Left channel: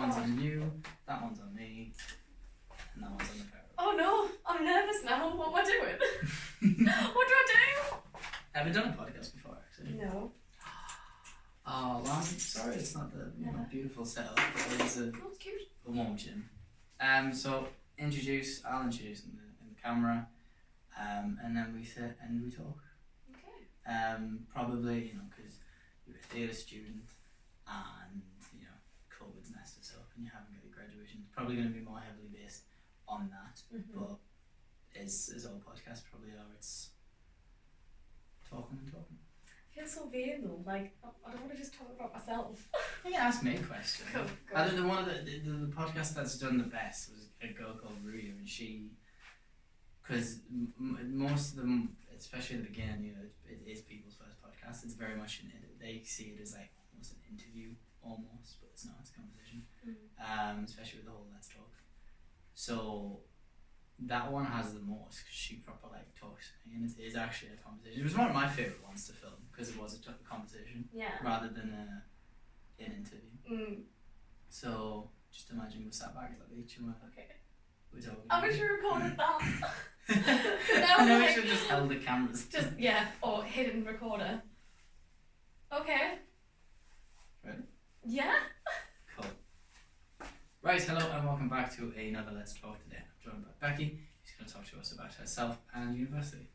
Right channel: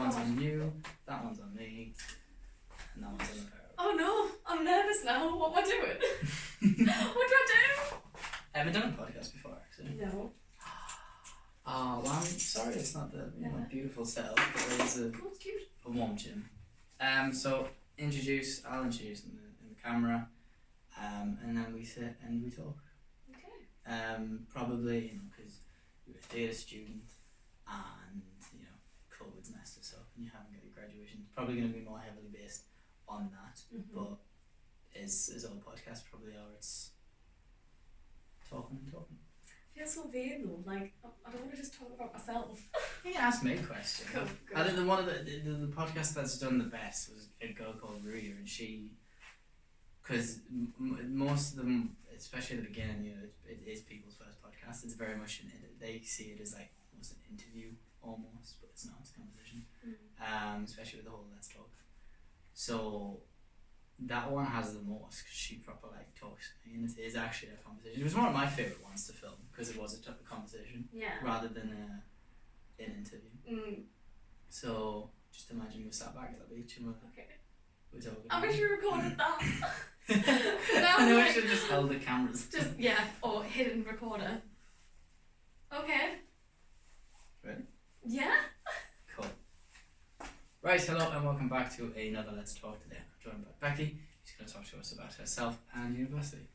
one's on you, that one's on me, and that one's on the pair. Oh no, I'm nervous now. What am I doing? What do I do? Have you done a podcast before, actually? No. Oh, well, I'm sorry it's not the beautiful setup, but it is It's cute. a warm gym. So I'll introduce in the camera, and then we sit and we talk. Okay. Probably, because you're a theatre student and, COVID's messed us up and you haven't got your graduation. It's probably going to be more heavily based on that, but as all podcasts probably are, it's talking and talking. I feel so vain though, like, I don't want to just talk about myself. You can ask me questions. Cool. I think one of the podcast that's done the best was a girl called Ruya, and she, because most of them, especially at the beginning, it is people's first podcast. It's very much they see it as like almost an interview, but it's not. It's a conversation. Especially with the whole Let's Talk. So that one has the most because she proper talks to me, and it is actually a conversation. It was one of my favourite ones to film because it was a conversation rather than an interview. So just imagine we're sat back at the beach and we're talking. I wish you recorded that. I know we should have just held the cameras. Or hidden recorder. Okay. Ready? Yeah. Cool. Right, hello and welcome back to another Let's Talk today. I'm joined by Becky. She's going to talk to us about herself and university.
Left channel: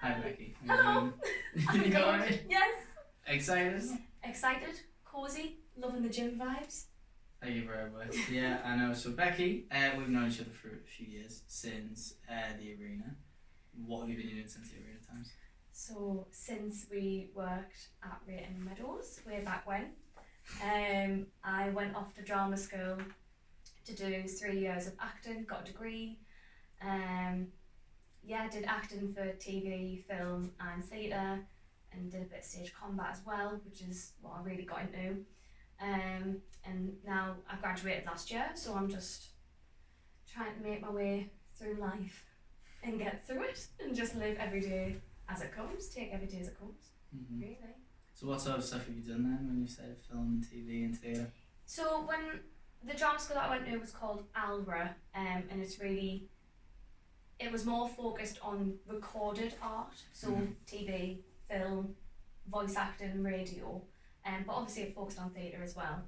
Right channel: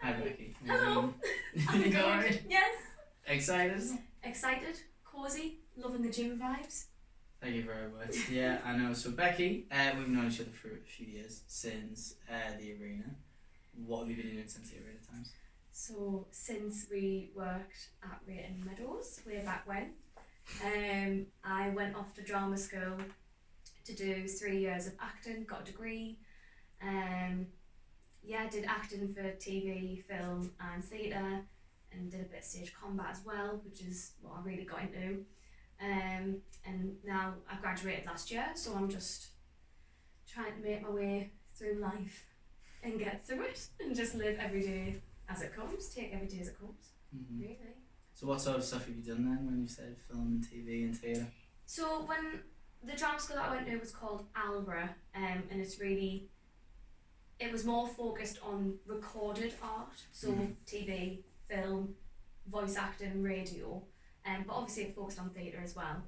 Hi Becky. Hello. You got alright? Yes. Excited? Excited, cosy, loving the gym vibes. Thank you very much. Yeah, I know. So Becky, we've known each other for a few years since the arena. What have you been doing since the arena times? So since we worked at Rayton Meadows way back when, I went off to drama school to do 3 years of acting, got a degree. Did acting for TV, film and theatre, and did a bit of stage combat as well, which is what I really got into. And now I graduated last year, so I'm just trying to make my way through life and get through it and just live every day as it comes, take every day as it comes, really. So what sort of stuff have you done then when you said film, TV and theatre? So when the drama school that I went to was called ALRA, and it was more focused on recorded art, so TV, film, voice acting, radio, but obviously it focused on theatre as well.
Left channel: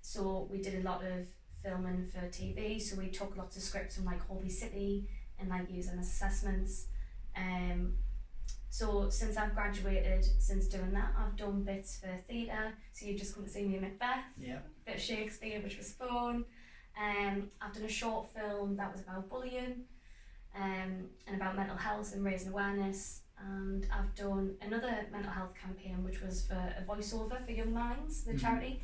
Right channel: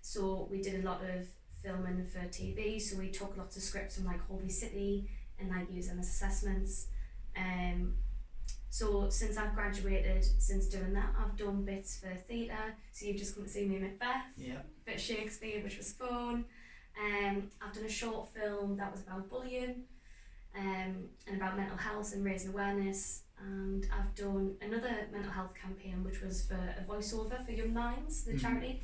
So we did a lot of filming for TV, so we took lots of scripts from Holby City and used them as assessments. So since I've graduated, since doing that, I've done bits for theatre. So you've just come to see me in Macbeth, bit of Shakespeare, which was fun. I've done a short film that was about bullying, and about mental health and raising awareness. And I've done another mental health campaign, which was for a voiceover for Young Minds, the charity.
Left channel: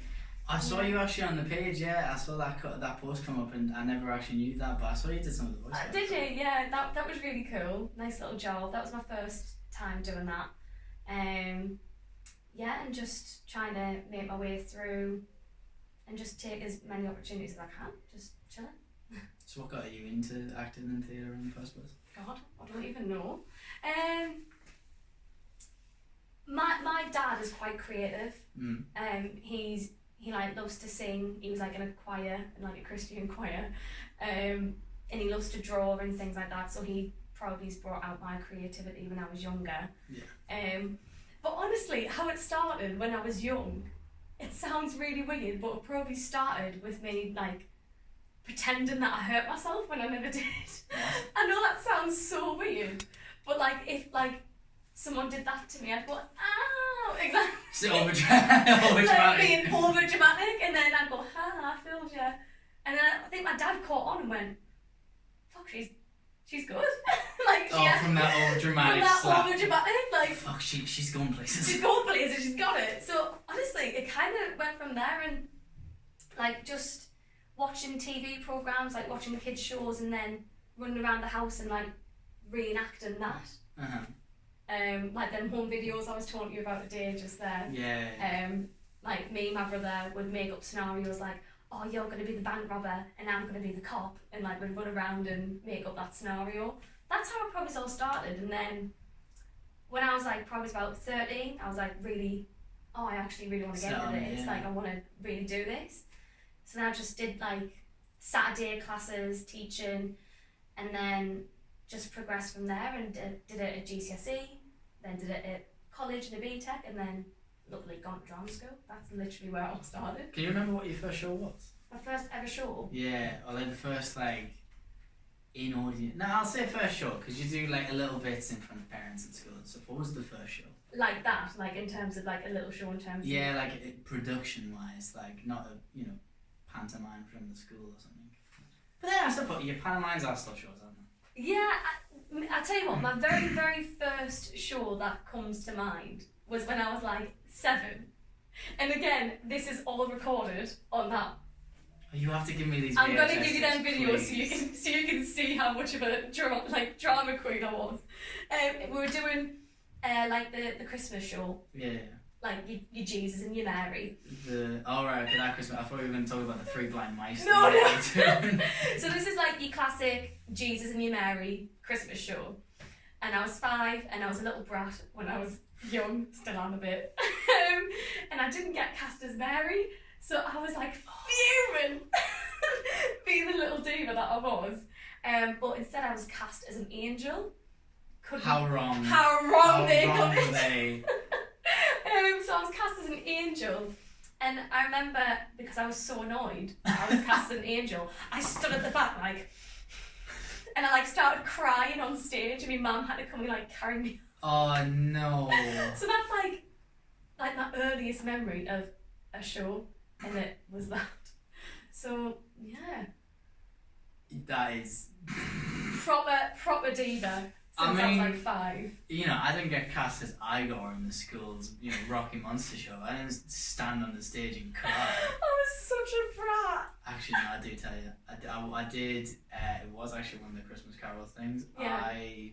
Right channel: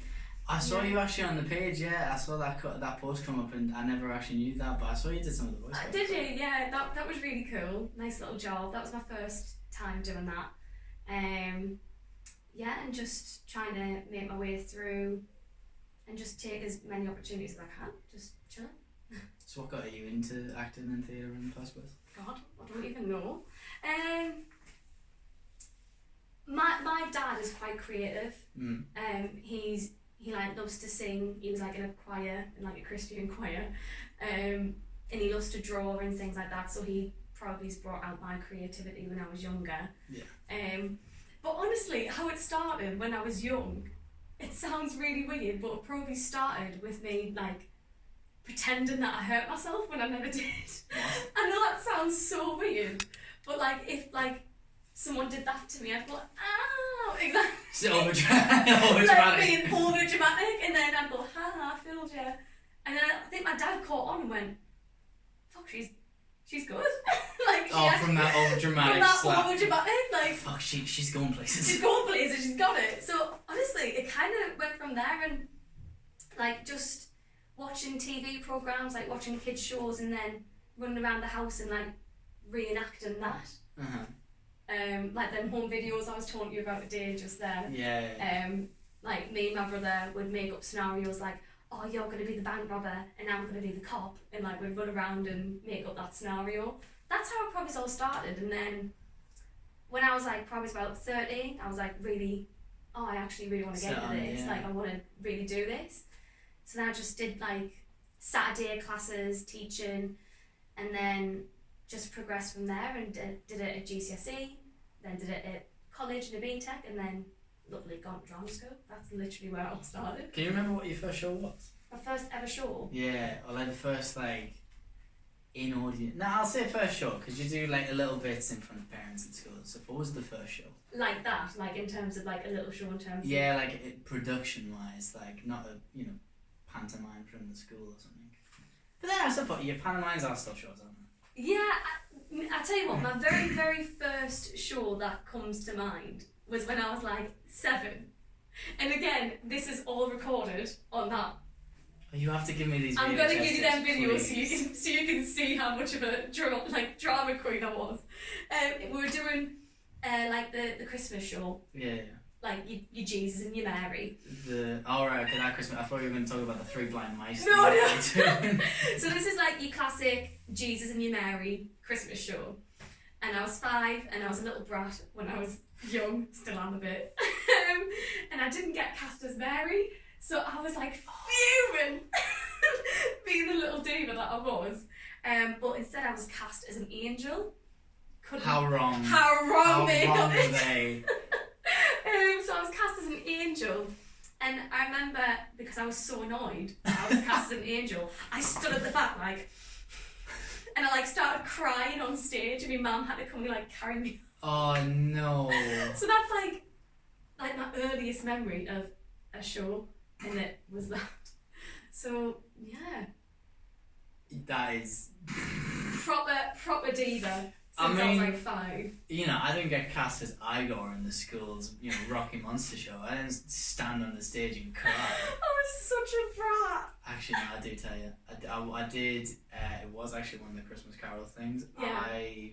I saw you actually on the page, I saw that post come up, and I never actually knew that, but I saw you did some of the voice. Did you? Yeah, that was really cool. Nice little job. That was my first time doing that. And just trying to make my way through and just take as many opportunities as I can, just chilling. So what got you into acting and theatre in the first place? God, I don't even know. My dad is quite creative. He loves to sing. He was in a choir, in a Christian choir, and he loves to draw and things like that. So he probably brought out my creativity when I was younger. But honestly, how it started when I was young, it sounds really weird, but it probably started with me pretending that I hurt myself when I never did. I know that sounds so weird, but if someone did that to me, I'd go, ow, exactly. So over-dramatic. Being over-dramatic, and then I'd go, ha, I fooled you. And then I think my dad caught on and went, fuck, she's good. From that over-dramatic slap. Over-dramatic, fuck, she's going places. She's going places, she's got it. So honestly, it kind of went from there, and just watching TV programmes, watching kids shows, and then running around the house and reenacting that. Them home videos I was talking to you about today just there. Me and my brother would make up scenarios oh, you're going to be the bank robber and I'm going to be the cop, and we'd run around and make up that scenario. That's how it probably all started. And then when I was probably about 13, I was really, I actually really want to get into this. I want to really do this. So then I just did like Saturday classes, teaching, and then just progressed from there and did it at GCSE, then did it at college and a BTEC, and then luckily gone to drama school. That's literally where it all started. Can you remember what your first show was? My first ever show? Yeah, or like the first like in audience. No, I'll say first show because you do like a little bits in front of parents at school. So what was the first show? Like that, like in terms of like a little show in terms yeah, of... like production wise, like not a pantomime from the school or something. But then I suppose your pantomimes are still shows, aren't they? Yeah, I tell you what, my very, very first show that comes to mind was when I was like 7. And again, this is all recorded on that. You have to give me these I'm VHS going to give you them videos please. so you can see how much of a drama queen I was. We were doing like the Christmas show. Yeah. Like your Jesus and your Mary. Right, okay, that Christmas. I thought you were going to talk about the 3 blind mice. No. So this is like your classic Jesus and your Mary Christmas show. And I was 5 and I was a little brat when I was young, still am a bit. And I didn't get cast as Mary, so I was like fuming, being the little diva that I was. But instead I was cast as an angel. How wrong they got were it. they? So I was cast as an angel, and I remember because I was so annoyed I was cast as an angel, I stood at the back like, and I like started crying on stage, and my mum had to come and like carry me. Oh no! So that's like my earliest memory of a show, and it was that. So yeah, that is proper diva. I Since I was like 5. I didn't get cast as Igor in the school's, Rocky Monster show. I didn't stand on the stage and cry. I was such a brat. Actually, no, I do tell you. I did, it was actually one of the Christmas Carol things. Yeah. I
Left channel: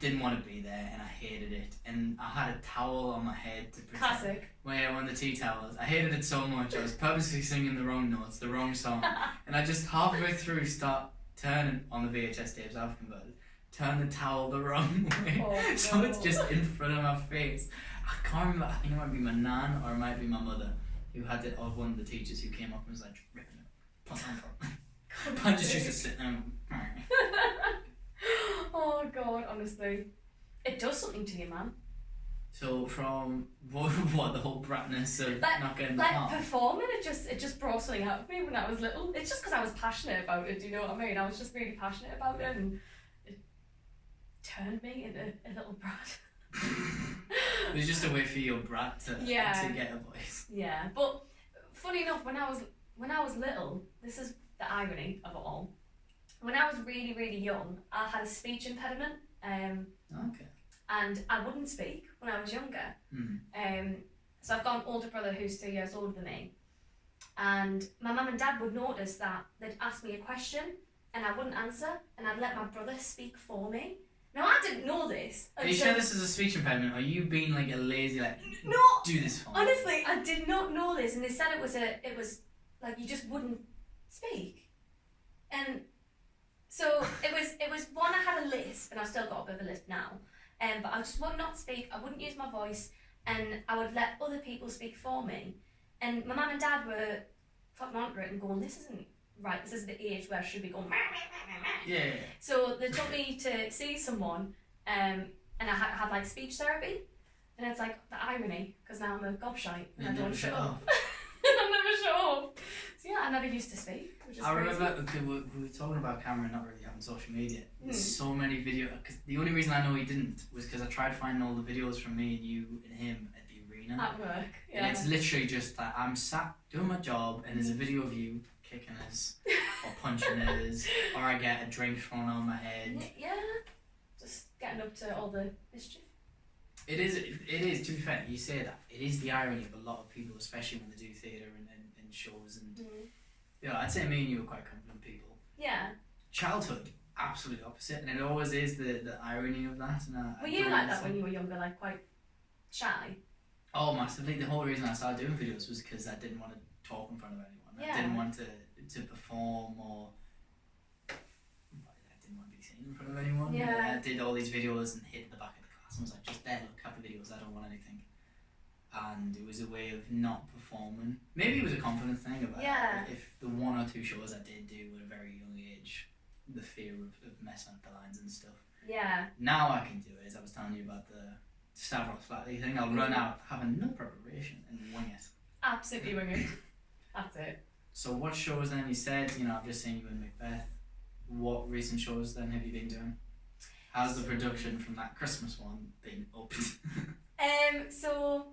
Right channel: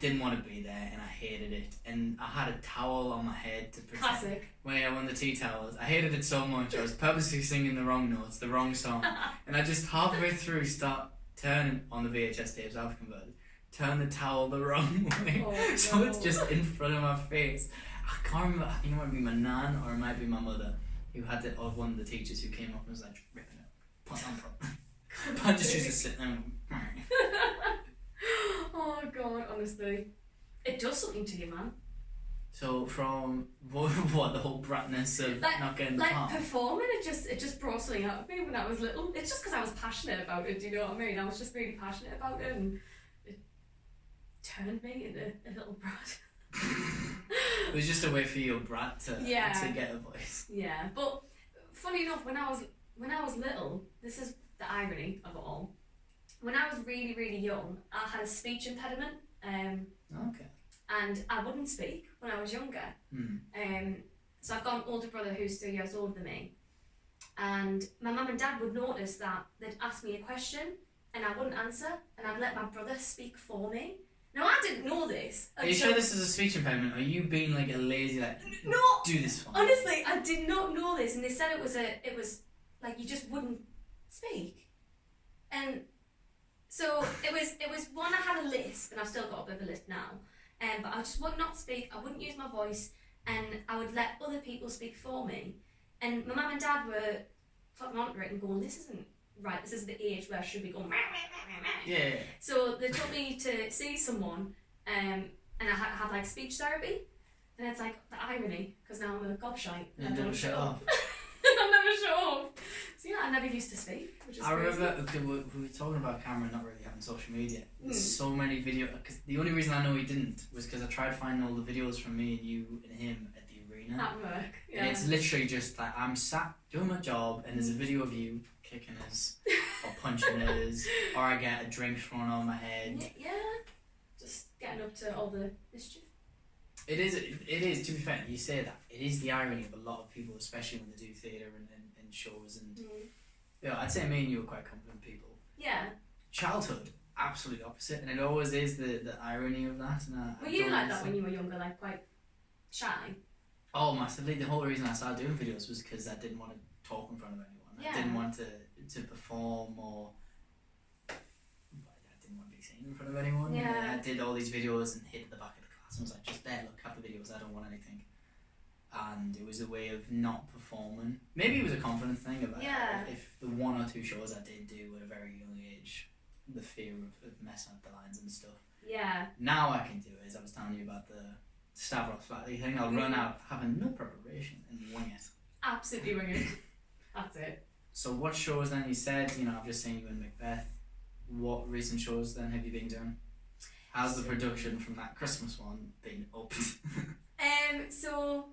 didn't want to be there and I hated it. And I had a towel on my head to pretend. Classic. Well, yeah, one of the tea towels. I hated it so much. I was purposely singing the wrong notes, the wrong song. And I just halfway through start turning on the VHS tapes I've converted. Turn the towel the wrong way, so it's just in front of my face. I can't remember. I think it might be my nan or it might be my mother who had it, or one of the teachers who came up and was like, ripping it, put on top. I just used to sit there. Oh God, honestly, it does something to you, man. So from what the whole bratness of not getting the part? Performing, it just brought something out of me when I was little. It's just because I was passionate about it. Do you know what I mean? I was just really passionate about it, and turned me into a little brat. It was just a way for your brat to get a voice. Yeah, but funny enough, when I was little, this is the irony of it all. When I was really, really young, I had a speech impediment. Okay. And I wouldn't speak when I was younger. Mm. So I've got an older brother who's 3 years older than me. And my mum and dad would notice that they'd ask me a question and I wouldn't answer, and I'd let my brother speak for me. Now, I didn't know this. Are you sure this is a speech impediment? Or are you being like a lazy, like, no, do this for me? Honestly, I did not know this, and they said it was like you just wouldn't speak. And so it was one, I had a lisp, and I've still got a bit of a lisp now. But I just would not speak, I wouldn't use my voice, and I would let other people speak for me. And my mum and dad were talking on to it and going, this isn't right, this is the age where I should be going, meh, meh, meh, meh. Yeah. So they took me to see someone, and I had like speech therapy, and it's like the irony, because now I'm a gobshite and I don't shut up. I never shut up. So yeah, I never used to speak, which is crazy. Remember, we were talking about Cameron not really having social media. There's so many videos, because the only reason I know he didn't was because I tried finding all the videos from me and you and him at the arena. At work, yeah. And it's literally just like, I'm sat doing my job and there's a video of you kicking us or punching us, or I get a drink thrown on my head. Yeah, just getting up to all the mischief. It is, to be fair, you say that, it is the irony of a lot of people, especially when they do theatre and shows, and I'd say me and you are quite confident people. Yeah. Childhood, absolutely opposite, and it always is the irony of that. And were you like that when you were younger, like quite shy? Oh, massively. The whole reason I started doing videos was because I didn't want to talk in front of anyone. Yeah. I didn't want to perform, or I didn't want to be seen in front of anyone. Yeah. I did all these videos and hid at the back of the class and was like, just there, look, have the videos, I don't want anything. And it was a way of not performing performing. Maybe it was a confidence thing about Yeah. if the 1 or 2 shows I did do at a very young age, the fear of messing up the lines and stuff. Yeah. Now I can do it, as I was telling you about the Stavros Flatley thing. I'll run out having no preparation and wing it. Absolutely wing it. That's it. So what shows then? You said, I've just seen you in Macbeth. What recent shows then have you been doing? How's the production from that Christmas one been up? So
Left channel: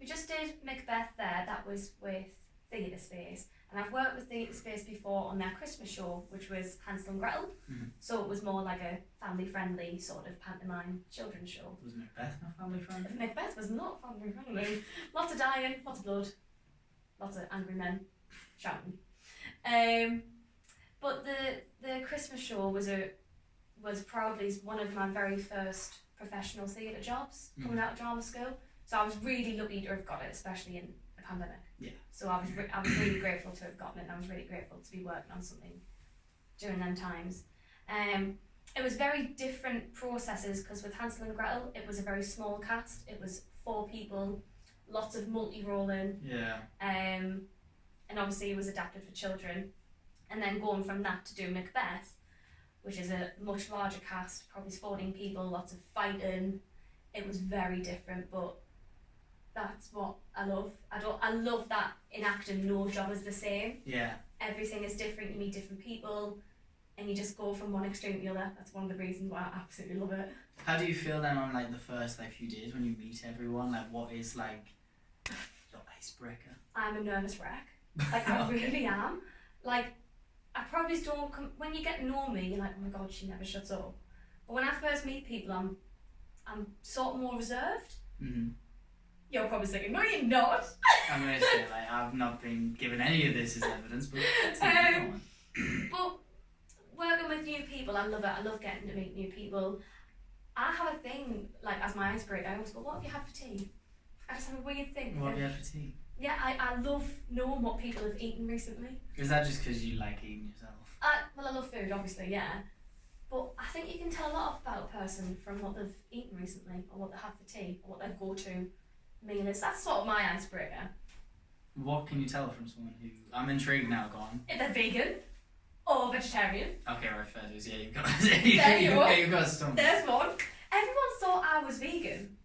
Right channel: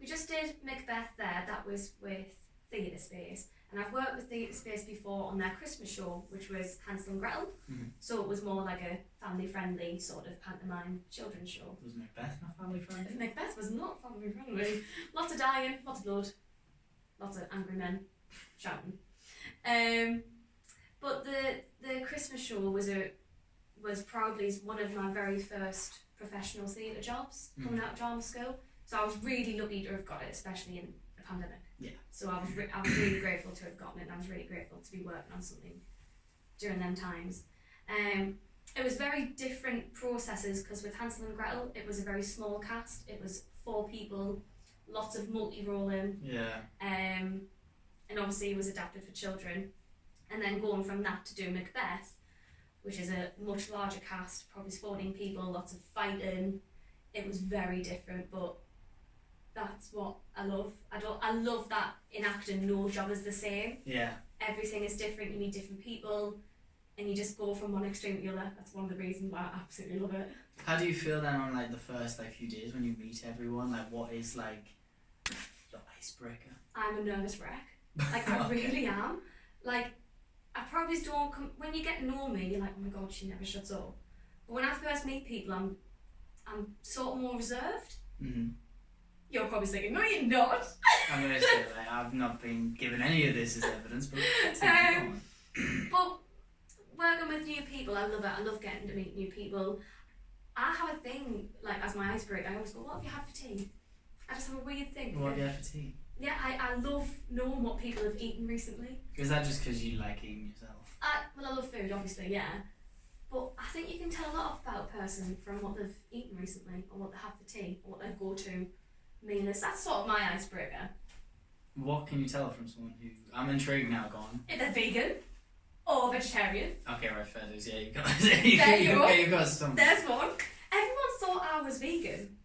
we just did Macbeth there. That was with Theatre Space, and I've worked with Theatre Space before on their Christmas show, which was Hansel and Gretel. Mm-hmm. So it was more like a family-friendly sort of pantomime children's show. Was Macbeth not family friendly? Macbeth was not family-friendly. Lots of dying, lots of blood, lots of angry men shouting. But the Christmas show was proudly one of my very first professional theatre jobs coming out of drama school. So I was really lucky to have got it, especially in the pandemic. Yeah. So I was really grateful to have gotten it, and I was really grateful to be working on something during them times. It was very different processes because with Hansel and Gretel, it was a very small cast. It was 4 people, lots of multi-rolling. Yeah. And obviously it was adapted for children. And then going from that to do Macbeth, which is a much larger cast, probably 14 people, lots of fighting. It was very different, but that's what I love. I love that in acting no job is the same. Yeah. Everything is different, you meet different people, and you just go from one extreme to the other. That's one of the reasons why I absolutely love it. How do you feel then on like the first few days when you meet everyone? Like what is like your icebreaker? I'm a nervous wreck. Like I really am. Like I probably don't when you get to know me, you're like, oh my god, she never shuts up. But when I first meet people, I'm sort of more reserved. Mm-hmm. You're probably thinking, no, you're not. I'm gonna say I've not been given any of this as evidence, but but working with new people, I love it. I love getting to meet new people. I have a thing as my icebreaker. I always go, what have you had for tea? I just have a weird thing. What have you had for tea? Yeah, I love knowing what people have eaten recently. Is that just because you like eating yourself? Well, I love food, obviously, yeah. But I think you can tell a lot about a person from what they've eaten recently, or what they have for tea, or what their go-to meal is. That's sort of my icebreaker. What can you tell from someone who... I'm intrigued now, go on. If they're vegan or vegetarian. Okay, right, fair dues. Yeah, you've got... There you go. You've got something. There's one. Everyone thought I was vegan.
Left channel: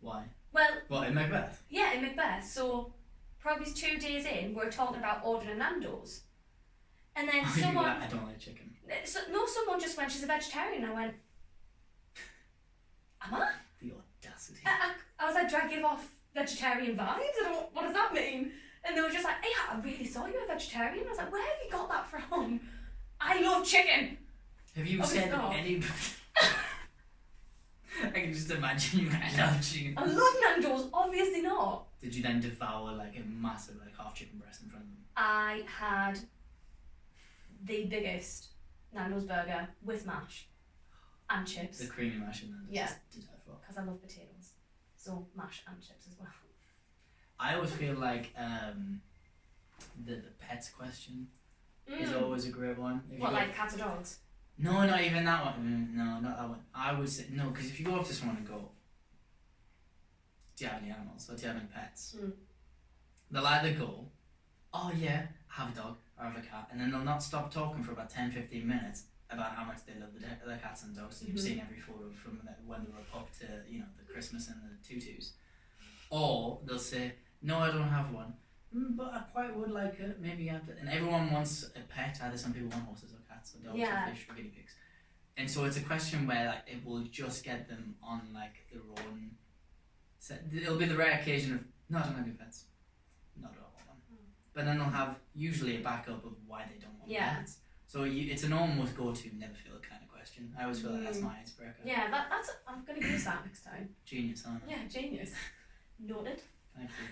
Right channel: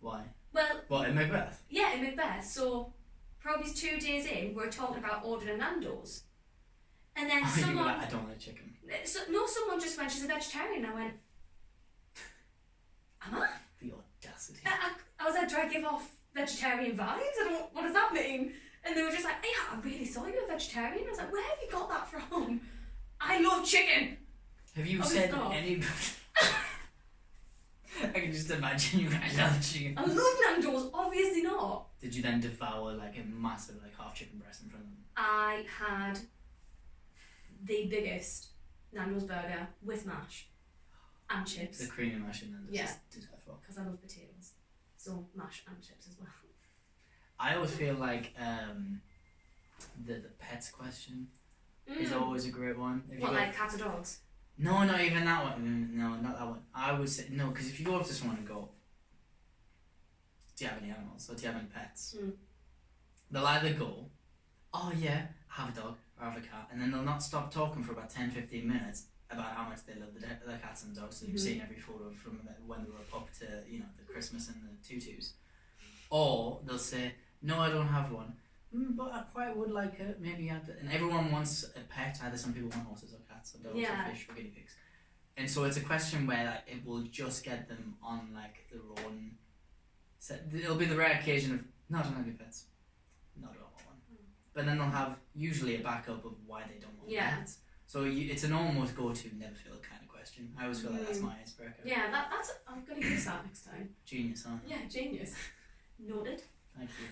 Why? Well... What, in Macbeth? Yeah, in Macbeth. So, probably 2 days in, we're talking about ordering Nando's. And then someone... I don't like chicken. Someone just went, she's a vegetarian. I went, am I? The audacity. I was like, do I give off vegetarian vibes? What does that mean? And they were just like, hey, I really thought you were a vegetarian. I was like, where have you got that from? I love chicken. Have you said any... I can just imagine you guys love chicken. I love Nando's, obviously not. Did you then devour a massive half chicken breast in front of them? I had the biggest Nando's burger with mash and chips. The creamy mash and Nando's. Yeah. Because I love potatoes. So mash and chips as well. I always feel like the pets question is always a great one. Like cats or dogs? No, not even that one. No, not that one. I would say no, because if you go up to someone and go, do you have any animals or do you have any pets? They'll either go, oh yeah, I have a dog or I have a cat, and then they'll not stop talking for about 10-15 minutes about how much they love the cats and dogs. So you've seen every photo from when they were a pup to the Christmas and the tutus. Or they'll say, no, I don't have one, but I quite would like it. Maybe and everyone wants a pet. Either some people want horses or cats or dogs or fish or guinea pigs. And so it's a question where it will just get them on their own. So it'll be the rare occasion of no, I don't have any pets. No, I don't want one. But then they'll have usually a backup of why they don't want pets. So it's an almost go-to, never feel kind of question. I always feel like that's my icebreaker. Yeah, that's. I'm going to use that next time. Genius, huh? Yeah, genius. Noted. Thank you.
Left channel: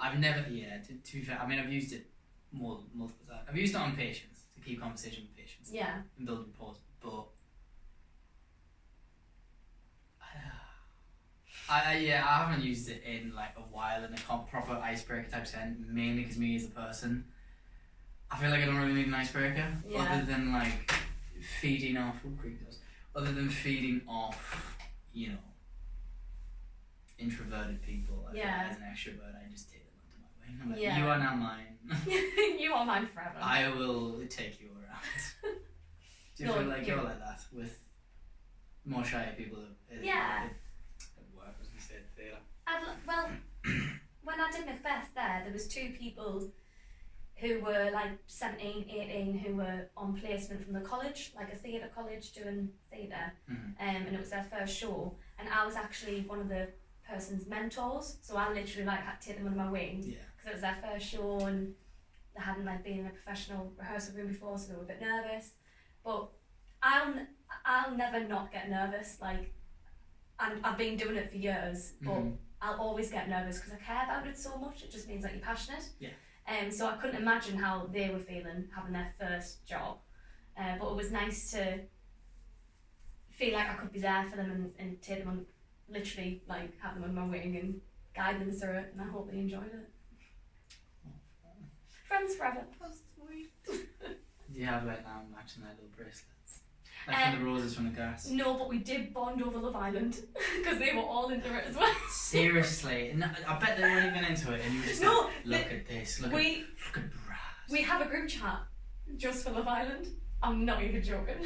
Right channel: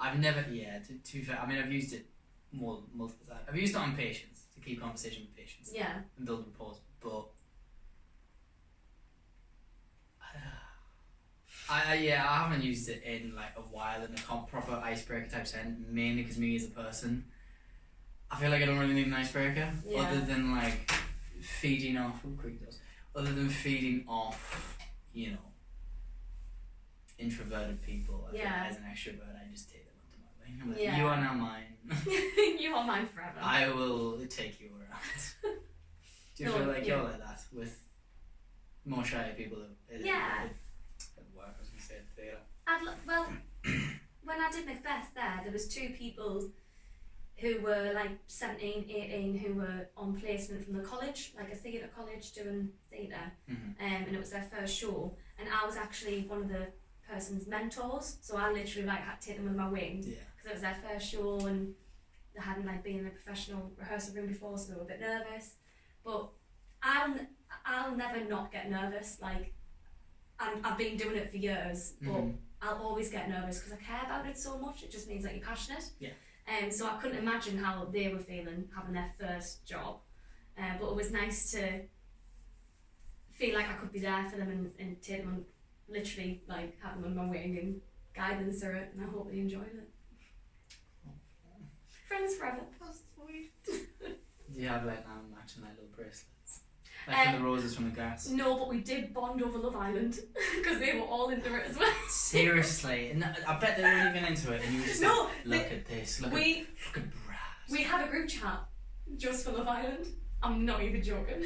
I've never, to be fair, I mean, I've used it multiple times. I've used it on patients, to keep conversation with patients. Yeah. And build rapport, but I haven't used it in a while in a proper icebreaker type sense, mainly because me as a person, I feel like I don't really need an icebreaker, other than feeding off, other than feeding off, introverted people. As an extrovert, I just take them under my going. I'm like, Yeah. you are now mine. You are mine forever. I will take you around. Do you feel like you're like that with more shy people at work? I was going to say at theatre. Well, when I did Macbeth there was two people who were like 17, 18 who were on placement from the college, like a theatre college doing theatre, and it was their first show, and I was actually one of the person's mentors, so I literally like had to take them under my wing because it was their first show and they hadn't like been in a professional rehearsal room before, so they were a bit nervous. But I'll never not get nervous. Like I've been doing it for years, but I'll always get nervous because I care about it so much. It just means that you're passionate. Yeah. So I couldn't imagine how they were feeling having their first job, but it was nice to feel like I could be there for them and take them on, literally like have them on my wing and guide them through it, and I hope they enjoyed it. Friends forever. That's sweet. Do you have like matching like little bracelets? Like for the roses from the grass? No, but we did bond over Love Island because they were all into it as well. Seriously? No, I bet they weren't even into it and you were just like, look at this, look at brass. We have a group chat just for Love Island. I'm not even joking.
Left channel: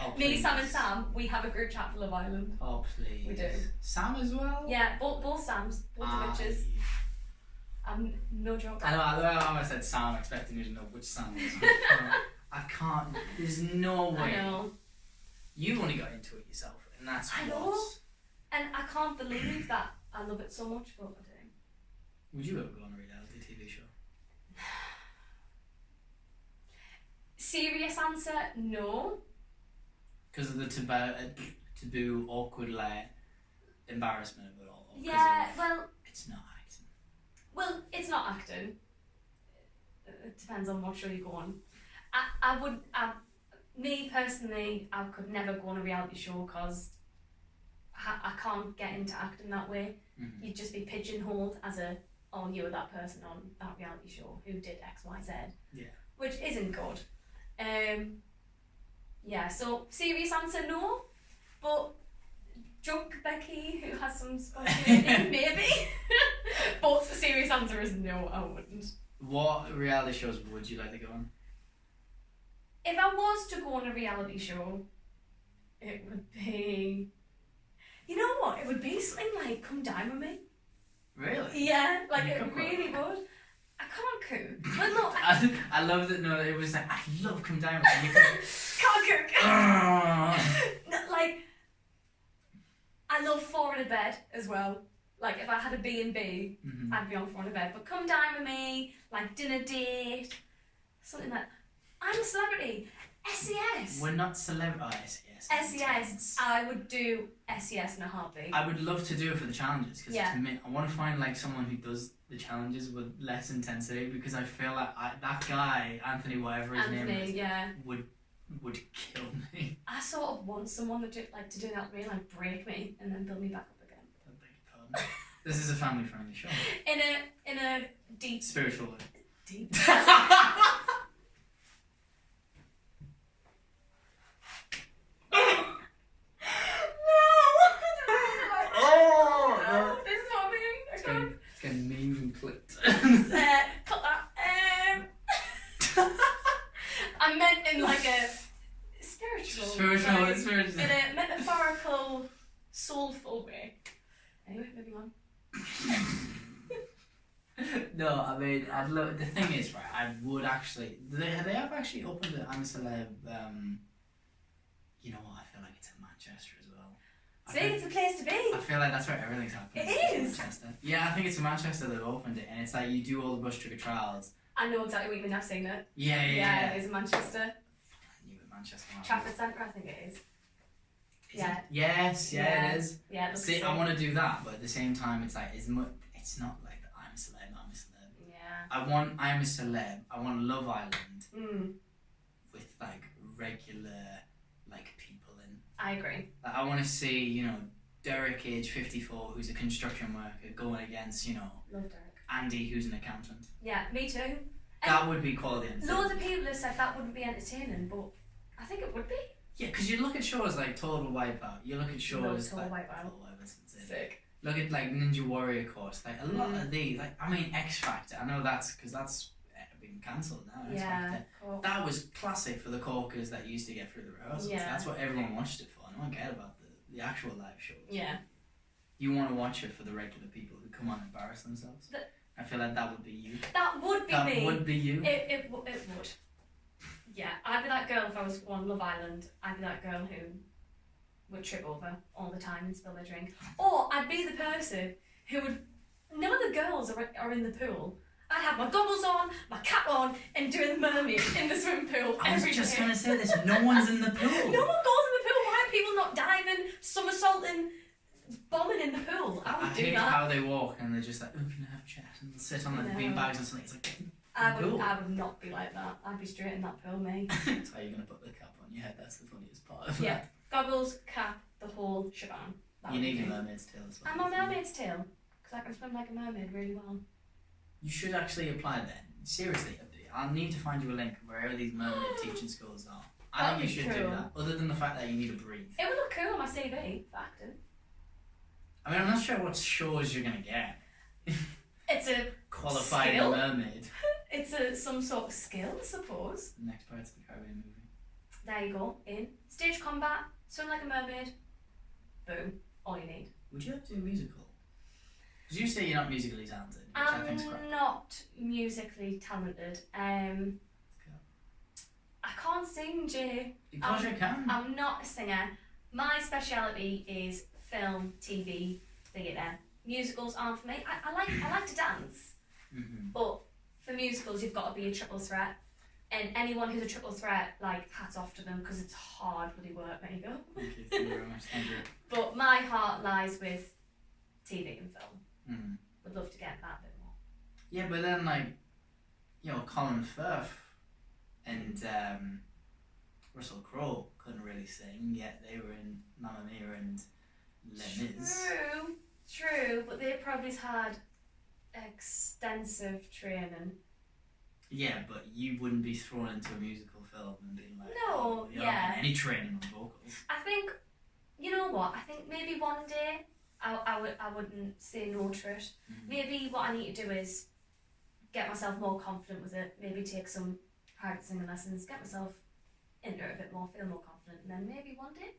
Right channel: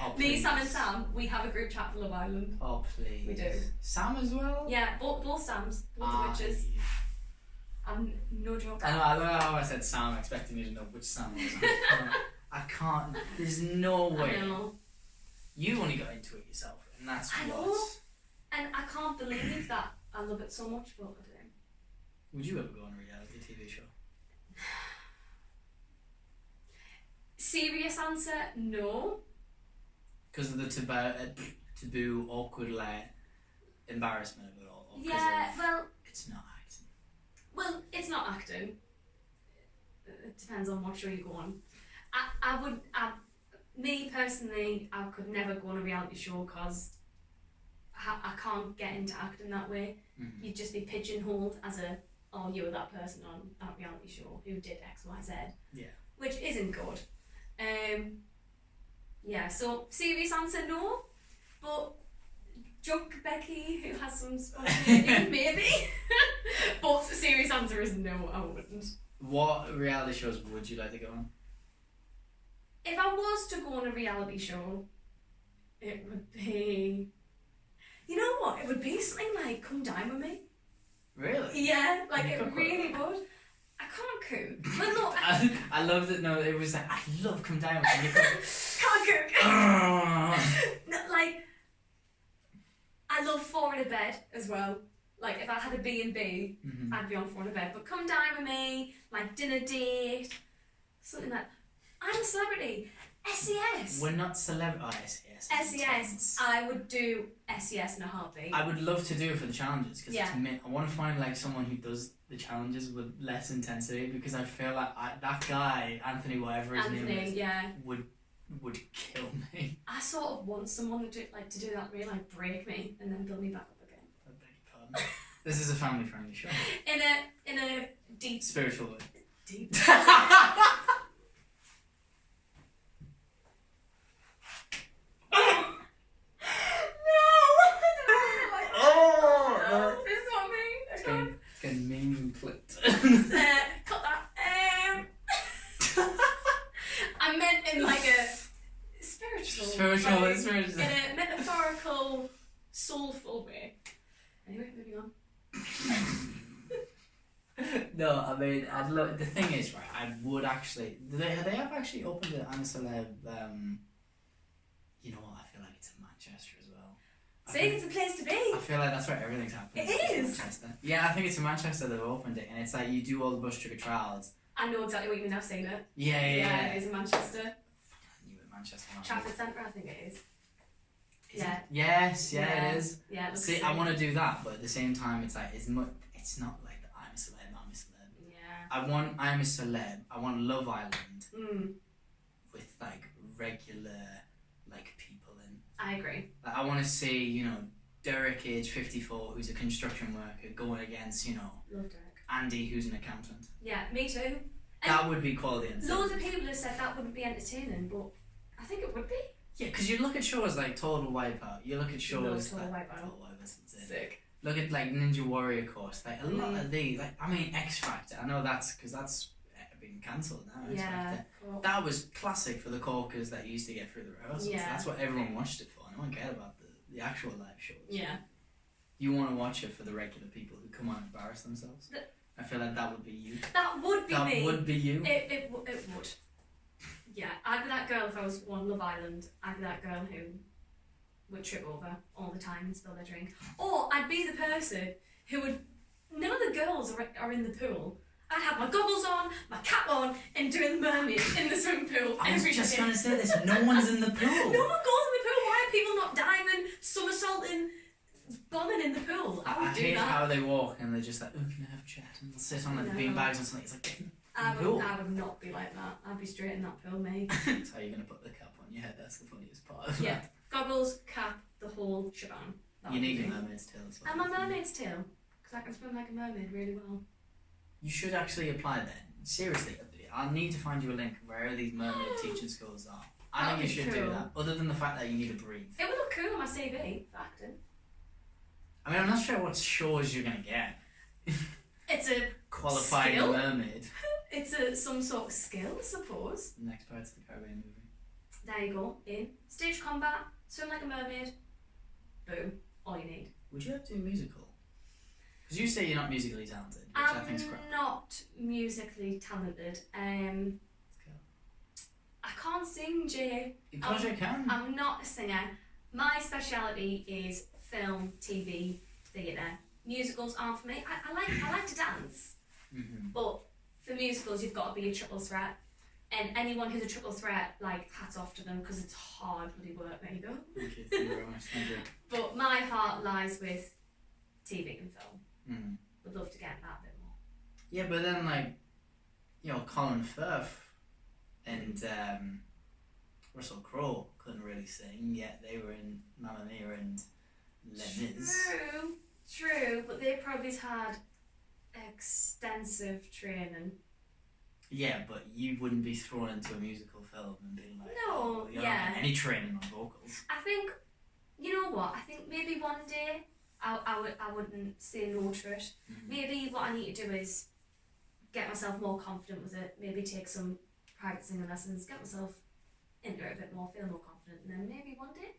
Oh, me, Sam and Sam, we have a group chat for Love Island. Oh please. We do. Sam as well? Yeah, both Sams, both the witches. I'm no joke. I know how I said Sam, expecting you to know which Sam was. I can't. There's no way. I know. You only got into it yourself, and that's I know. And I can't believe that I love it so much, but I do. Would you ever go on a reality TV show? Serious answer, no. Because of the taboo, awkward, like, embarrassment of it all. Yeah, well, it's not acting. Well, it's not acting. It depends on what show you go on. Me personally, I could never go on a reality show because I can't get into acting that way. You'd just be pigeonholed as you were that person on that reality show who did X, Y, Z. Yeah. Which isn't good. Yeah, so serious answer, no. But drunk Becky, who has some spontaneity, maybe. But the serious answer is no, I wouldn't. What reality shows would you like to go on? If I was to go on a reality show, it would be... You know what? It would be something like Come Dine With Me. Really? Yeah, like it really would. I can't cook. Well, no, I love that. No, it was like I love Come Dine With Me. Can't cook. No, like I love Four in a Bed as well. Like if I had a B&B, I'd be on Four in a Bed. But Come Dine With Me, like dinner date, something like. I'm a celebrity. SES. We're not celebrity. Oh, SES. SES. I would do SES in a heartbeat. I would love to do it for the challenges because I want to find like someone who does the challenges with less intensity because I feel like that guy Anthony, whatever his name is, would kill me. I sort of want someone to do that, really like break me and then build me back up again. I beg your pardon. This is a family-friendly show. In a deep spiritual way. Deep. It's getting mean and clipped. Cut that. I meant in like a spiritual, in a metaphorical, soulful way. Anyway, moving on. No, I mean, I'd love. The thing is, right? I would actually. They have actually opened the I'm a Celeb. You know what? I feel like it's in Manchester as well. It's a place to be. I feel like that's where everything's happening. It is. Manchester. Yeah, I think it's in Manchester they've opened it, and it's like you do all the bus trigger trials. I know exactly what you mean. I've seen it. Yeah. It is in Manchester. I knew it, Manchester. Trafford Centre, I think it is. It? Yes, it is. Yeah, it See, I want to do that, but at the same time, it's like it's not like the I'm a Celeb. Yeah. I want I'm a Celeb. I want Love Island with like regular like people in. I agree. Like, I want to see Derek, age 54, who's a construction worker, going against Love Derek. Andy, who's an accountant. Yeah, me too. And that would be quality entertainment. Loads of people have said that wouldn't be entertaining, but I think it would be. Yeah, because you look at shows like Total Wipeout. You look at shows Total like Wipeout. Total Wipeout. Sick. Look at like Ninja Warrior course. Like a lot of these. Like I mean, X Factor. I know that's because that's been cancelled now. X Factor. Cool. That was classic for the corkers that used to get through the rehearsals. Yeah. That's what everyone watched it for. No one cared about the actual live shows. Yeah. You want to watch it for the regular people who come on and embarrass themselves. I feel like that would be you. That would be me. That would be you. It would. Yeah, I'd be that girl if I was on Love Island. I'd be that girl who would trip over all the time and spill their drink. Or I'd be the person who would. None of the girls are in the pool. I'd have my goggles on, my cap on, and doing the mermaid in the swimming pool. I was just going to say this. No one's in the pool. No one goes in the pool. Why are people not diving, somersaulting, bombing in the pool? I hate how they walk and they're just like, oh, can I have a chat? And they'll sit on like the beanbags or something. It's like, I would not be like that. I'd be straight in that pool, mate. That's how you're going to put the cap on your head. That's the funniest part of that. Goggles, cap, the whole shebang. You need your mermaid's tail as well. And my mermaid's tail. Because I can swim like a mermaid really well. You should actually apply then. Seriously, I'll need to find you a link wherever these mermaid teaching schools are. I think you should do that. Other than the fact that you need to breathe. It would look cool on my CV for acting. I mean, I'm not sure what shows you're going to get. It's a qualified skill. Mermaid. It's some sort of skill, I suppose. The next Pirates of the Caribbean movie. There you go. In stage combat, swim like a mermaid. Boom. All you need. Would you have to do a musical? Because you say you're not musically talented, which I think's crap. I'm not musically talented. I can't sing, Jay. Because you can. I'm not a singer. My speciality is film, TV, theatre. Musicals aren't for me. I like to dance, but for musicals you've got to be a triple threat. And anyone who's a triple threat, like, hats off to them because it's hard bloody work. There you go. Okay, thank you very much. Thank you. But my heart lies with TV and film. Would love to get that a bit more. Yeah, but then like, you know, Colin Firth and Russell Crowe couldn't really sing, yet they were in Mamma Mia and Les Mis. True, but they probably had extensive training. Yeah, but you wouldn't be thrown into a musical film and being like, no, you're not getting any training on vocals. I think, you know what? I think maybe one day I wouldn't say no to it. Maybe what I need to do is get myself more confident with it. Maybe take some private singing lessons, get myself into it a bit more, feel more confident, and then maybe one day.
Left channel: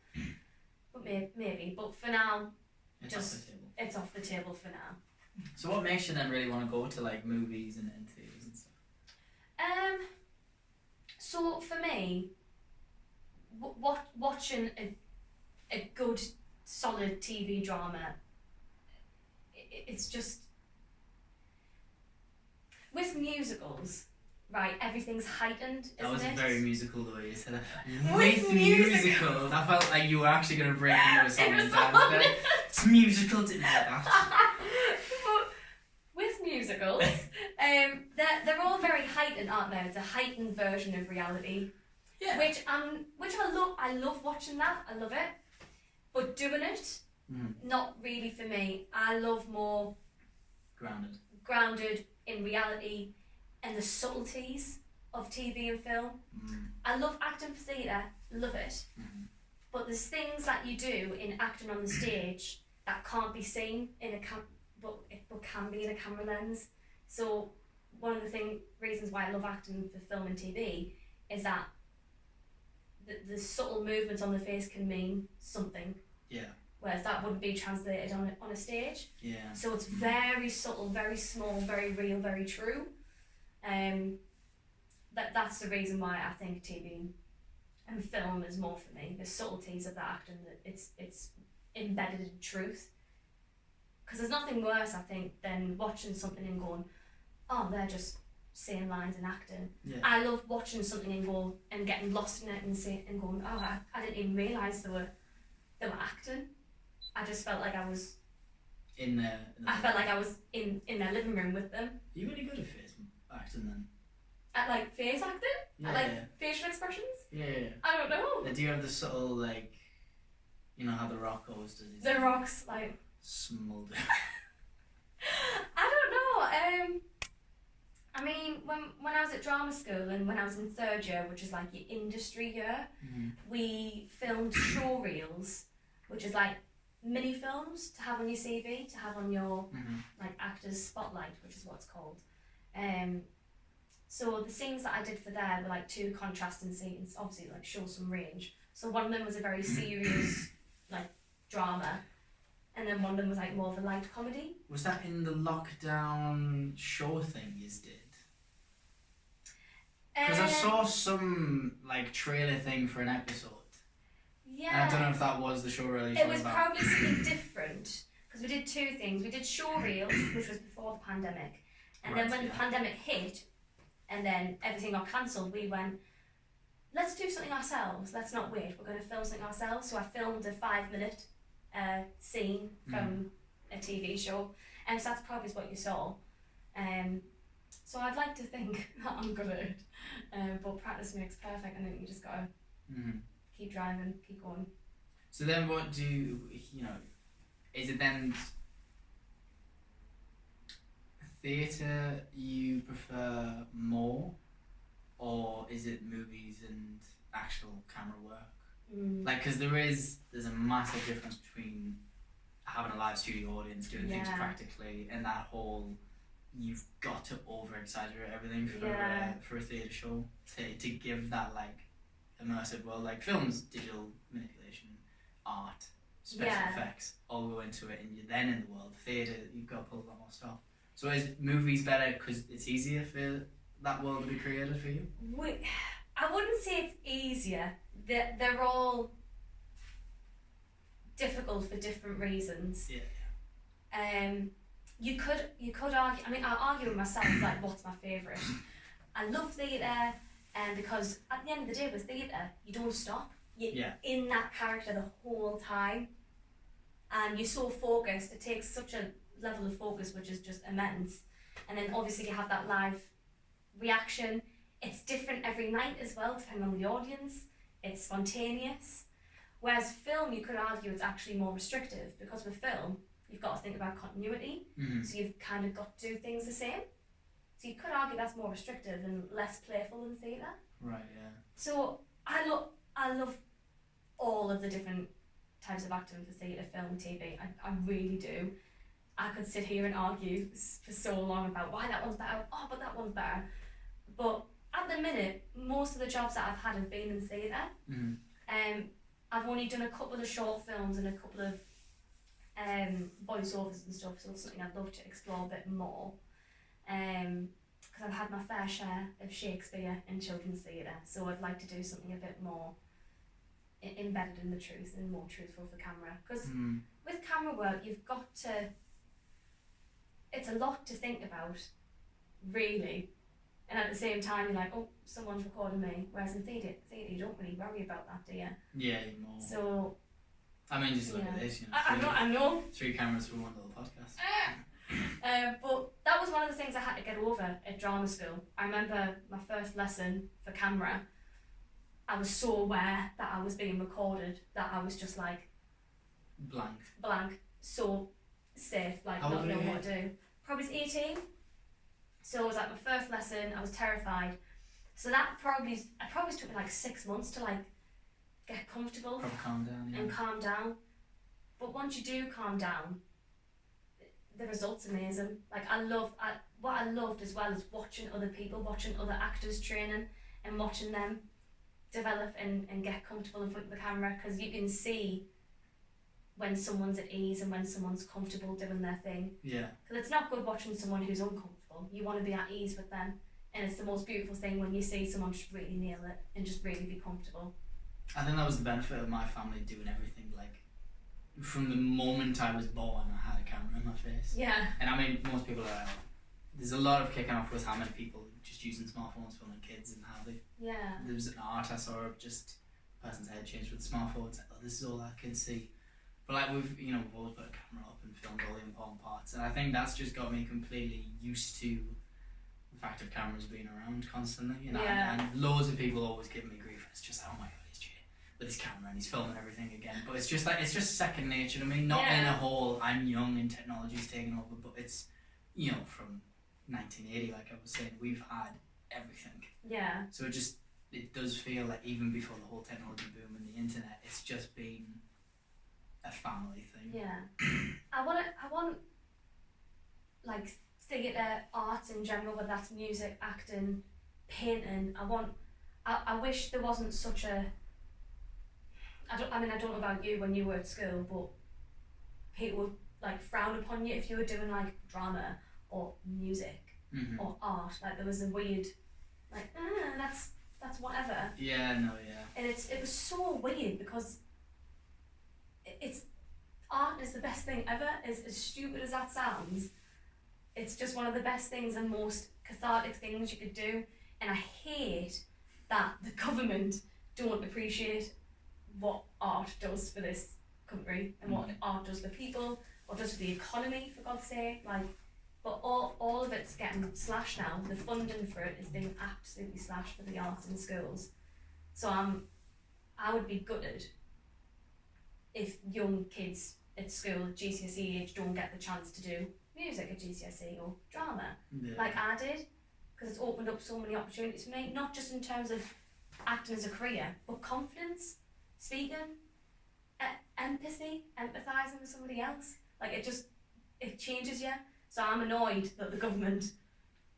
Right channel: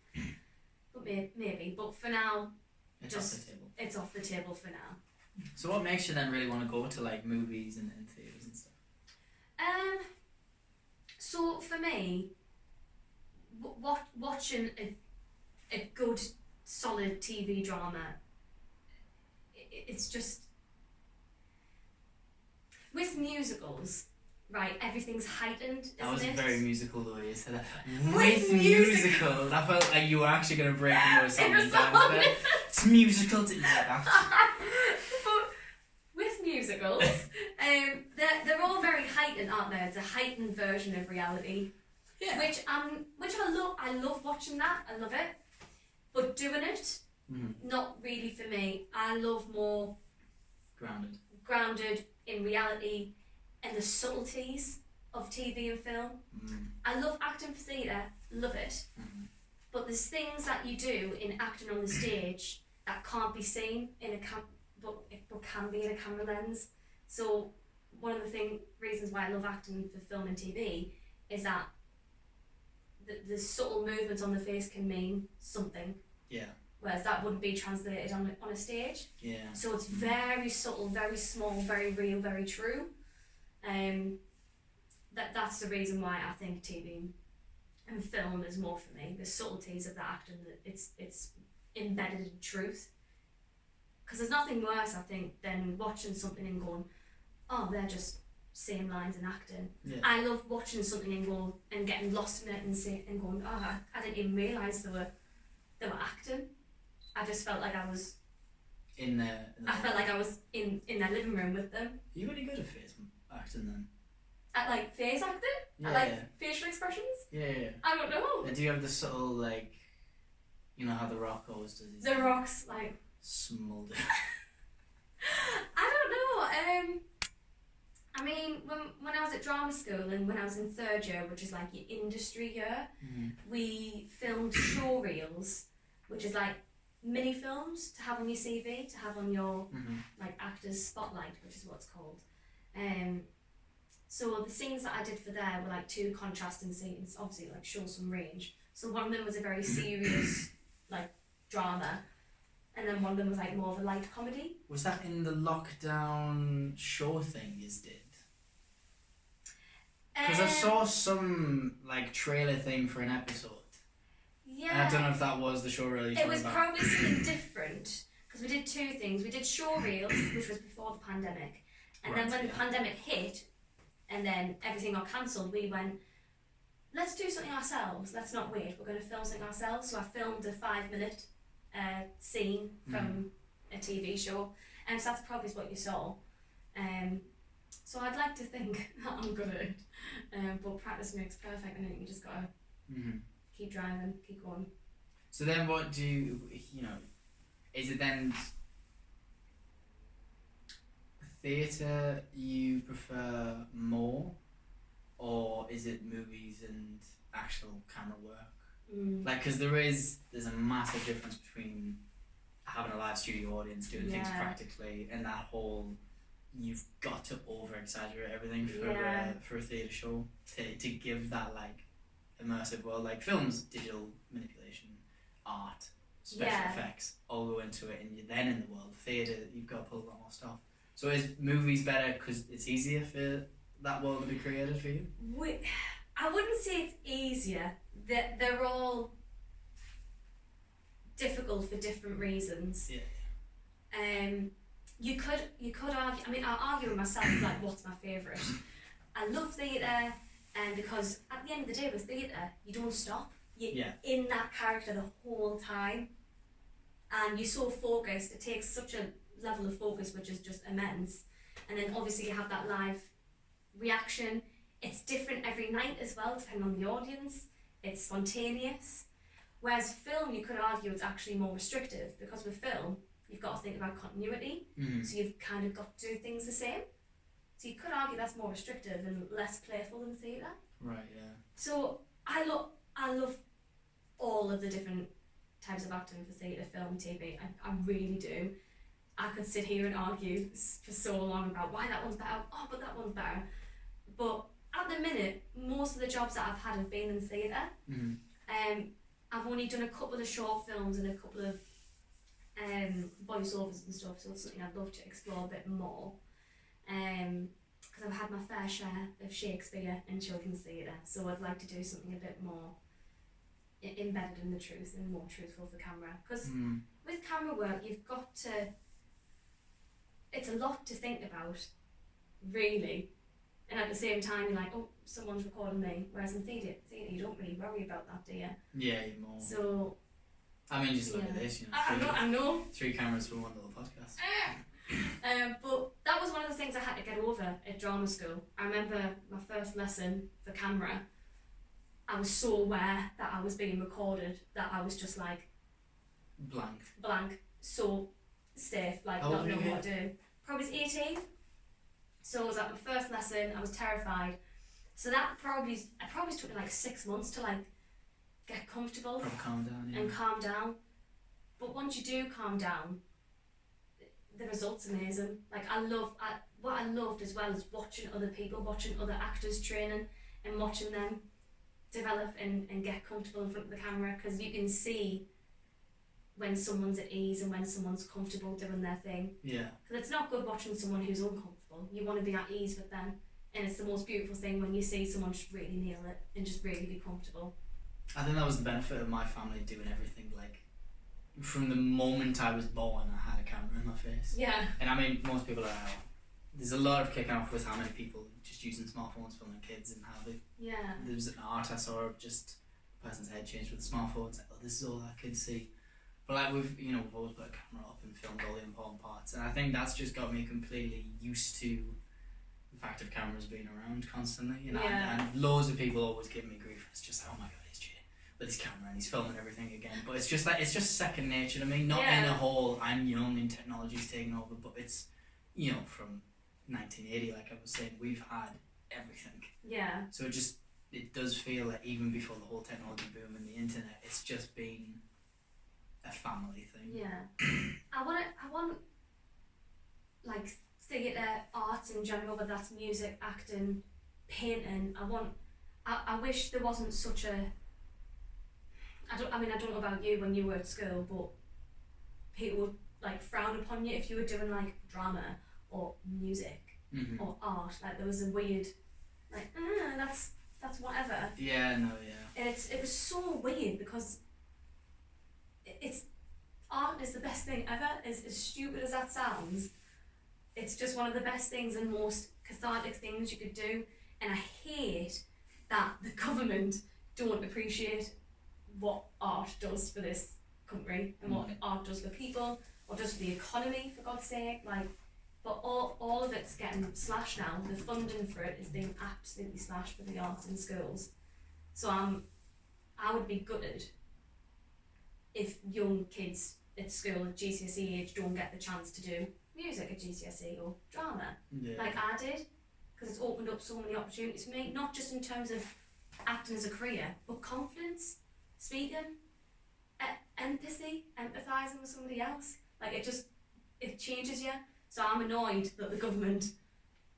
But maybe. But for now, it's off the table. It's off the table for now. So what makes you then really want to go to like movies and theatres and stuff? So for me, watching a good, solid TV drama, it's just with musicals, right? Everything's heightened, isn't it? That was very musical the way you said that. With musicals, I felt like you were actually going to break more songs and dance there. It's musical, didn't like that. With musicals, they're all very heightened, aren't they? It's a heightened version of reality. Yeah. Which I love. I love watching that. I love it. But doing it, not really for me. I love more grounded in reality and the subtleties of TV and film. I love acting for theatre, love it. But there's things that you do in acting on the stage that can't be seen in a but can be in a camera lens. So one of the reasons why I love acting for film and TV is that the subtle movements on the face can mean something. Yeah. Whereas that wouldn't be translated on a stage. Yeah. So it's very subtle, very small, very real, very true. That's the reason why I think TV and film is more for me. The subtleties of the acting, that it's embedded in truth. Because there's nothing worse, I think, than watching something and going, oh, they're just saying lines and acting. Yeah. I love watching something and getting lost in it and going, oh, I didn't even realise they were acting. I just felt like I was in there. I felt like I was in their living room with them. Are you really good at face acting then? At like face acting? Yeah. At like facial expressions? Yeah. I don't know. Do you have the subtle, like, you know how The Rock always does his... The Rock's like... smolder. I don't know. I mean, when I was at drama school and when I was in third year, which is like your industry year, we filmed show reels, which is like mini films to have on your CV, to have on your like actors spotlight, which is what it's called. So the scenes that I did for there were like 2 contrasting scenes, obviously like show some range. So one of them was a very serious like drama, and then one of them was like more of a light comedy. Was that in the lockdown show thing you did? Because I saw some like trailer thing for an episode. Yeah. And I don't know if that was the show reel you're talking about. It was probably something different, because we did 2 things. We did show reels, which was before the pandemic, and then when the pandemic hit, and then everything got cancelled, we went, let's do something ourselves. Let's not wait. We're going to film something ourselves. So I filmed a 5-minute scene from a TV show, and so that's probably what you saw. So I'd like to think that I'm good at it, but practice makes perfect, and then you just gotta keep driving, keep going. So then, what do you know? Is it then theatre you prefer more, or is it movies and actual camera work? Like, because there's a massive difference between having a live studio audience, doing things practically, and that whole you've got to over exaggerate everything for a theatre show to give that like immersive world. Like films, digital manipulation, art, special effects all go into it, and you're then in the world. Theatre, you've got to pull a lot more stuff. So is movies better because it's easier for that world to be created for you? I wouldn't say it's easier. They're all difficult for different reasons. Yeah. You could argue. I mean, I argue with myself like, what's my favourite? I love theatre, because at the end of the day, with theatre, you don't stop. You're in that character the whole time, and you're so focused. It takes such a level of focus which is just immense, and then obviously you have that live reaction. It's different every night as well, depending on the audience. It's spontaneous. Whereas film, you could argue it's actually more restrictive, because with film you've got to think about continuity, so you've kind of got to do things the same. So you could argue that's more restrictive and less playful than theatre. Right, yeah. So I love all of the different types of acting for theatre, film, TV. I really do. I could sit here and argue for so long about why that one's better, but that one's better. But at the minute, most of the jobs that I've had have been in theatre. I've only done a couple of short films and a couple of voiceovers and stuff, so it's something I'd love to explore a bit more. Because I've had my fair share of Shakespeare and children's theatre, so I'd like to do something a bit more embedded in the truth and more truthful for camera. Because with camera work, you've got to. It's a lot to think about, really. And at the same time, you're like, oh, someone's recording me. Whereas in theatre, you don't really worry about that, do you? Yeah, you're more. So. I mean, just look at this, you know. I know. 3 cameras for one little podcast. But that was one of the things I had to get over at drama school. I remember my first lesson for camera. I was so aware that I was being recorded that I was just like blank, so safe, like not knowing what to do. Probably was 18. So it was like my first lesson. I was terrified. So that probably took me like 6 months to like get comfortable, calm down. But once you do calm down, the result's amazing. Like what I loved as well is watching other people, watching other actors training, and watching them develop and get comfortable in front of the camera, because you can see when someone's at ease and when someone's comfortable doing their thing. Yeah. Because it's not good watching someone who's uncomfortable. You want to be at ease with them, and it's the most beautiful thing when you see someone just really nail it and just really be comfortable. I think that was the benefit of my family doing everything. Like, from the moment I was born, I had a camera in my face. Yeah. And I mean, most people are. There's a lot of kicking off with how many people just using smartphones filming kids and how they. Yeah. There was an art I saw of just a person's head changed with a smartphone. It's like, oh, this is all I can see. But like we've always put a camera up and filmed all the important parts, and I think that's just got me completely used to the fact of cameras being around constantly. And loads of people always give me grief. It's just like, oh my god, it's Jay with his camera and he's filming everything again. But it's just like, it's just second nature to me. Not in a whole I'm young and technology's taking over, but it's from 1980, like I was saying, we've had everything. Yeah. So it does feel like even before the whole technology boom and the internet, it's just been a family thing. Yeah. I want like theatre, arts in general, whether that's music, acting, painting. I wish there wasn't such a. I don't know about you when you were at school, but people would like frown upon you if you were doing like drama or music or art. Like there was a weird, like that's whatever. Yeah, no, yeah. And it was so weird because it's art is the best thing ever. As stupid as that sounds, it's just one of the best things and most cathartic things you could do. And I hate that the government don't appreciate what art does for this country and what art does for people, what does for the economy, for God's sake. Like, but all of it's getting slashed now. The funding for it is being absolutely slashed for the arts in schools. So I would be gutted if young kids at school at GCSE age don't get the chance to do music at GCSE or drama like I did, because it's opened up so many opportunities for me, not just in terms of acting as a career, but confidence, speaking, empathy, empathising with somebody else. Like it changes you. So I'm annoyed that the government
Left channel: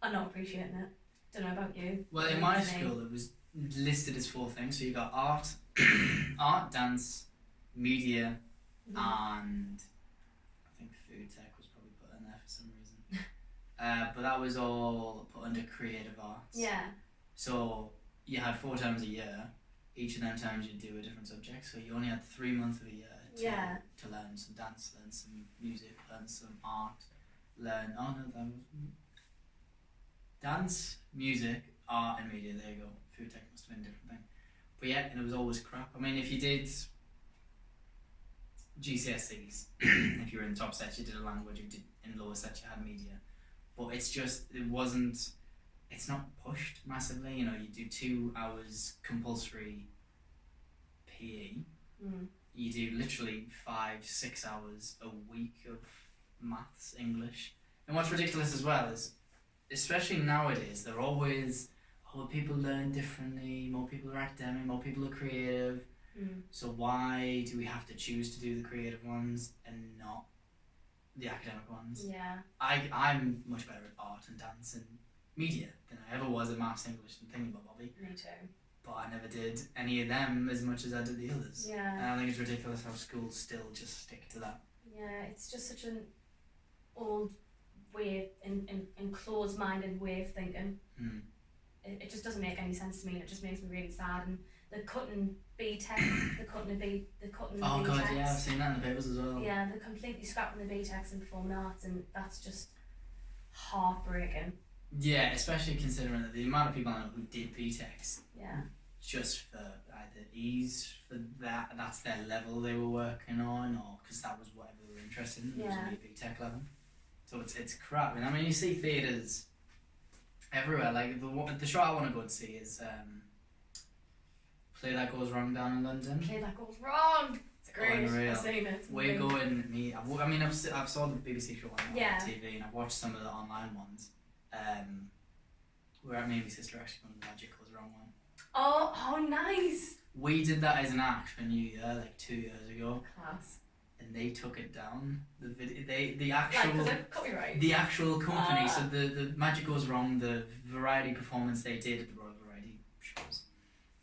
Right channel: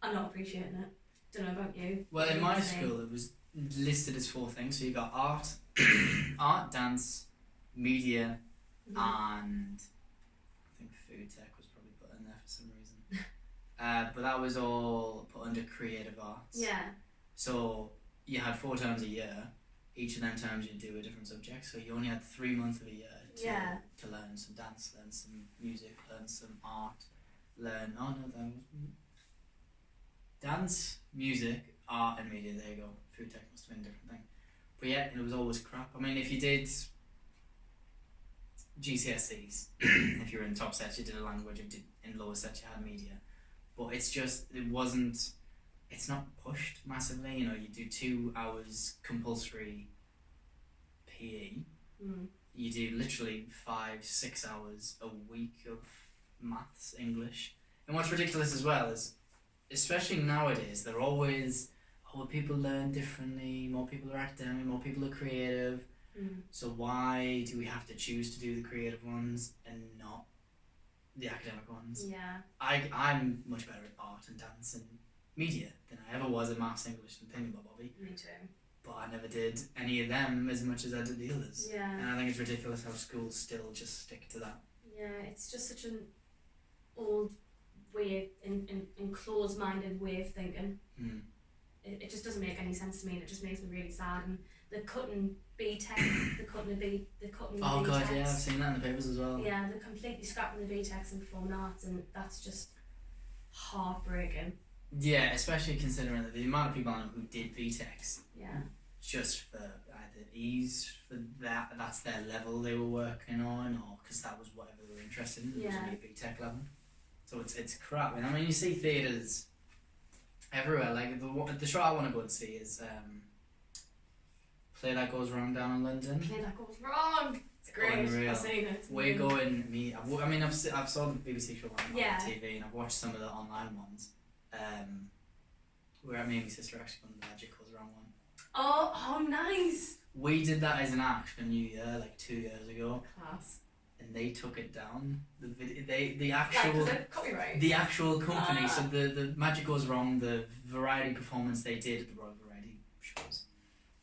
are not appreciating it. Don't know about you. Well, in my school it was listed as 4 things. So you got art, dance, media, and I think food tech was probably put in there for some reason. But that was all put under creative arts. Yeah. So you had 4 terms a year. Each of them terms you'd do a different subject. So you only had 3 months of a year to learn some dance, learn some music, learn some art, dance, music, art and media. There you go. Food tech must have been a different thing. But yeah, and it was always crap. I mean, if you did GCSEs, if you were in the top sets you did a language, if you did in lower sets you had media. But it's not pushed massively. You know, you do 2 hours compulsory PE. You do literally 5-6 hours a week of maths, English. And what's ridiculous as well is, especially nowadays, they're always, people learn differently, more people are academic, more people are creative. So why do we have to choose to do the creative ones and not the academic ones? Yeah. I'm much better at art and dance and media than I ever was at maths, English and thingamabobby. Me too. But I never did any of them as much as I did the others. Yeah. And I think it's ridiculous how schools still just stick to that. Yeah, it's just such an old way and closed-minded way of thinking. It just doesn't make any sense to me, and it just makes me really sad. And they're cutting B-Tech, they're cutting the Oh B-Techs. god, yeah, I've seen that in the papers as well. Yeah, they're completely scrapping the B-Techs in performing arts, and that's just heartbreaking. Yeah, especially considering that the amount of people I know who did B-Techs, just for either ease, for that's their level they were working on, or because that was whatever they were interested in, it was only a B-Tech level. So it's crap. And I mean, you see theatres everywhere. Like the show I want to go and see is Play That Goes Wrong down in London. Play That Goes Wrong. It's great. Unreal. I've seen it. We're going. I've saw the BBC show on TV, and I've watched some of the online ones. Where me and my sister actually done the Magic Goes Wrong one. Oh, nice. We did that as an act for New Year like 2 years ago. Class. And they took it down. The actual like, copyright. The actual company. So the Magic Goes Wrong, the variety performance they did at the Royal Variety shows.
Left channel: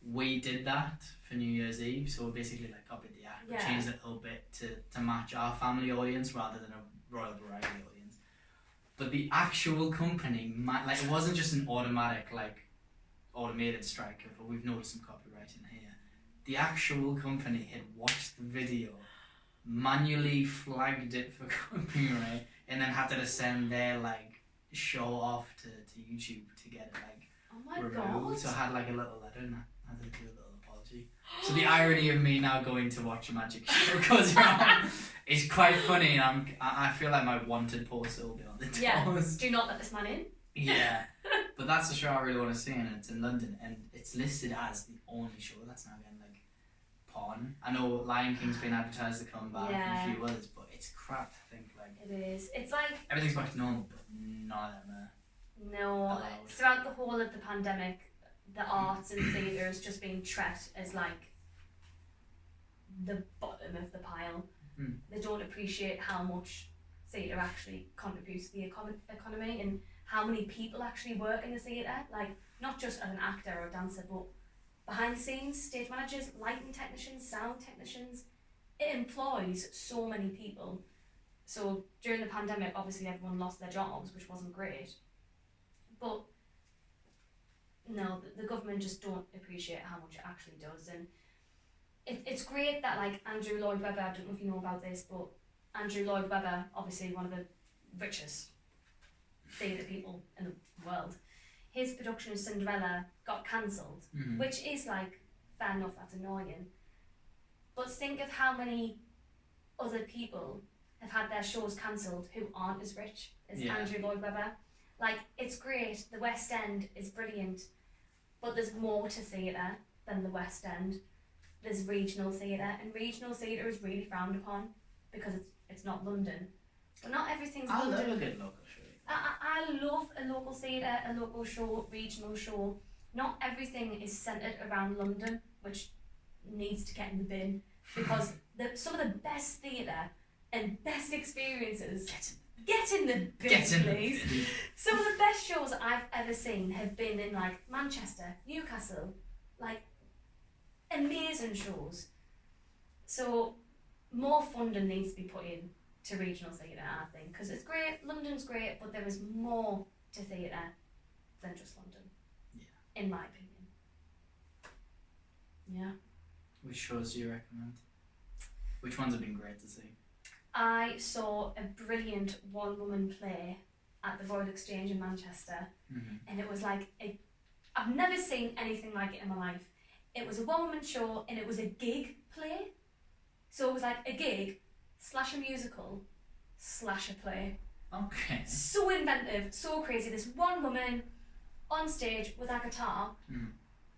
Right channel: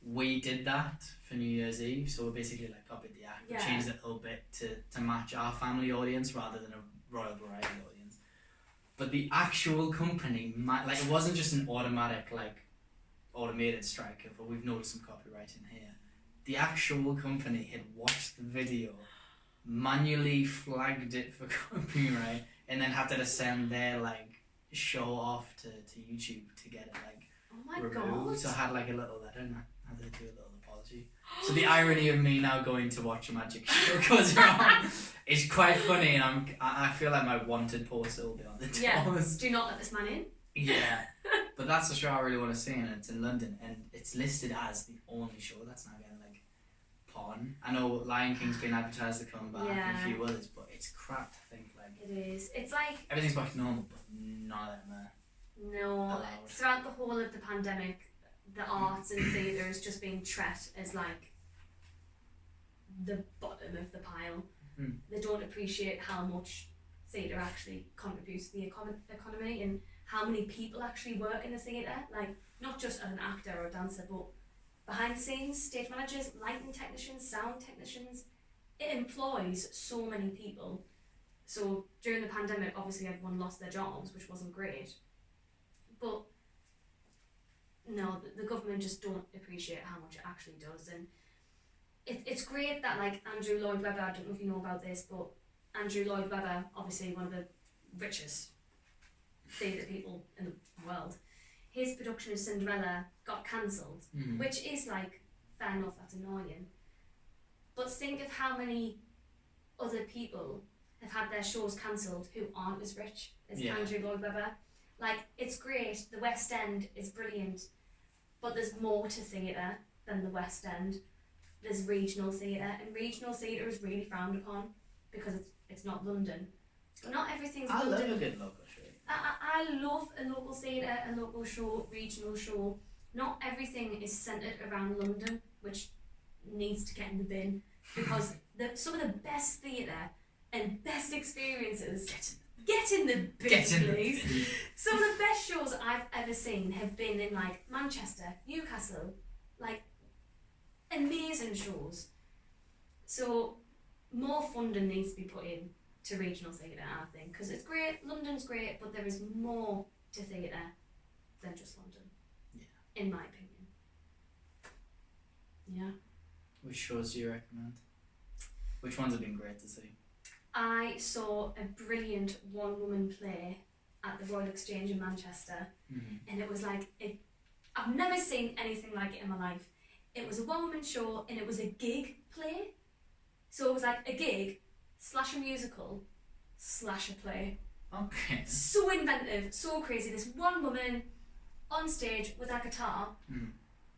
We did that for New Year's Eve. So we basically like copied the act, we changed it a little bit to match our family audience rather than a Royal Variety audience. But the actual company, it wasn't just an automated strike. But we've noticed some copywriting here. The actual company had watched the video, manually flagged it for copyright, and then had to send their show off to YouTube to get it removed. God. So I had a little letter and I had to do a little apology. So the irony of me now going to watch a magic show goes wrong is quite funny. I feel like my wanted poster will be on the doors. Yeah. Do not let this man in. Yeah. But that's the show I really want to see, and it's in London, and it's listed as the only show that's now getting on. I know Lion King's been advertised to come back and a few others, but it's crap to think it is. It's like everything's back to normal, but none of them are allowed. Throughout the whole of the pandemic, the arts and theatre has just been treated as the bottom of the pile. don't appreciate how much theatre actually contributes to the economy and how many people actually work in the theatre, like not just as an actor or a dancer, but behind the scenes, stage managers, lighting technicians, sound technicians. It employs so many people. So during the pandemic, obviously everyone lost their jobs, which wasn't great. But no, the government just don't appreciate how much it actually does. And it's great that like Andrew Lloyd Webber, I don't know if you know about this, but Andrew Lloyd Webber, obviously one of the richest theatre people in the world, his production of Cinderella got cancelled, which is like, fair enough, that's annoying. But think of how many other people have had their shows cancelled who aren't as rich as Andrew Lloyd Webber. Like, it's great, the West End is brilliant, but there's more to theatre than the West End. There's regional theatre, and regional theatre is really frowned upon because it's not London. But not everything's London. I love a good local show. I love a local theatre, a local show, regional show. Not everything is centred around London, which needs to get in the bin, because some of the best theatre and best experiences get in the bin, please. Some of the best shows I've ever seen have been in like Manchester, Newcastle, like amazing shows. So more funding needs to be put in to regional theatre, I think, because it's great, London's great, but there is more to theatre than just London, in my opinion. Yeah. Which shows do you recommend? Which ones have been great to see? I saw a brilliant one-woman play at the Royal Exchange in Manchester, and it was like, I've never seen anything like it in my life. It was a one-woman show, and it was a gig play. So it was like a gig / a musical / a play. Okay. So inventive, so crazy. This one woman on stage with a guitar,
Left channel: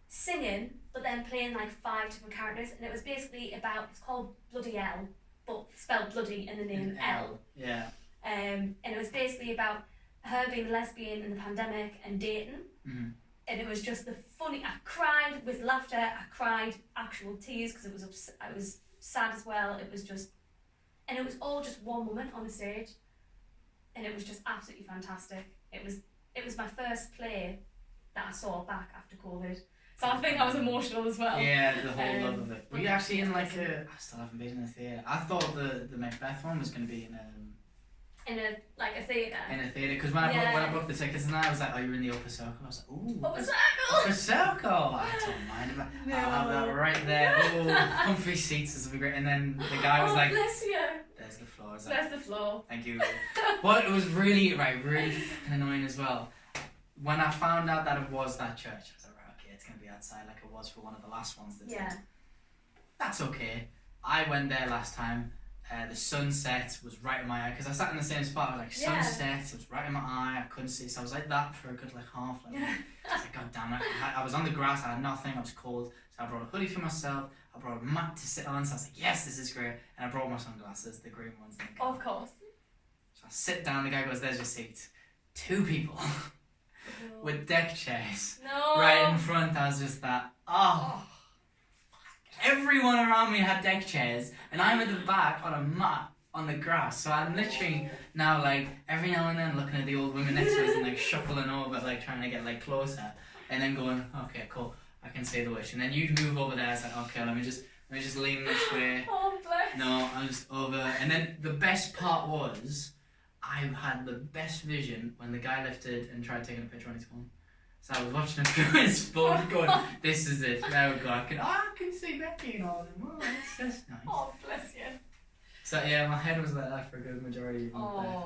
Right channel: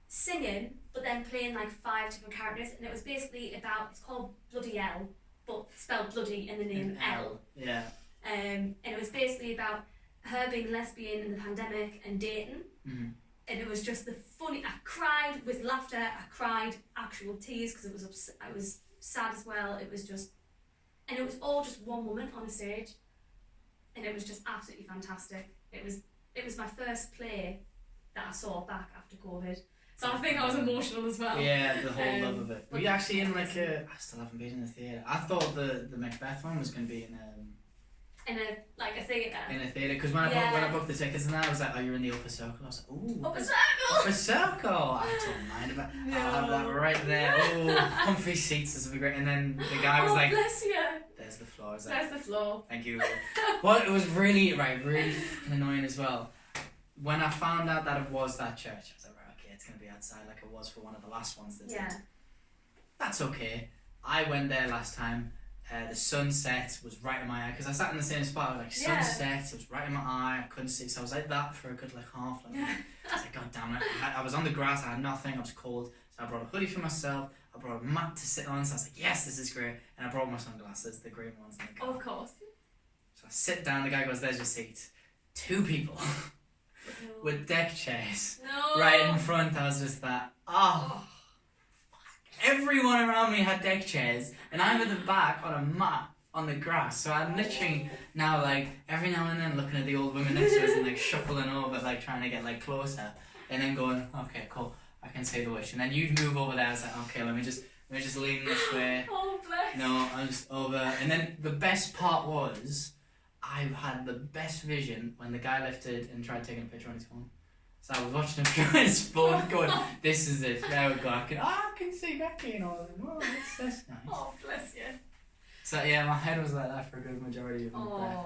singing, but then playing like 5 different characters, and it was basically about, it's called Bloody L, but spelled bloody in the name L. Yeah. And it was basically about her being lesbian in the pandemic and dating. And it was just the funny, I cried with laughter, I cried actual tears because I was sad as well. It was just, and it was all just one woman on the stage, and it was just absolutely fantastic. It was my first play that I saw back after COVID. So I think I was emotional as well. Yeah, the whole love of it. Were you actually in like I still haven't been in a theatre. I thought the Macbeth one was going to be in a theatre. In a theatre, because when I booked the tickets and I was like, oh, you're in the upper circle. I was like, ooh. Upper circle! Upper circle! I don't mind about it. I'll have that right there. Oh, comfy seats, this will be great. And then the guy was like, bless you. There's the floor. There's the floor. Thank you. Well, it was really fucking annoying as well. When I found out that it was that church, I was like, right, okay, it's going to be outside like it was for one of the last ones that did. That's okay. I went there last time. The sunset was right in my eye, because I sat in the same spot. I was like, sunset, it was right in my eye, I couldn't see, so I was like that for a good like half. Like, I was like, god damn it. I was on the grass, I had nothing, I was cold, so I brought a hoodie for myself, I brought a mat to sit on, so I was like, yes, this is great, and I brought my sunglasses, the green ones. Of course. So I sit down, the guy goes, there's your seat. 2 people with deck chairs right in front. I was just that, everyone around me had deck chairs, and I'm at the back on a mat on the grass. So I'm literally now like every now and then looking at the old women next to us and like shuffling over, like trying to get like closer, and then going, okay, cool, I can say the wish. And then you'd move over there. I was like, okay, let me just lean this way. Oh bless. No, I'm just over. And then the best part was, I had the best vision when the guy lifted and tried taking a picture on his phone. So I was watching him through his phone going, this is it, there we go, I can see Becky and all that. Oh, that's nice. Oh, bless you. So yeah, my head was like that for a good majority of my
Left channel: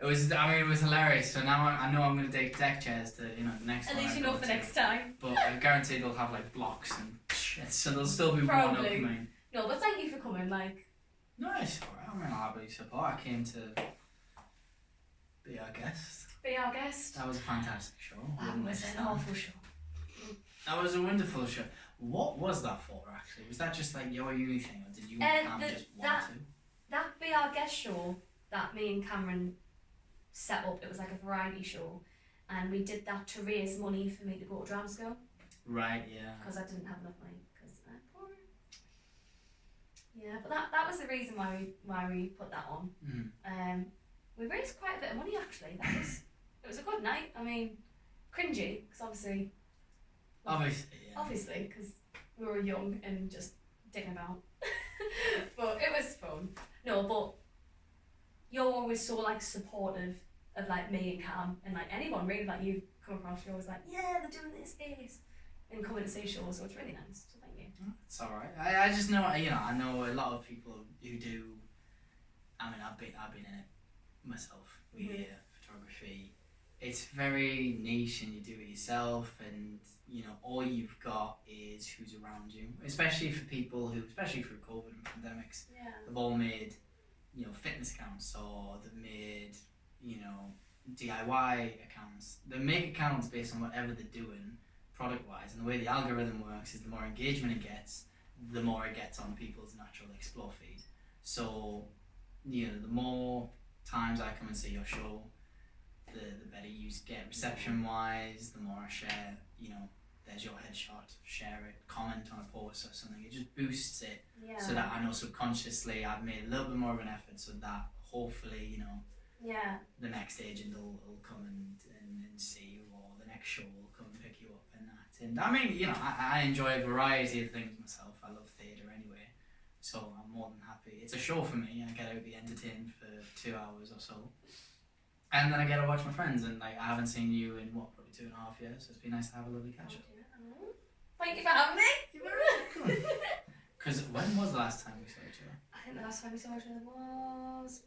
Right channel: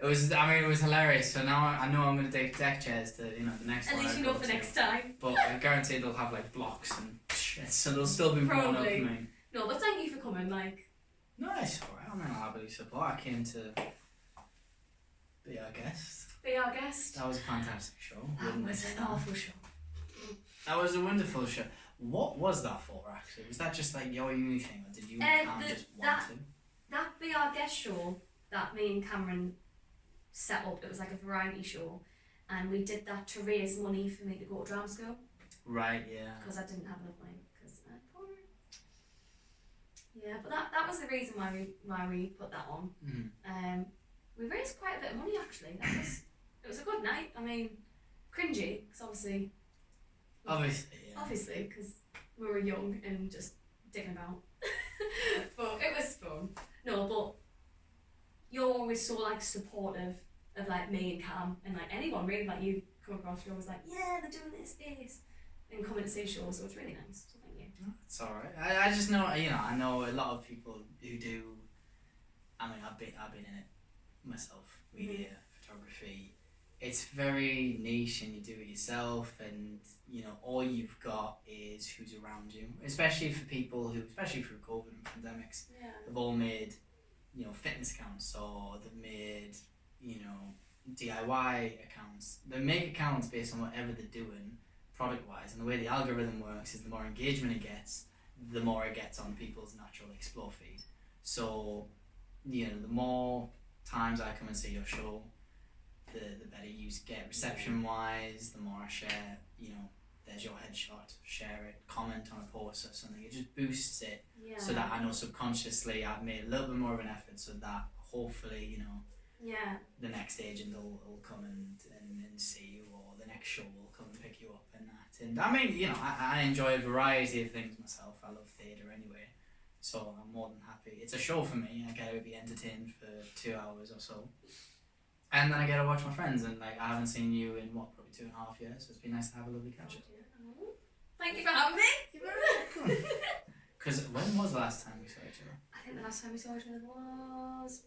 It was hilarious. So now I know I'm going to take deck chairs to, the next one. At least you know for next time. But I guarantee they'll have like blocks and shit, so they'll still be worn up for me. No, but thank you for coming, like. No, it's alright, I'll happily support. I came to be our guest. Be our guest. That was a fantastic show. That was an awful show. That was a wonderful show. What was that for, actually? Was that just like your uni thing, or did you just want to? That Be Our Guest show that me and Cameron set up, it was like a variety show, and we did that to raise money for me to go to drama school. Right, yeah. Because I didn't have enough money, because I'm poor. Yeah, but that was the reason why we put that on. We raised quite a bit of money actually. It was a good night. I mean, cringy because obviously, because we were young and just dicking about. But it was fun. No, but you're always so like supportive of like me and Cam and like anyone really that you come across. You're always like, yeah, they're doing this space and coming to see shows, so it's really nice. So thank you. It's alright. I just know, I know a lot of people who do. I mean, I've been in it myself. Media, photography. It's very niche, and you do it yourself, and all you've got is who's around you. Especially for people who, especially through COVID and pandemics, they've all made fitness accounts, or they've made DIY accounts. They make accounts based on whatever they're doing product wise, and the way the algorithm works is the more engagement it gets, the more it gets on people's natural explore feed. So the more times I come and see your show, the better you get reception wise, the more I share, there's your headshot, share it, comment on a post or something. It just boosts it, so that I know subconsciously I've made a little bit more of an effort, so that hopefully the next agent will come and see you, or the next show will come and pick you up and that. And I mean, I enjoy a variety of things myself. I love theatre anyway, so I'm more than happy. It's a show for me. I get to be entertained for 2 hours or so, and then I get to watch my friends. And like, I haven't seen you in probably 2.5 years, so it's been nice to have a lovely catch up. Thank you for having me. You're very welcome. Because when was the last time we saw each other? I think the last time we saw each other was.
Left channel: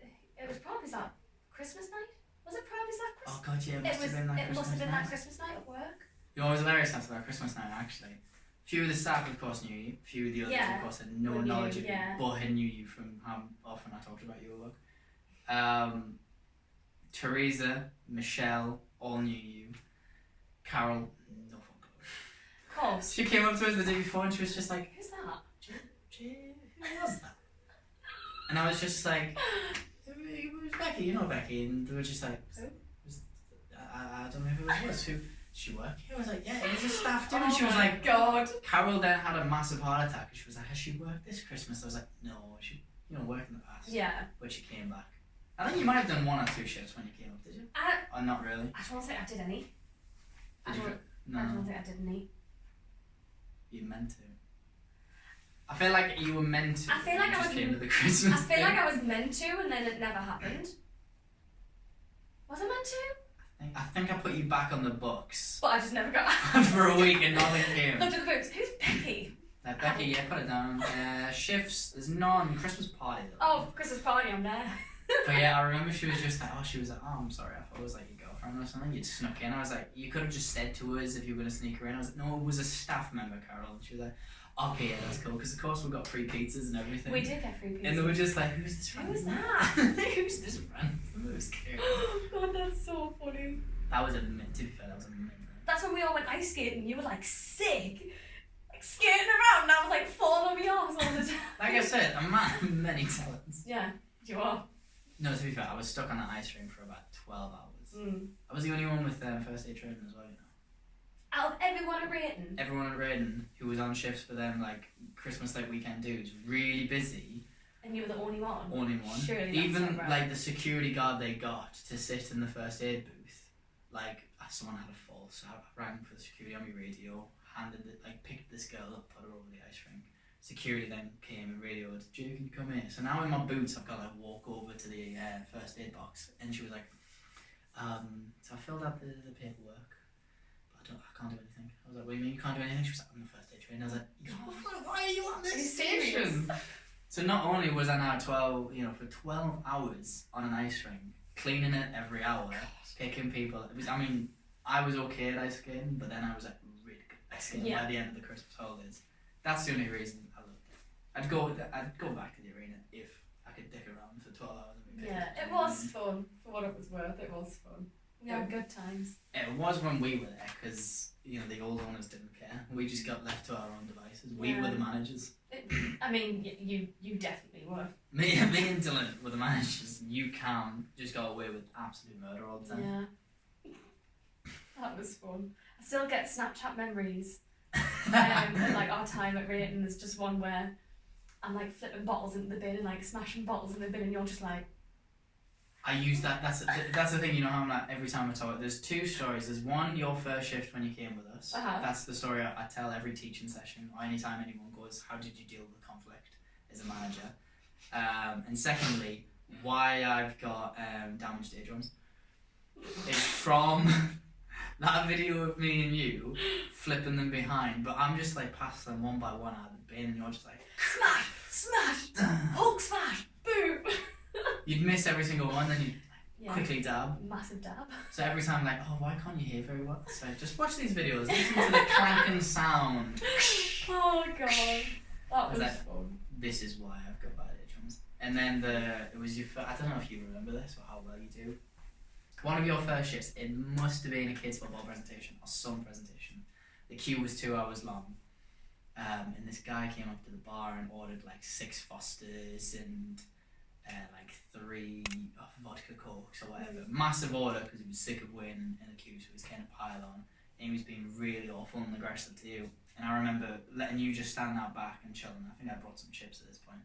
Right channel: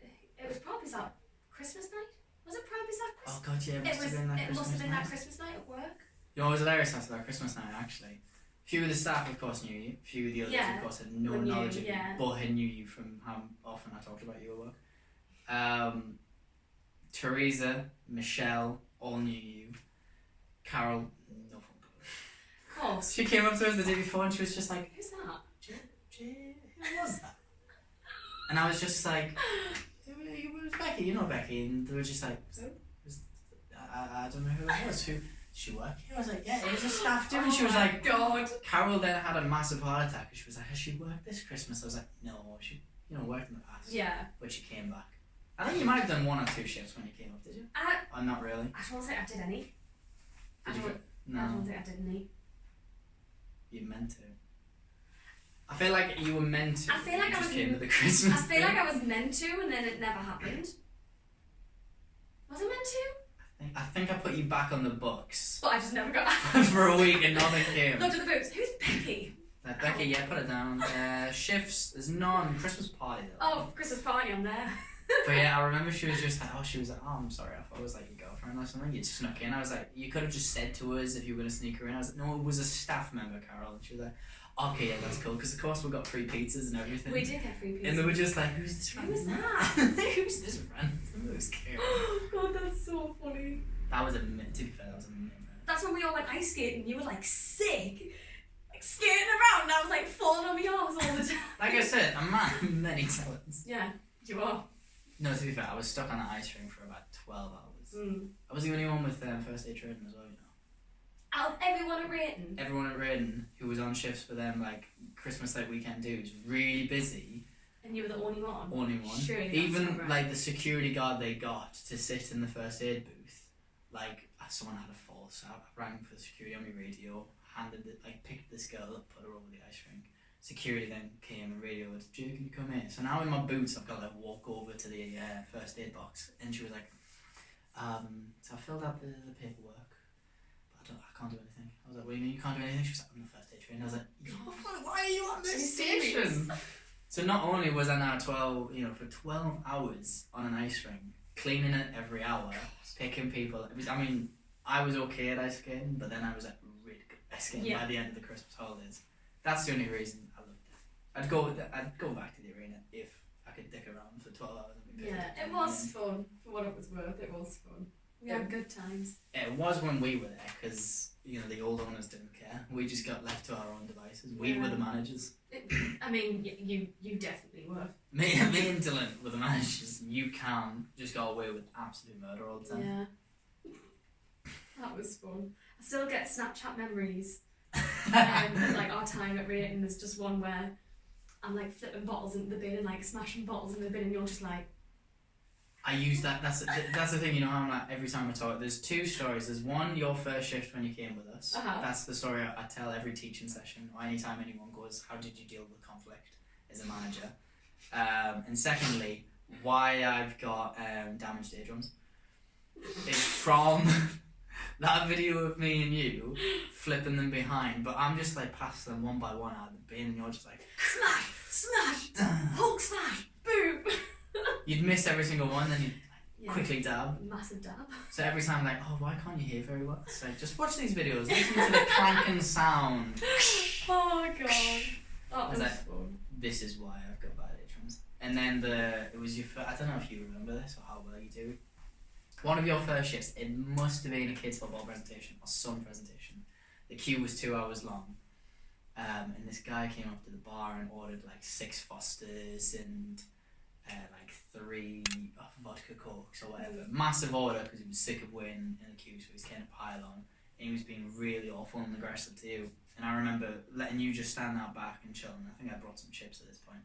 It was probably that Christmas night. Was it probably that Christmas? Oh god, yeah, it must have been that Christmas night at work. You know, it was hilarious after that Christmas night actually. Few of the staff of course knew you, few of the others of course had no knowledge of you, but had knew you from how often I talked about your work. Teresa, Michelle, all knew you. Carol, no phone call. Of course. She came up to us the day before and she was just like, who's that? Who was that? And I was just like, it was Becky, Becky, and they were just like, I don't know who it was. Who did she work here? I was like, yeah, it was a staff too. And she was like, God. Carol then had a massive heart attack, and she was like, has she worked this Christmas? I was like, no, she worked in the past. Yeah. But she came back. I think you might have done 1 or 2 shifts when you came up, did you? Or not really? I don't think I did any. No. I don't think I did any. You meant to. I feel like you were meant to. I feel like I feel like I was meant to, and then it never happened. Was I meant to? I think I put you back on the books. But I just never got for a week and nothing came. Looked at the books. Who's Becky? Becky, yeah, put it down. Shifts, there's none. Christmas party though. Oh, Christmas party, I'm there. But yeah, I remember she was just like, I'm sorry, I thought it was like your girlfriend or something. You'd snuck in. I was like, you could have just said to us if you were going to sneak her in. I was like, no, it was a staff member, Carol. And she was like, okay, yeah, that's cool. Because of course we got free pizzas and everything. We did get free pizzas. And they were just like, who's this random? Who's that? Who's this random? Who's Carol? God, that's so funny. That was to be fair, that was amazing. That's when we all went ice skating. You were like sick. Like skating around and I was like falling on my arse all the time. Like I said, a man of many talents. Yeah, you are. No, to be fair, I was stuck on the ice rink for about 12 hours. I was the only one with first aid training as well, Out of everyone at Rayton? Everyone at Rayton who was on shifts for them, like Christmas like weekend dudes, really busy. And you were the only one? Only one. Surely even right. like the security guard they got to sit in the first aid booth, like someone had a fall, so I rang for the security on my radio, picked this girl up, put her over the ice rink. Security then came and radioed, Jay, can you come here? So now in my boots I've got to walk over to the first aid box, and she was like, so I filled out the paperwork, but I can't do anything. I was like, what do you mean you can't do anything? She was like, I'm the first aid trainer. I was like, why are you on this station? So not only was I now for 12 hours on an ice rink, cleaning it every hour, picking people. I was okay at ice skating, but then I was like really good at ice skating by the end of the Christmas holidays. That's the only reason I loved it. I'd go back to the arena if I could dick around for 12 hours. It was fun. For what it was worth, it was fun. We had good times. It was when we were there, because the old owners didn't care. We just got left to our own devices. We were the managers. You definitely were. Me and Dylan were the managers. You just got away with absolute murder all the time. Yeah. That was fun. I still get Snapchat memories of like our time at Rayton. There's just one where I'm like flipping bottles into the bin and like smashing bottles in the bin, and you're just like. I use that. That's the thing. You know how I'm like every time I talk. There's two stories. There's one, your first shift when you came with us. That's the story I tell every teaching session or anytime anyone goes. How did you deal with conflict as a manager? And secondly, why I've got damaged eardrums. It's from that video of me and you flipping them behind, but I'm just like passing them one by one out of the bin, and you're just like smash, Hulk smash, boom. You'd miss every single one, then you'd quickly dab. Massive dab. So every time, like, oh, why can't you hear very well? It's like, just watch these videos, listen to the clanking sound. Oh god, that was fun. This is why I've got bad eardrums. And then it was your I don't know if you remember this or how well you do. One of your first shifts, it must have been a kids' football presentation or some presentation. The queue was 2 hours long. And this guy came up to the bar and ordered like 6 Fosters and like 3 vodka cokes or whatever. Massive order because he was sick of waiting in the queue, so he's kind of pile on. And he was being really awful and aggressive to you. And I remember letting you just stand out back and chilling. I think I brought some chips at this point.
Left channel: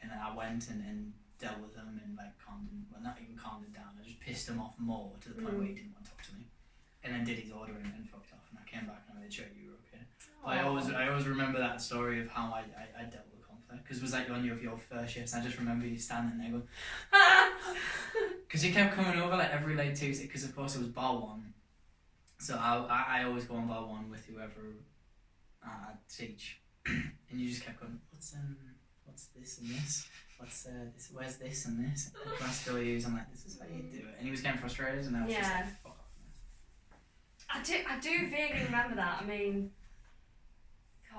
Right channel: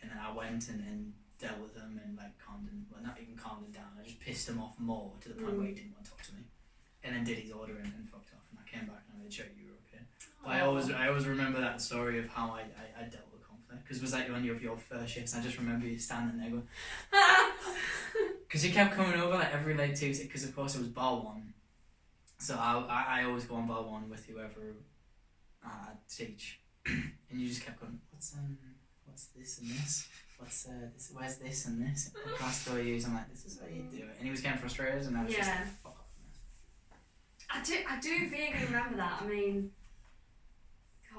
And then I went and dealt with him and like calmed him, well, not even calmed him down. I just pissed him off more to the point where he didn't want to talk to me. And then did his order and fucked off. And I came back and I made sure you were okay. But I always remember that story of how I dealt with conflict, because it was like one of your first shifts, and I just remember you standing there going, because you kept coming over like every late Tuesday, because of course it was bar one, so I always go on bar one with whoever I teach, and you just kept going, what's this and this, this, where's this and this, and I still use, I'm like, this is how you do it, and he was getting frustrated, and I was just like, fuck off. I do vaguely remember that. I mean,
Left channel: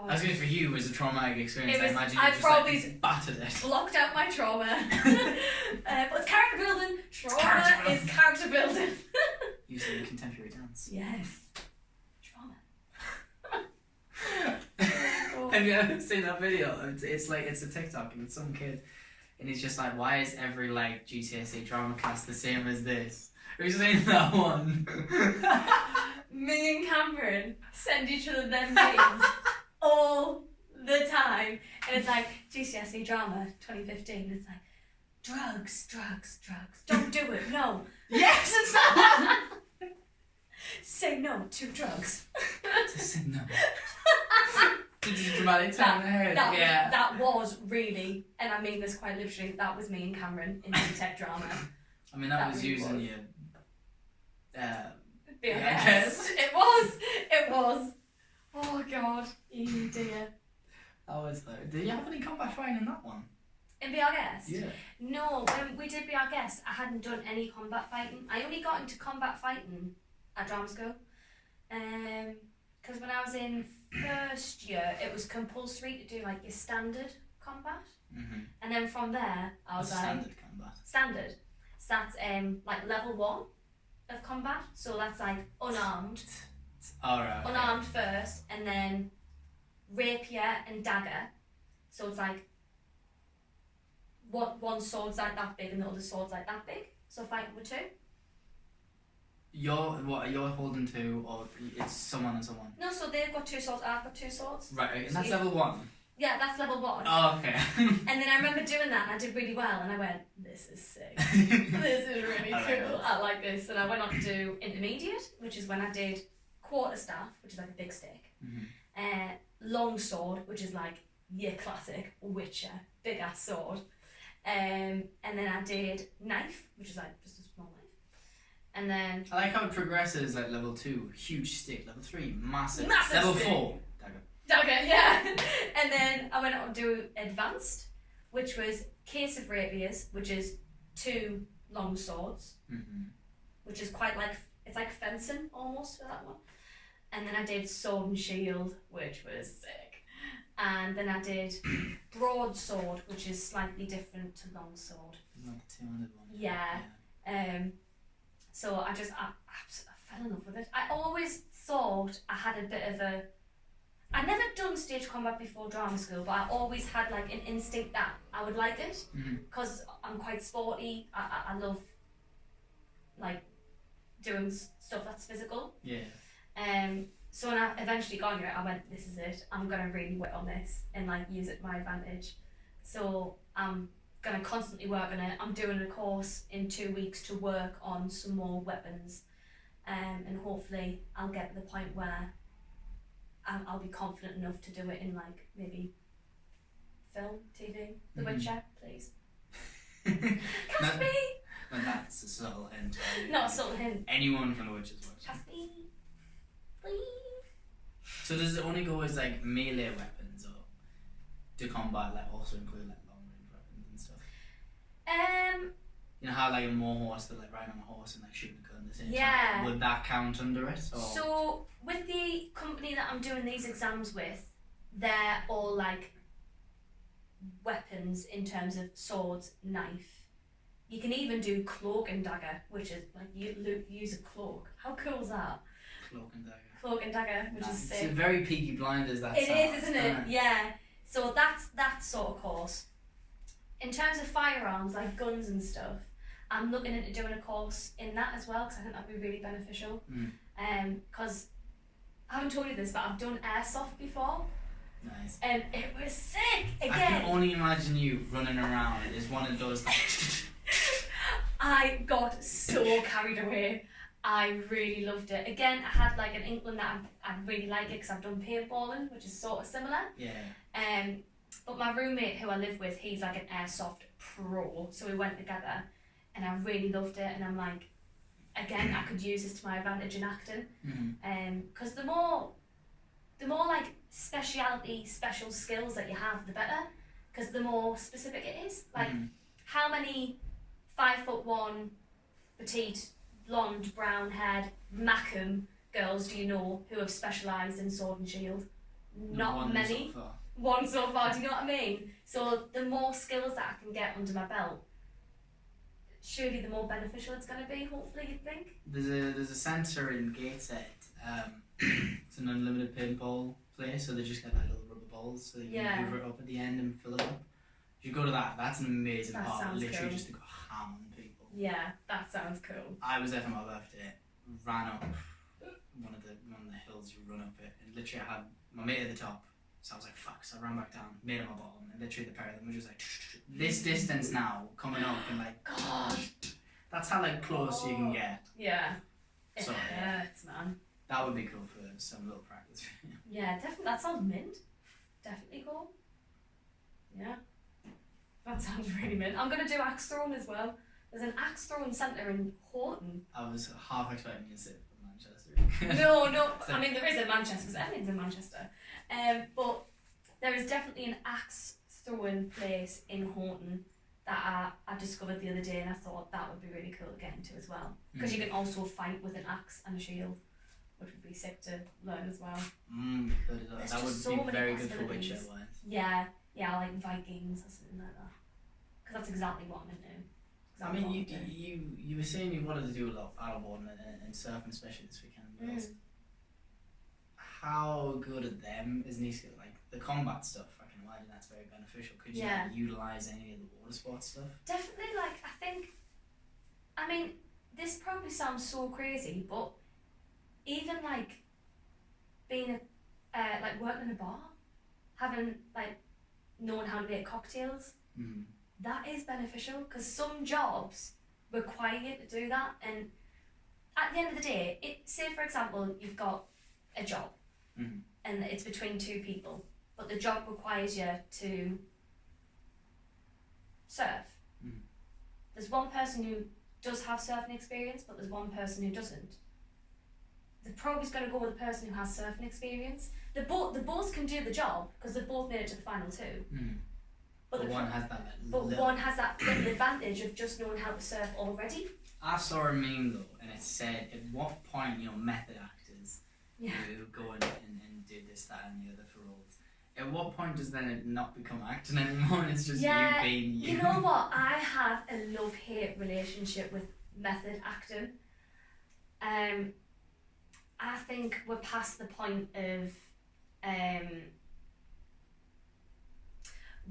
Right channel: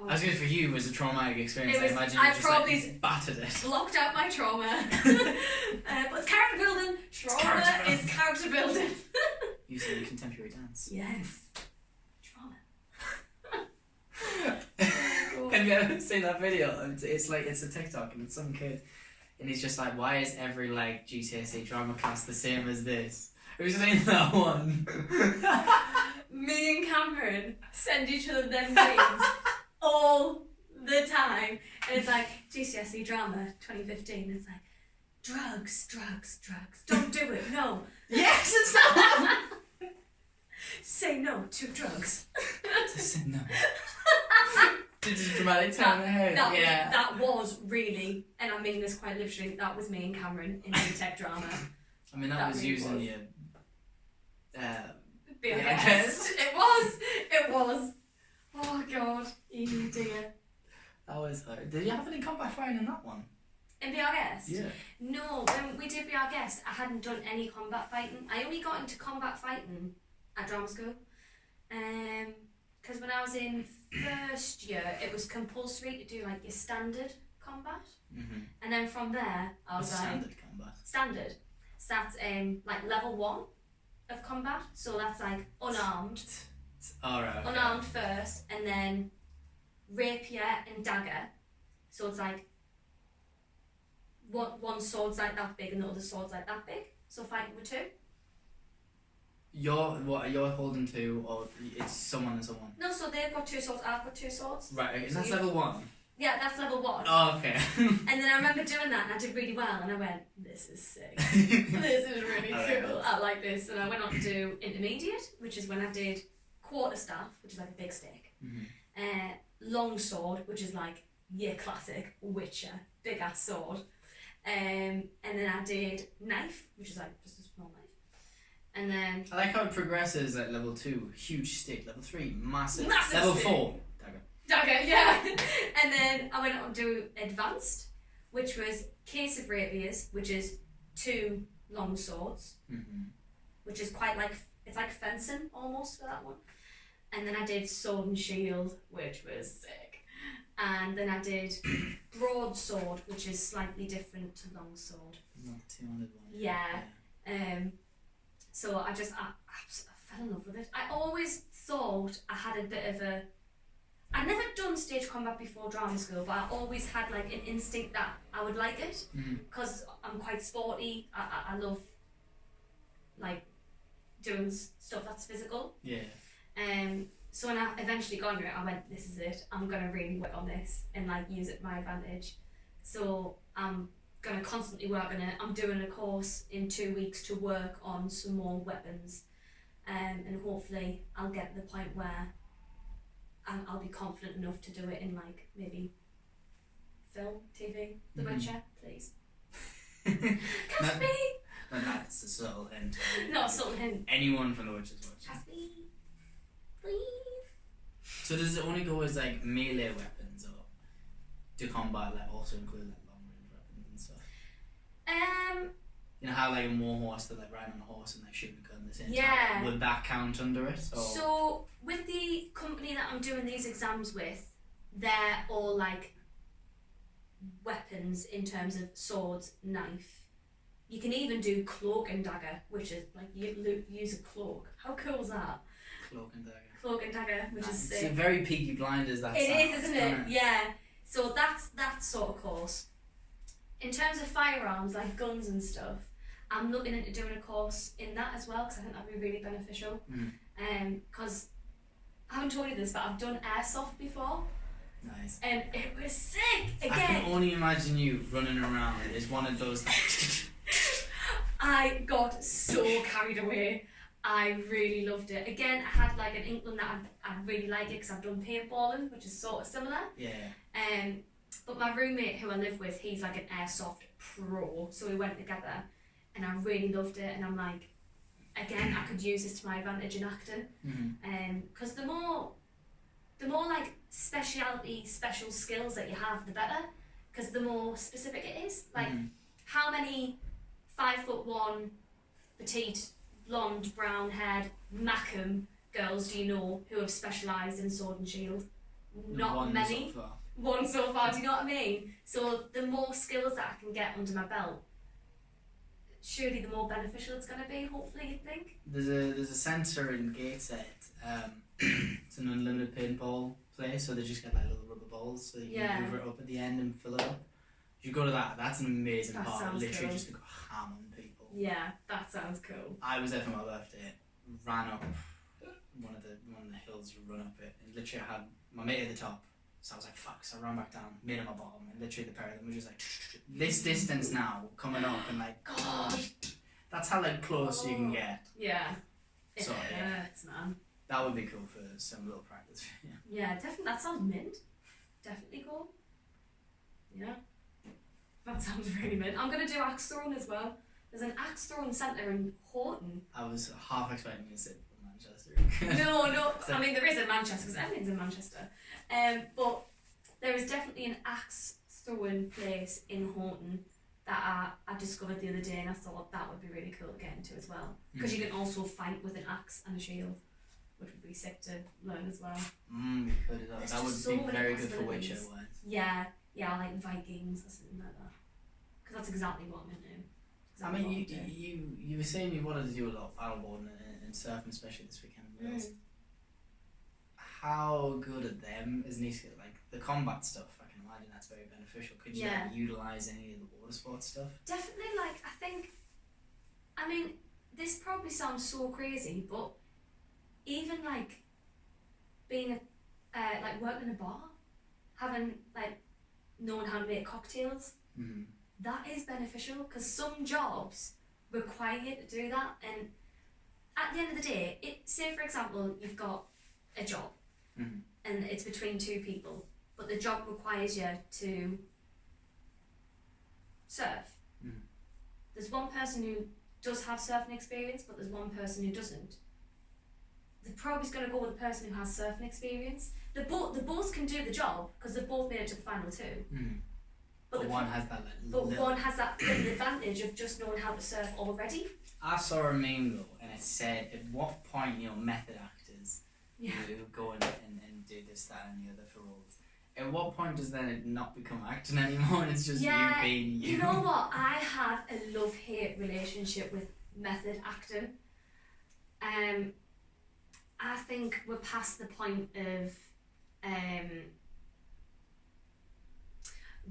as good for you was a traumatic experience. I imagine you just probably like battered it. Blocked out my trauma. But it's character building. Trauma is character building. Using a contemporary dance. Yes. Trauma. Have you ever seen that video? It's a TikTok and it's some kid, and he's just like, why is every like GCSE drama class the same as this? Who's saying that one? Me and Cameron send each other them memes all the time, and it's like GCSE drama 2015. It's like drugs, don't do it, no. Yes, it's that one. Say no to drugs. Just say no. Did you dramatic time in the head? That was really, and I mean this quite literally, that was me and Cameron in tech drama. I mean that was really using your BIS. It was. Oh god, dear. That was hilarious. Did you have any combat fighting in that one? In Be Our Guest? Yeah. No, when we did Be Our Guest, I hadn't done any combat fighting. I only got into combat fighting at drama school. Because when I was in first year, it was compulsory to do like your standard combat. Mm-hmm. And then from there, I was like... Standard combat? Standard. So that's like level 1 of combat. So that's like unarmed. Alright. Okay. Unarmed first, and then rapier and dagger. So it's like one sword's like that big and the other sword's like that big. So fighting with 2. You're holding 2, or it's someone and someone? No, so they've got 2 swords, I've got 2 swords. Right, okay, and that's level 1? Yeah, that's level 1. Oh, okay. And then I remember doing that and I did really well, and I went, this is sick. This is really cool. I like this. And I went on to do intermediate, which is when I did quarterstaff, which is like a big stick. Mm-hmm. Long sword, which is like your classic Witcher, big ass sword. And then I did knife, which is like just a small knife. And then I like how it progresses at level 2, huge stick, level 3, massive level stick. 4, dagger, yeah. And then I went on to do advanced, which was case of rapiers, which is 2 long swords, which is quite like, it's like fencing almost for that one. And then I did sword and shield, which was sick. And then I did broadsword, which is slightly different to long sword. Not the 200 one. Yeah. So I fell in love with it. I always thought I had a bit of a... I'd never done stage combat before drama school, but I always had like an instinct that I would like it, because I'm quite sporty. I love like doing stuff that's physical. Yeah. So when I eventually got into it, I went, this is it. I'm gonna really work on this and like use it to my advantage. So I'm gonna constantly work on it. I'm doing a course in 2 weeks to work on some more weapons, and hopefully I'll get to the point where I'll be confident enough to do it in like maybe film, TV, The Witcher, please. Cast me! And that's a subtle hint. Not a subtle hint. Anyone from The Witcher's watching. Cast me, please. So does it only go as like melee weapons, or do combat like also include like long range weapons and stuff? You know how like a war horse, they're like riding on a horse and like shooting a gun at the same time? Would that count under it? Or? So with the company that I'm doing these exams with, they're all like weapons in terms of swords, knife. You can even do cloak and dagger, which is like you use a cloak. How cool is that? Cloak and dagger. Cloak and dagger, which is sick. It's very Peaky Blinders. That it is, isn't it? Yeah. So that's that sort of course. In terms of firearms, like guns and stuff, I'm looking into doing a course in that as well because I think that'd be really beneficial. Because I haven't told you this, but I've done airsoft before. Nice. And it was sick. Again, I can only imagine you running around as one of those. I got so carried away. I really loved it. Again, I had like an inkling that I'd really like it because I've done paintballing, which is sort of similar. Yeah. But my roommate who I live with, he's like an airsoft pro, so we went together, and I really loved it. And I'm like, again, I could use this to my advantage in acting. Because the more like special skills that you have, the better. Because the more specific it is. Like, how many 5'1", petite, blonde, brown haired Mackham girls do you know who have specialised in sword and shield? Not many. One so far, do you know what I mean? So the more skills that I can get under my belt, surely the more beneficial it's going to be, hopefully, you think? There's a centre in Gateshead. It's an unlimited paintball place, so they just get like little rubber balls, so you can hoover it up at the end and fill it up. You go to that, that's an amazing part, literally cool. Just to go ham on people. Yeah, that sounds cool. I was there for my birthday, ran up one of the hills, you run up it, and literally I had my mate at the top, so I was like, fuck, so I ran back down, made him my bottom, and literally the pair of them were just like, this distance now, coming up, and like, God, that's how like close you can get. Yeah, it so, hurts, man. That would be cool for some little practice. Yeah, definitely, that sounds mint. Definitely cool. Yeah. That sounds really mint. I'm going to do axe throwing as well. There's an axe throwing centre in Horton. I was half expecting you to say Manchester. No. I mean, there is in Manchester because everything's in Manchester. But there is definitely an axe throwing place in Horton that I discovered the other day, and I thought that would be really cool to get into as well. Because you can also fight with an axe and a shield, which would be sick to learn as well. That would so be very good for Witcher. Yeah, like Vikings or something like that. Because that's exactly what I'm into. I mean, you were saying you wanted to do a lot of paddleboarding and surfing, especially this weekend. How good at them is nice, like the combat stuff? I can imagine that's very beneficial. Could you like, utilise any of the water sports stuff? Definitely. Like I mean, this probably sounds so crazy, but even like being like working in a bar, having like knowing how to make cocktails, that is beneficial because some jobs require you to do that. And at the end of the day, say for example you've got a job and it's between two people, but the job requires you to surf. There's one person who does have surfing experience, but there's one person who doesn't. The probably is going to go with the person who has surfing experience. They both can do the job because they've both made it to the final two. But one has that. One has that little advantage of just knowing how to surf already. I saw a meme though, and it said, "At what point, method actors who go and do this, that, and the other for roles. At what point does then it not become acting anymore? And it's just you being you." You know what? I have a love-hate relationship with method acting. I think we're past the point of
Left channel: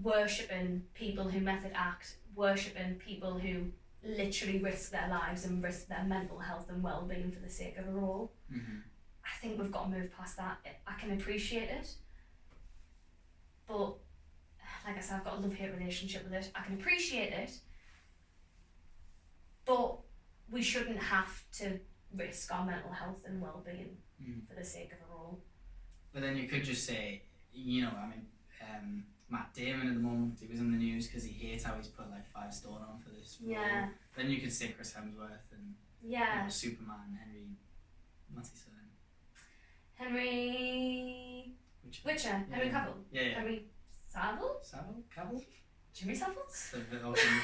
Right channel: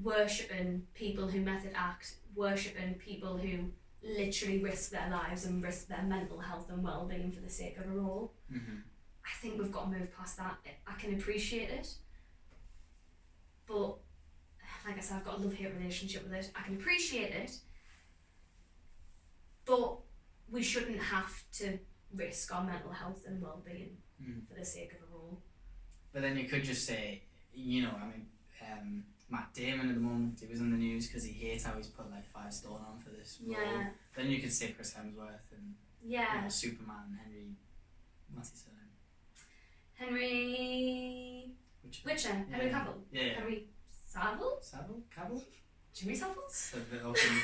worshipping people who method act, worshipping people who literally risk their lives and risk their mental health and well-being for the sake of a role. I think we've got to move past that. I can appreciate it, but like I said, I've got a love-hate relationship with it. I can appreciate it, but we shouldn't have to risk our mental health and well-being for the sake of a role. But then you could just say, you know, I mean, Matt Damon at the moment, he was in the news because he hates how he's put like 5 stone on for this role. Yeah. Then you could say Chris Hemsworth and you know, Superman, what's his surname? Henry Witcher. Henry Cavill. Yeah. Henry Cavill? Jimmy Savile? It's a bit awesome.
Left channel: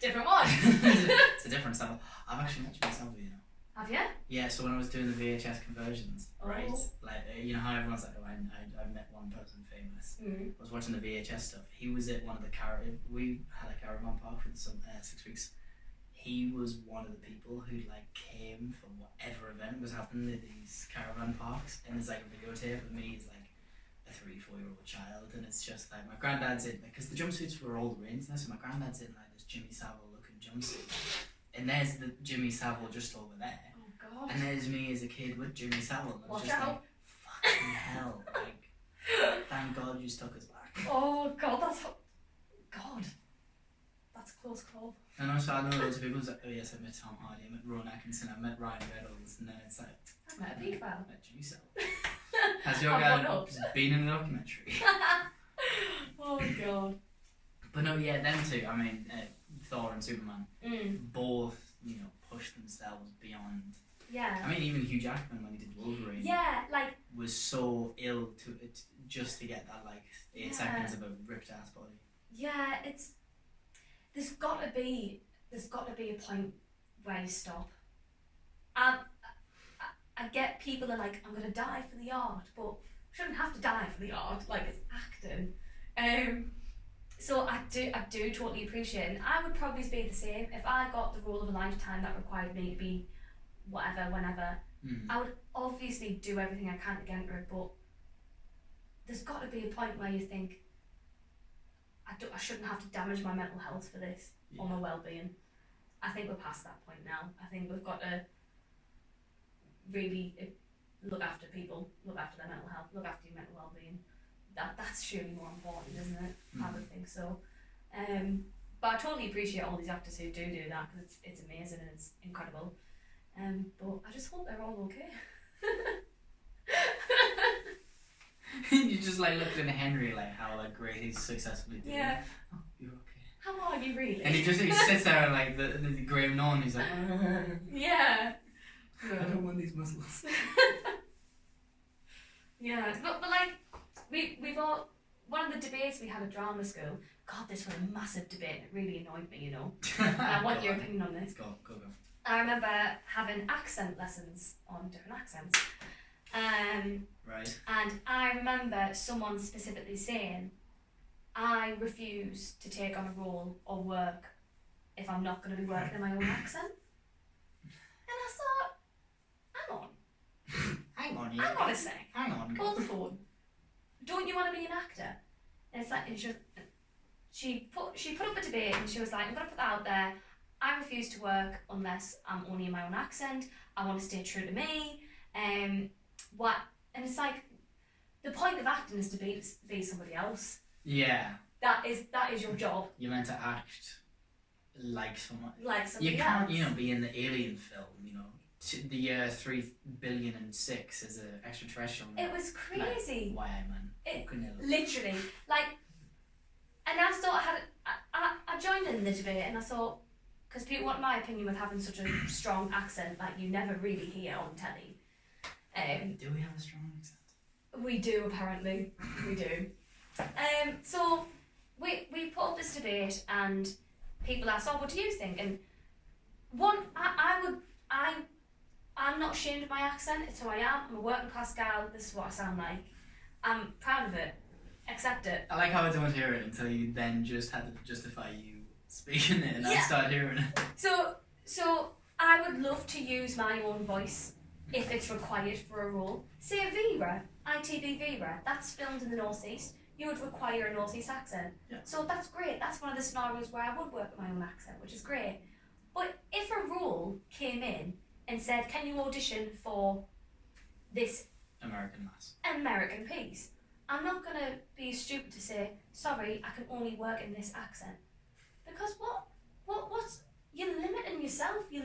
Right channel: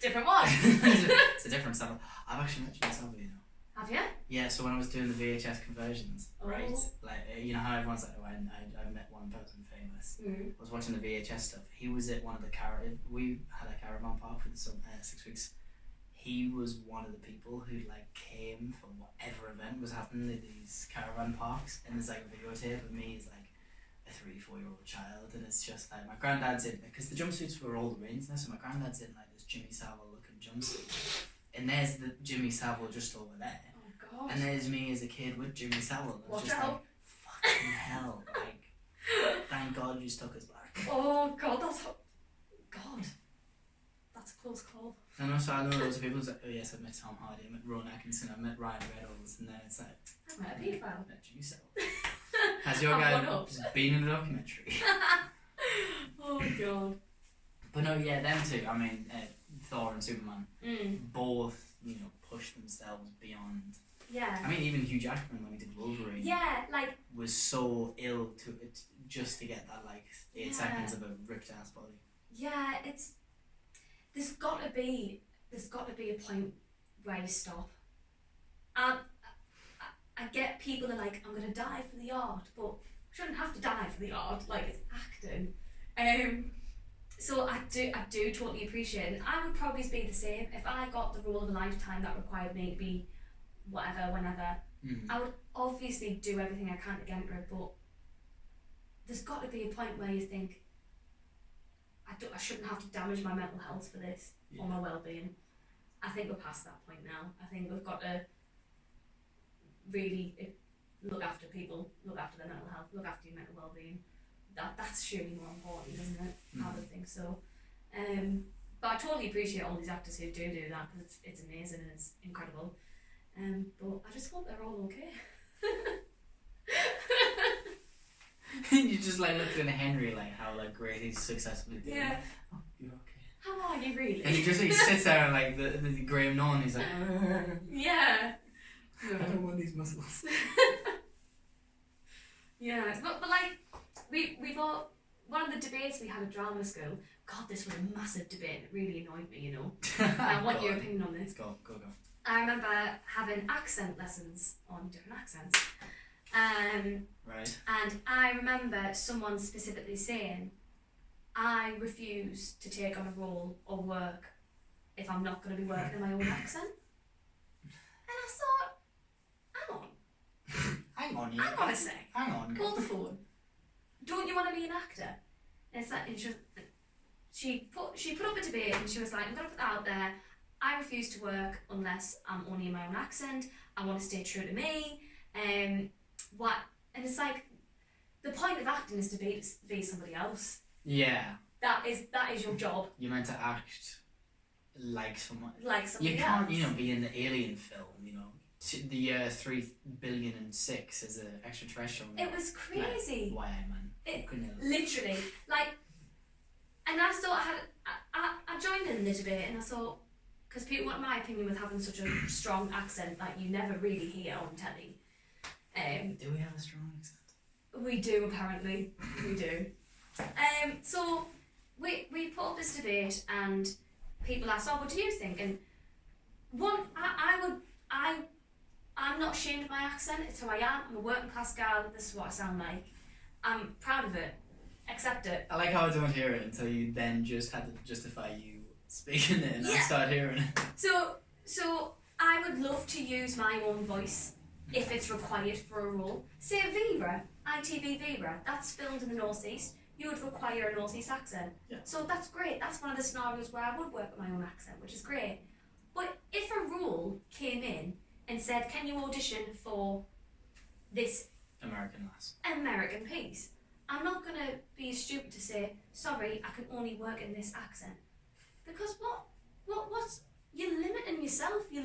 Different one. It's a different Savile. I've actually met Jimmy Savile, you know. Have you? Yeah, so when I was doing the VHS conversions, right? Like, you know how everyone's like, oh, I met one person famous. I was watching the VHS stuff. He was at one of the we had a caravan park for some 6 weeks. He was one of the people who like came for whatever event was happening at these caravan parks, and there's like a videotape of me as like a 3-4-year-old child, and it's just like my granddad's in, because the jumpsuits were all the range now, so my granddad's in like this Jimmy Savile looking jumpsuit, and there's the Jimmy Savile just over there. And there's me as a kid with Jimmy Savile. I was just like, fucking hell. Like, thank God you stuck us back. Oh, God, that's a close call. And also, I know loads of people who's like, oh, yes, I've met Tom Hardy, I've met Rowan Atkinson, I've met Ryan Reynolds, and then it's like, I've met a pedophile. I've met Jimmy Savile. Has your guy been in a documentary? Oh, God. But no, yeah, them two, I mean, Thor and Superman, both, you know, push themselves beyond. Yeah. I mean, even Hugh Jackman when he did Wolverine. Yeah, like. Was so ill to it just to get that like 8 seconds of a ripped ass body. Yeah, there's got to be a point where you stop. I get people are like, I'm gonna die for the art, but I shouldn't have to die for the art. Like, it's acting. So I do totally appreciate it. And I would probably be the same if I got the role of a lifetime that required me to be whatever, whenever. I would obviously do everything I can to get into it, but there's got to be a point where you think, I shouldn't have to damage my mental health for this, or my well-being. I think we're past that point now. I think we've got to really look after people, look after their mental health, look after your mental well-being. That's surely more important, isn't it? I would think so. But I totally appreciate all these actors who do that, because it's amazing and it's incredible. But I just hope they're all okay. You just like looking at Henry like how like great he's successfully doing. Yeah. Oh, you're okay. How are you really? And he sits there and like the Graham Norton, he's like, yeah. I don't want these muscles. Yeah, but like we've all, one of the debates we had at drama school. God, this was a massive debate. It really annoyed me, you know. I want your opinion on this. Go. I remember having accent lessons on different accents. Right. And I remember someone specifically saying, I refuse to take on a role or work if I'm not going to be working in my own accent. And I thought, hang on a sec. Hang on. Call the phone. Don't you want to be an actor? And it's like, and she put up a debate and she was like, I'm going to put that out there. I refuse to work unless I'm only in my own accent. I want to stay true to me. And it's like, the point of acting is to be somebody else. Yeah. That is your job. You're meant to act like someone. Like somebody You can't, else. you know, be in the Alien film, you know. The year 3,000,000,006 as an extraterrestrial. It was crazy. Like, why, man? Literally. Like, and I thought I joined in the debate and I thought, because people want my opinion with having such a strong accent that you never really hear on telly. Do we have a strong accent? We do, apparently. We do. So we put up this debate and people asked, oh, what do you think? And I'm not ashamed of my accent. It's who I am. I'm a working class gal. This is what I sound like. I'm proud of it. Accept it. I like how I don't hear it until you then just had to justify you speaking it and I start hearing it. So I would love to use my own voice if it's required for a role. Say Vera, ITV Vera, that's filmed in the North East. You would require a North East accent. Yeah. So that's great. That's one of the scenarios where I would work with my own accent, which is great. But if a role came in and said, can you audition for this American lass, American piece? I'm not going to be stupid to say, sorry, I can only work in this accent. Because what's you're limiting yourself. You're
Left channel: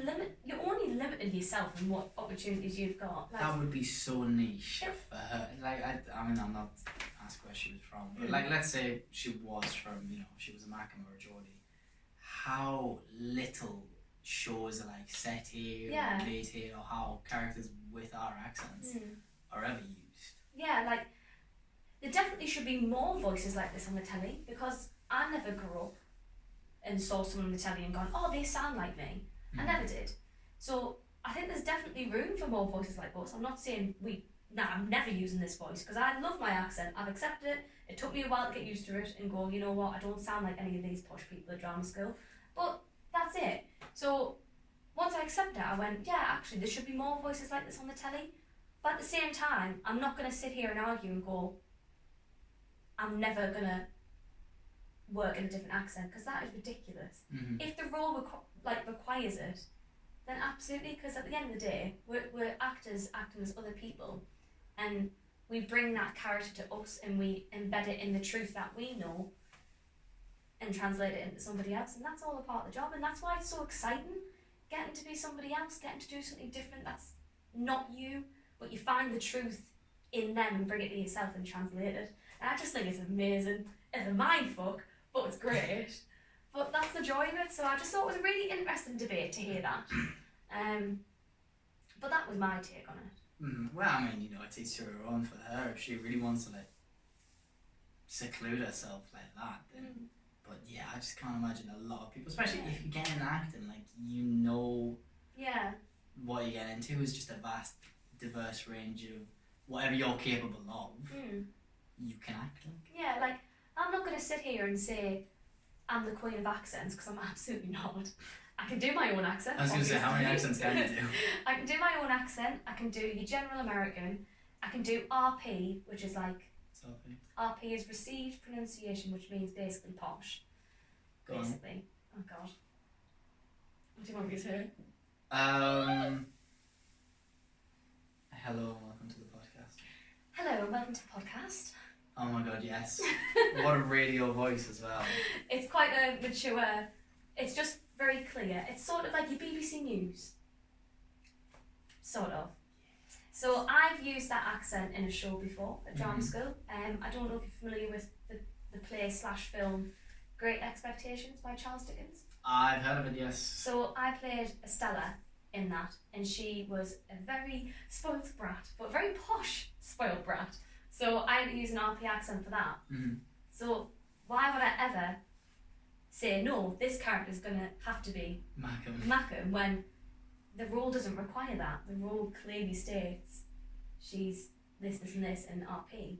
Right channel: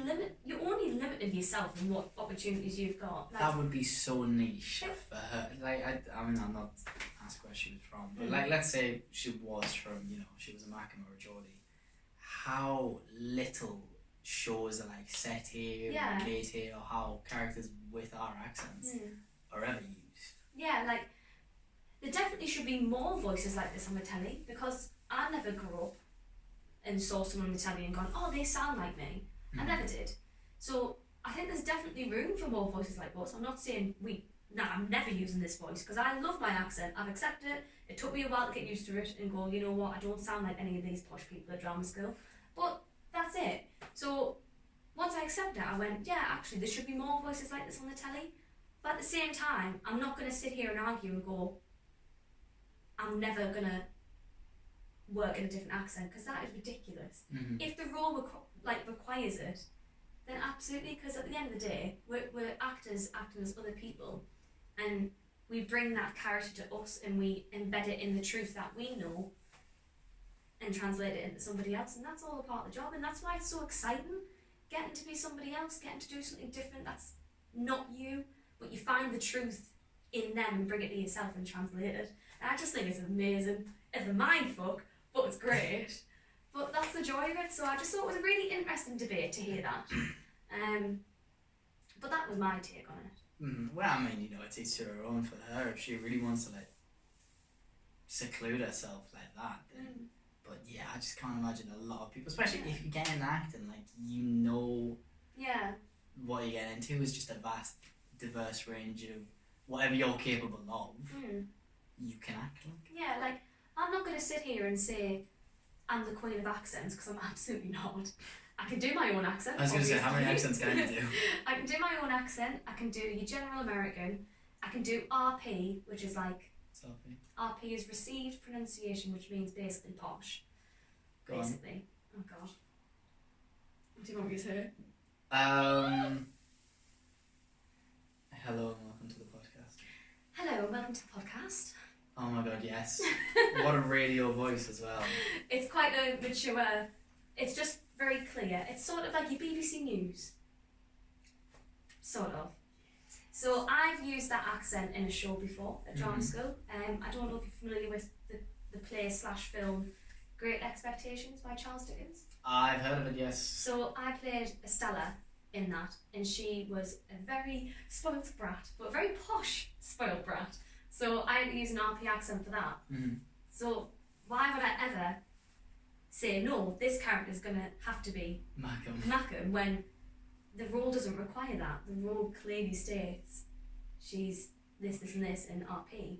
only limiting yourself in what opportunities you've got. Like, that would be so niche for her. Like, I mean, I'm not asked where she was from, but like, let's say she was from, she was a Macam or a Geordie. How little shows are like set here, or made here, or how characters with our accents are ever used. Yeah, like, there definitely should be more voices like this on the telly, because I never grew up and saw someone on the telly and gone, oh, they sound like me. I never did. So I think there's definitely room for more voices like us. I'm not saying I'm never using this voice, because I love my accent. I've accepted it. It took me a while to get used to it and go, you know what, I don't sound like any of these posh people at drama school. But that's it. So once I accepted it, I went, yeah, actually, there should be more voices like this on the telly. But at the same time, I'm not going to sit here and argue and go, I'm never going to work in a different accent, because that is ridiculous. If the role requires it, then absolutely, because at the end of the day, we're actors acting as other people, and we bring that character to us and we embed it in the truth that we know and translate it into somebody else, and that's all a part of the job. And that's why it's so exciting, getting to be somebody else, getting to do something different that's not you, but you find the truth in them and bring it to yourself and translate it. And I just think it's amazing. It's a mind fuck, but it's great. But that's the joy of it. So I just thought it was a really interesting debate to hear that. But that was my take on it. Well, I mean, it's each to her own for her. If she really wants to seclude herself like that, then. But yeah, I just can't imagine a lot of people, especially if you get in acting, what you get into is just a vast, diverse range of whatever you're capable of. You can act like. Yeah, like, I'm not going to sit here and say I'm the queen of accents, because I'm absolutely not. I can do my own accent. I was going to say, how many accents can you do? I can do my own accent. I can do your general American. I can do RP, which is like... RP is received pronunciation, which means basically posh. Go basically. On. Oh God. What do you want me to say? Hello and welcome to the podcast. Hello and welcome to the podcast. Oh my God, yes. What a radio voice as well. It's quite a mature... It's just very clear. It's sort of like your BBC News. Sort of. So I've used that accent in a show before at drama school. I don't know if you're familiar with the play/film Great Expectations by Charles Dickens. I've heard of it, yes. So I played Estella in that, and she was a very spoilt brat, but a very posh spoilt brat. So I had to use an RP accent for that. So why would I ever say, no, this character's going to have to be Macam when the role doesn't require that? The role clearly states she's this, and this in RP.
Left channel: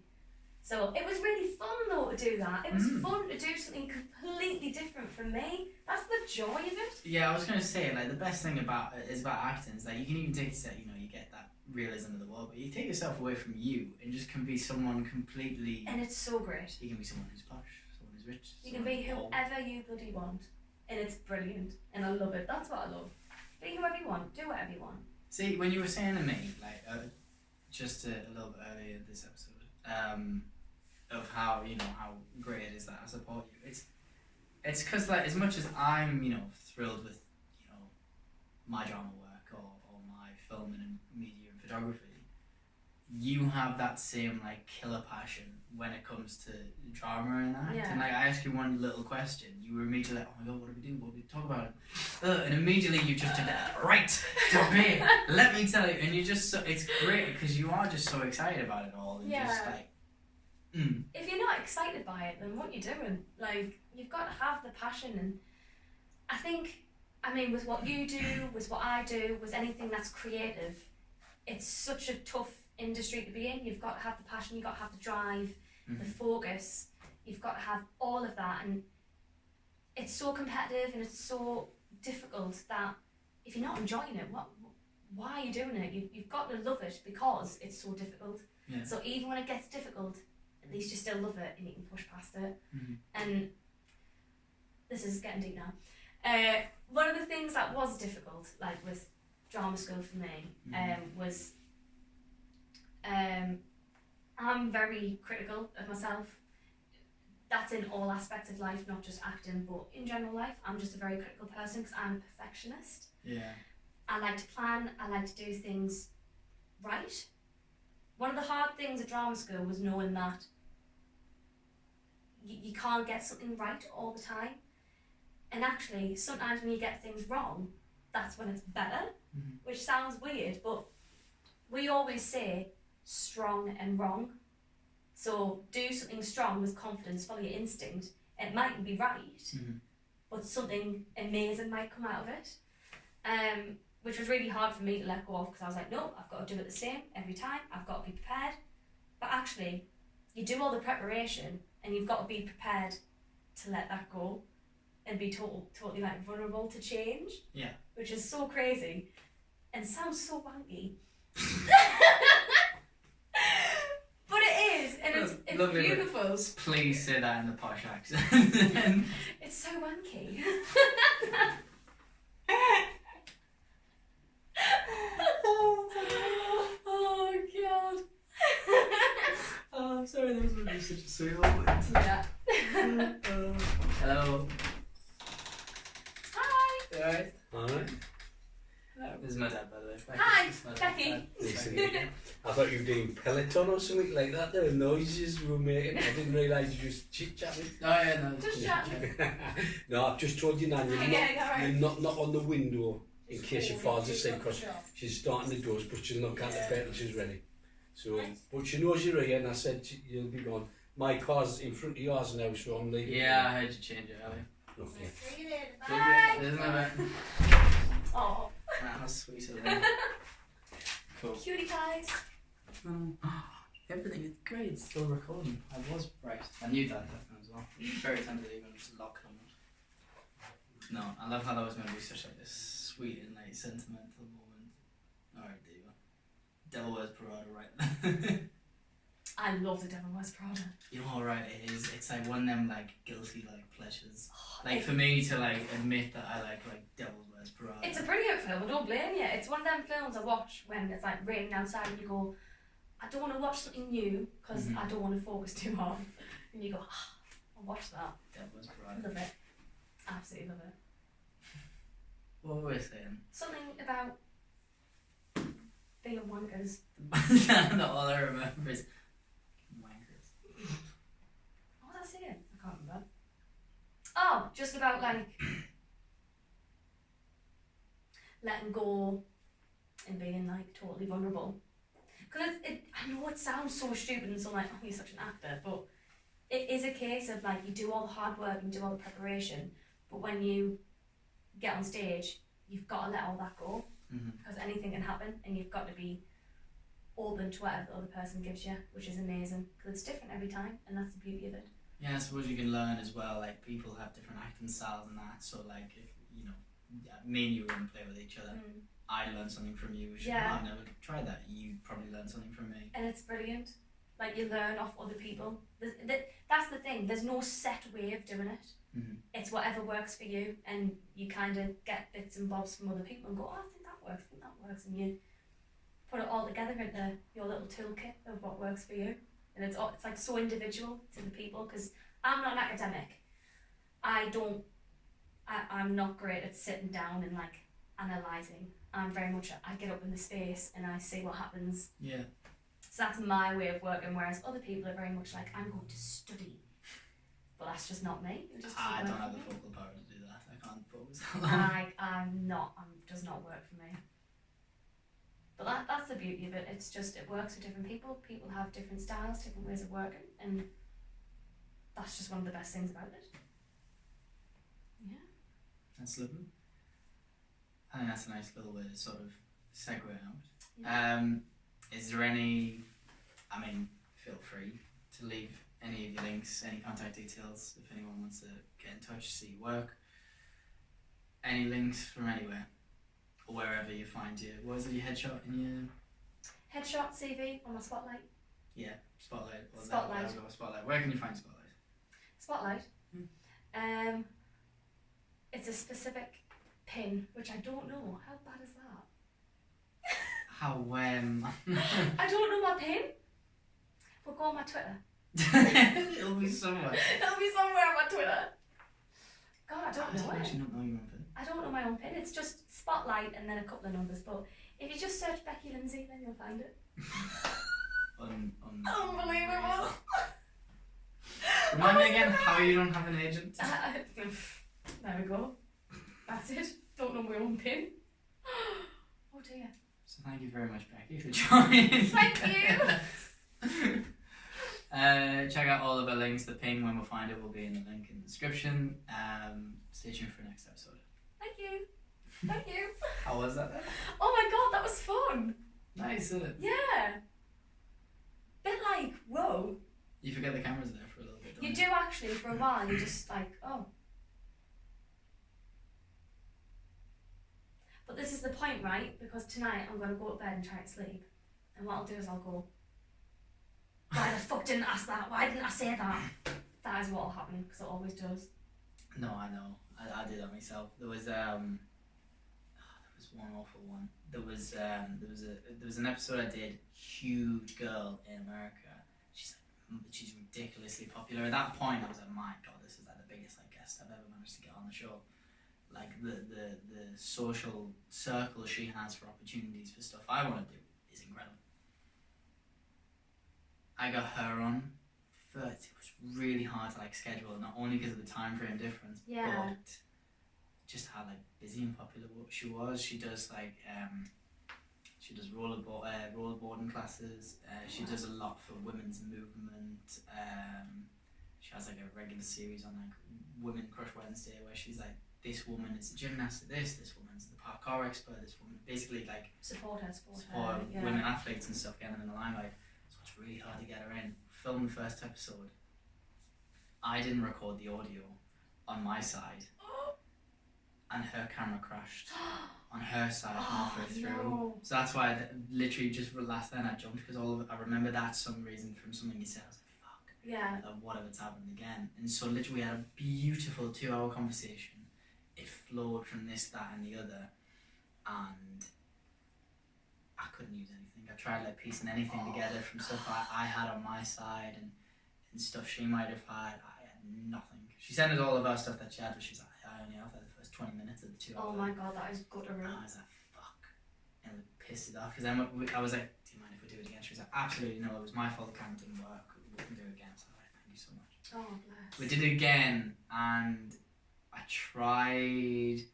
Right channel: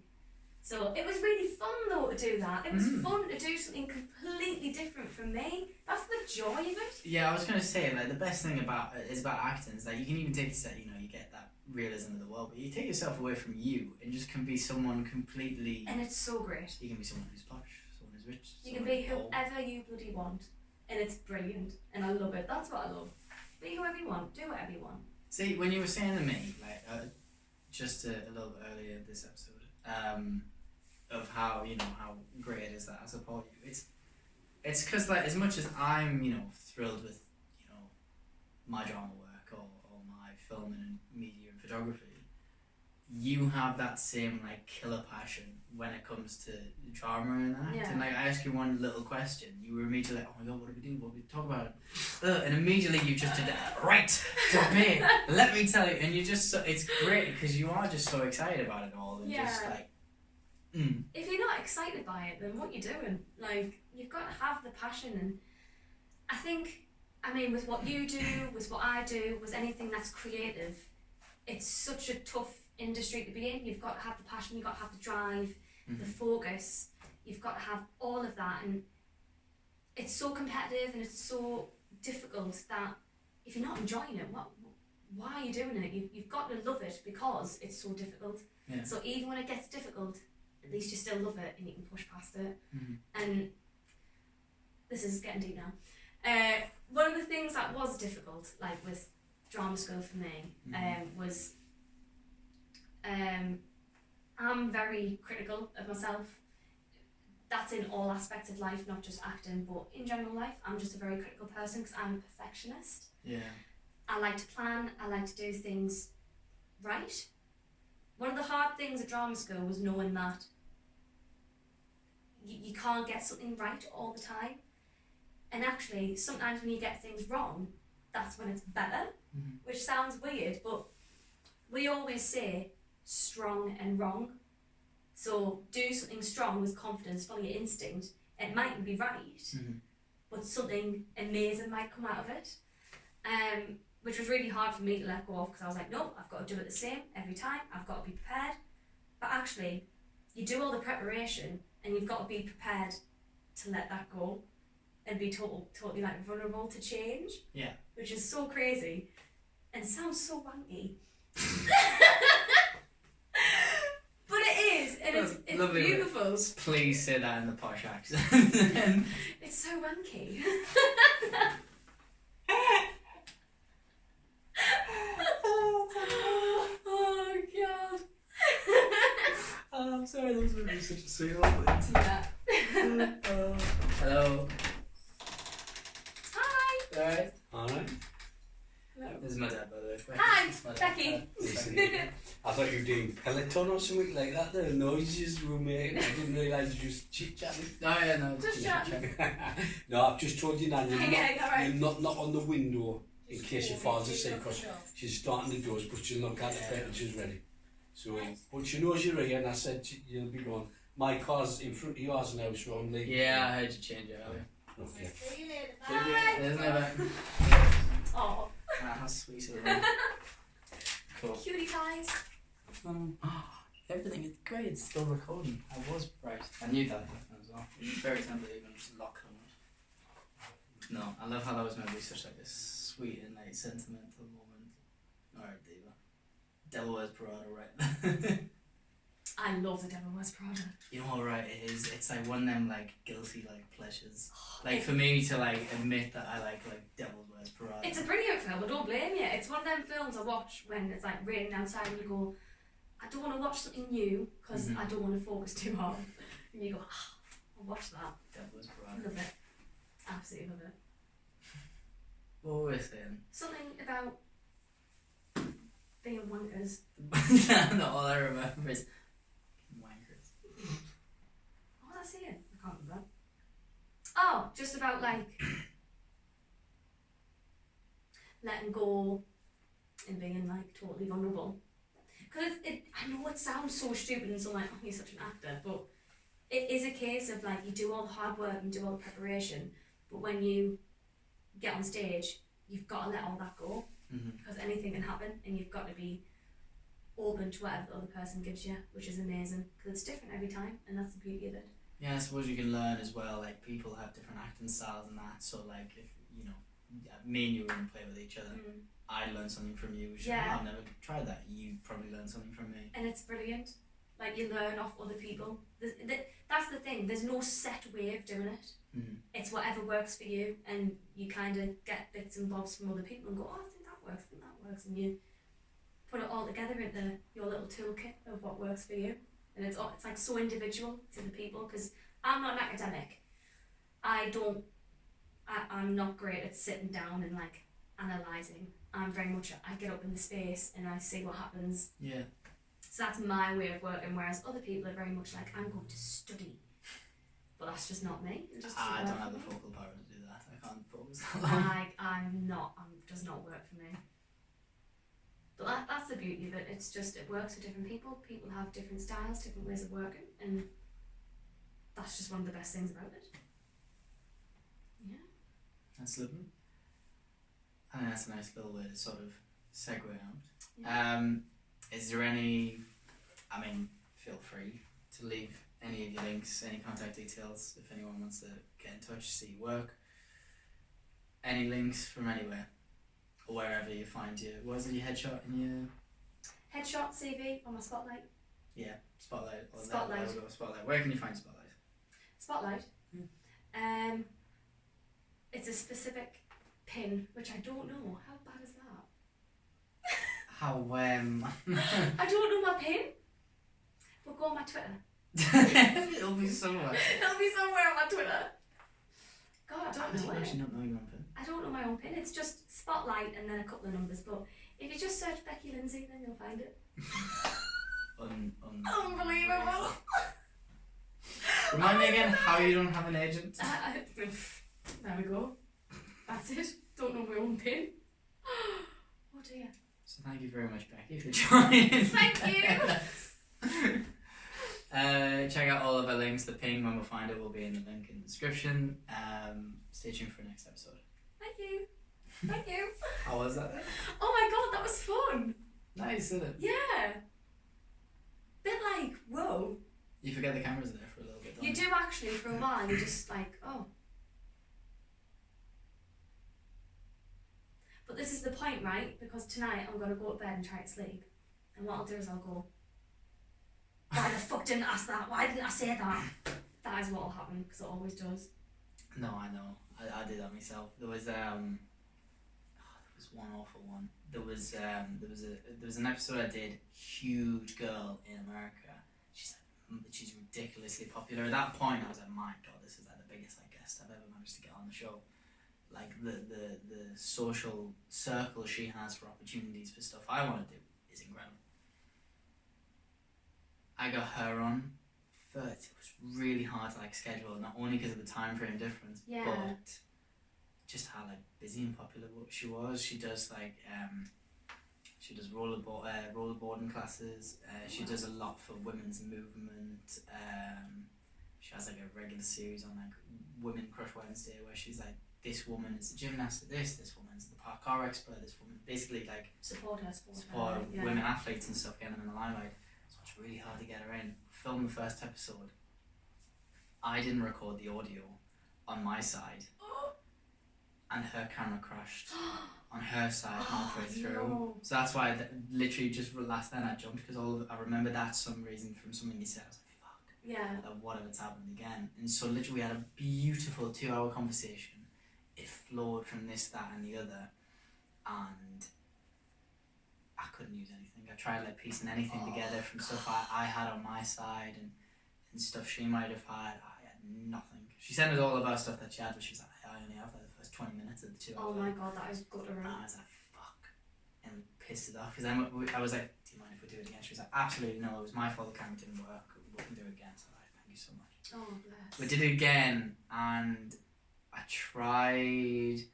So it was really fun though to do that. It was fun to do something completely different from me. That's the joy of it. Yeah, I was going to say, the best thing about acting is that you can even take it, you get that realism of the world, but you take yourself away from you and just can be someone completely... And it's so great. You can be someone who's posh, someone who's rich. You can be whoever you bloody want. And it's brilliant. And I love it. That's what I love. Be whoever you want. Do whatever you want. See, when you were saying to me, just a little bit earlier this episode, of how, how great it is that I support you, it's because, as much as I'm, thrilled with, my drama work or my filming and media and photography, you have that same, killer passion when it comes to drama and that. Yeah. And, I asked you one little question, you were immediately like, oh my God, what do we do? What do we talk about? And immediately you just did that, right, debate, let me tell you. And you're just so, it's great because you are just so excited about it all. And just If you're not excited by it, then what are you doing? You've got to have the passion. And I think, with what you do, with what I do, with anything that's creative, it's such a tough industry to be in. You've got to have the passion, you've got to have the drive, the focus, you've got to have all of that. And it's so competitive and it's so difficult that if you're not enjoying it, why are you doing it? You've got to love it because it's so difficult. Yeah. So even when it gets difficult, at least you still love it and you can push past it. And this is getting deep now. One of the things that was difficult, with drama school for me, was I'm very critical of myself. That's in all aspects of life, not just acting, but in general life. I'm just a very critical person because I'm a perfectionist. Yeah. I like to plan, I like to do things right. One of the hard things at drama school was knowing that you can't get something right all the time. And actually, sometimes when you get things wrong, that's when it's better, which sounds weird, but we always say strong and wrong. So do something strong with confidence, follow your instinct. It mightn't be right, but something amazing might come out of it. Which was really hard for me to let go of because I was like, no, I've got to do it the same every time. I've got to be prepared. But actually, you do all the preparation and you've got to be prepared to let that go and be totally like vulnerable to change. Yeah. Which is so crazy and sounds so wanky. But it is, and it's beautiful. Please say that in the posh accent. It's so wanky. Oh God. Oh, I'm sorry, that was really such a sweet moment. Yeah. Hello. Hi. You alright? Alright. This is my dad, by the way. Hi, Becky. I thought you were doing Peloton or something like that. The noises you were making. I didn't realise you just chit-chatting. Oh yeah, no. Just chatting. No, I've just told you now, Right. you're not knock on the window in case she falls asleep because she's starting the doors, but she'll not get the bed till she's ready. So, but she knows you're here, and I said you'll be gone. My car's in front of yours now, so I'm leaving. Yeah, I heard you change it earlier. Okay. See you later. Bye. Isn't it? Oh. How sweet is it? Cool. Cutie pies. Everything is great. It's still recording. I was right. I knew that as well. Very tempted to even just lock them up. No, I love how that was meant to be such like this sweet and like sentimental moment. Alright, Diva. Devil Wears Prada, right? I love the Devil Wears Prada. You know how right it is? It's like one of them like guilty like pleasures. Like for me to like admit that I like Devil Wears Prada. It's a brilliant film, I don't blame you. It's one of them films I watch when it's like raining outside and you go, I don't want to watch something new because I don't want to focus too hard. And you go, I'll watch that. Devil Wears Prada. Love it. Absolutely love it. What were we saying? Something about being wankers. No, all I remember is wankers. What was I saying? I can't remember. Oh, just about like letting go and being like totally vulnerable. Because I know it sounds so stupid and so like, oh, you're such an actor, but it is a case of like you do all the hard work and do all the preparation, but when you get on stage, you've got to let all that go because anything can happen, and you've got to be open to whatever the other person gives you, which is amazing because it's different every time, and that's the beauty of it. Yeah, I suppose you can learn as well. Like people have different acting styles and that. So like if you know, me and you were gonna play with each other, I learned something from you. Which I've never tried that. You probably learned something from me. And it's brilliant. Like you learn off other people. That's the thing. There's no set way of doing it. It's whatever works for you, and you kind of get bits and bobs from other people and go, oh, I think that works, and you put it all together into your little toolkit of what works for you. And it's like so individual to the people because I'm not an academic. I'm not great at sitting down and like analysing. I'm very much, I get up in the space and I see what happens. Yeah. So that's my way of working, whereas other people are very much like, I'm going to study. But that's just not me. It just I don't have the focal power to do that. I can't focus that long. It does not work for me. But that's the beauty of it. It's just, it works for different people. People have different styles, different ways of working, and that's just one of the best things about it. Yeah. That's lovely. I think that's a nice little way to sort of segue out. Yeah. Is there any, I mean, feel free to leave any of your links, any contact details if anyone wants to get in touch, see your work. Any links from anywhere or wherever you find your, what is it, your headshot in your... Headshot, CV on my Spotlight. Yeah, Spotlight. Spotlight. Spotlight. Where can you find Spotlight? Spotlight? It's a specific pin, which I don't know. How bad is that? How, I don't know my pin. But go on my Twitter. It'll be somewhere. It'll be somewhere on my Twitter. God, I don't know I it. actually not know your own pin. I don't know my own pin. It's just Spotlight and then a couple of numbers. But if you just search Becky Lindsay, then you'll find it. Unbelievable. Remind me again how you don't have an agent. There we go. That's it. Don't know my own pin. Oh dear. So thank you very much, Becky, for joining. Thank you. Check out all of our links. The ping, when we find it, will be in the link in the description. Stay tuned for the next episode. Thank you. Thank you. How was that then? Oh my god, that was fun. Nice, isn't it? Yeah. Bit like, whoa. You forget the camera's there for a little bit, don't You do actually, for a while, you're just like, oh. But this is the point, right? Because tonight I'm going to go to bed and try to sleep. And what I'll do is I'll go, why the fuck didn't I ask that? Why didn't I say that? That is what will happen, because it always does. No, I know. I did that myself. There was one awful one. There was an episode I did. Huge girl in America. She's ridiculously popular. At that point, I was like, my god, this is like the biggest guest I've ever managed to get on the show. Like the social circle she has for opportunities for stuff I want to do is incredible. I got her on. It was really hard to schedule, not only because of the time frame difference, but just how busy and popular she was. She does rollerblading classes. She does a lot for women's movement. She has a regular series on Women Crush Wednesday, where she's this woman is a gymnast at this woman's the parkour expert, this woman basically support women athletes and stuff, getting them in the limelight. So it's really hard to get her in. Filmed the first episode. I didn't record the audio on my side, and her camera crashed on her side halfway through. No. So that's why literally just last night I jumped, because I remember that some reason from something you said. I was like, fuck. Yeah. What if it's happened again? And so literally we had a beautiful 2-hour conversation. It flowed from this, that, and the other, and I couldn't use anything. I tried piecing anything together from stuff I had on my side and stuff she might have had. I had nothing. She sent us all of our stuff that she had, but she's like, I only have the first 20 minutes of the 2 hours. Oh my god, that is guttering. I was like, fuck. And we pissed it off, because then I was like, do you mind if we do it again? She was like, absolutely no, it was my fault the camera didn't work. We can do it again. So thank you so much. Oh, bless. We did it again, and I tried.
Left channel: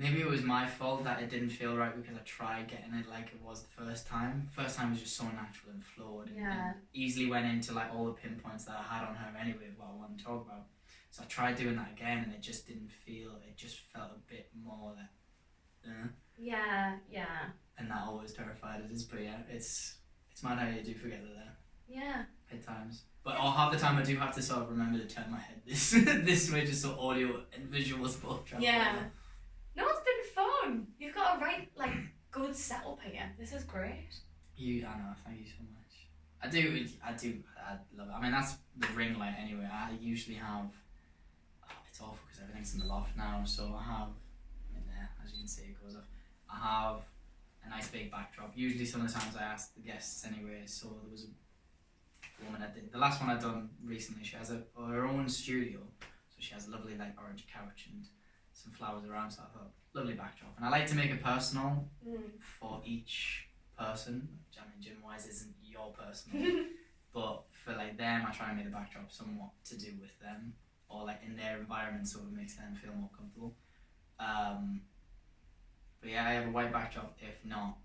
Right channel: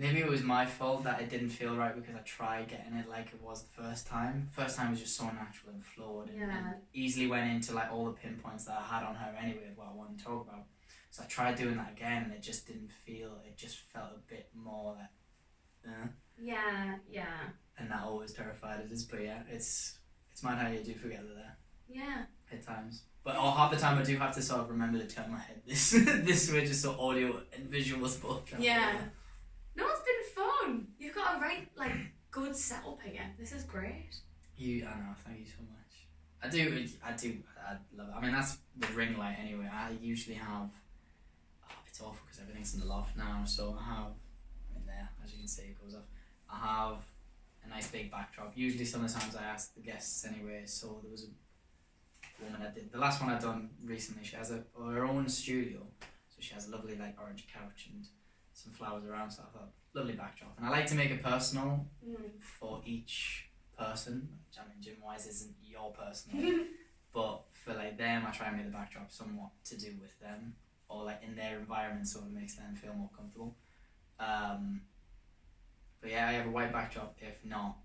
Maybe it was my fault that it didn't feel right, because I tried getting it like it was the first time. First time was just so natural and flowed, and easily went into all the pinpoints that I had on her anyway of what I wanted to talk about. So I tried doing that again, and it just didn't feel. It just felt a bit more Yeah. And that always terrified us. But yeah, it's mad how you do forget that there. Yeah. At times. But half the time I do have to sort of remember to turn my head this way, just so audio and visuals both travel. Yeah. No, it's been fun. You've got a right good setup here. This is great. I know. Thank you so much. I love it. I mean, that's the ring light anyway. I usually have. It's awful because everything's in the loft now. So I have. There, as you can see, it goes off. I have a nice big backdrop. Usually, sometimes I ask the guests anyway. So there was a woman I did. The last one I've done recently, she has her own studio. So she has a lovely orange couch and some flowers around, so I thought, lovely backdrop. And I like to make it personal for each person, which gym-wise isn't your personal, but for them, I try and make the backdrop somewhat to do with them, or in their environment, so it makes them feel more comfortable. But yeah, I have a white backdrop. If not,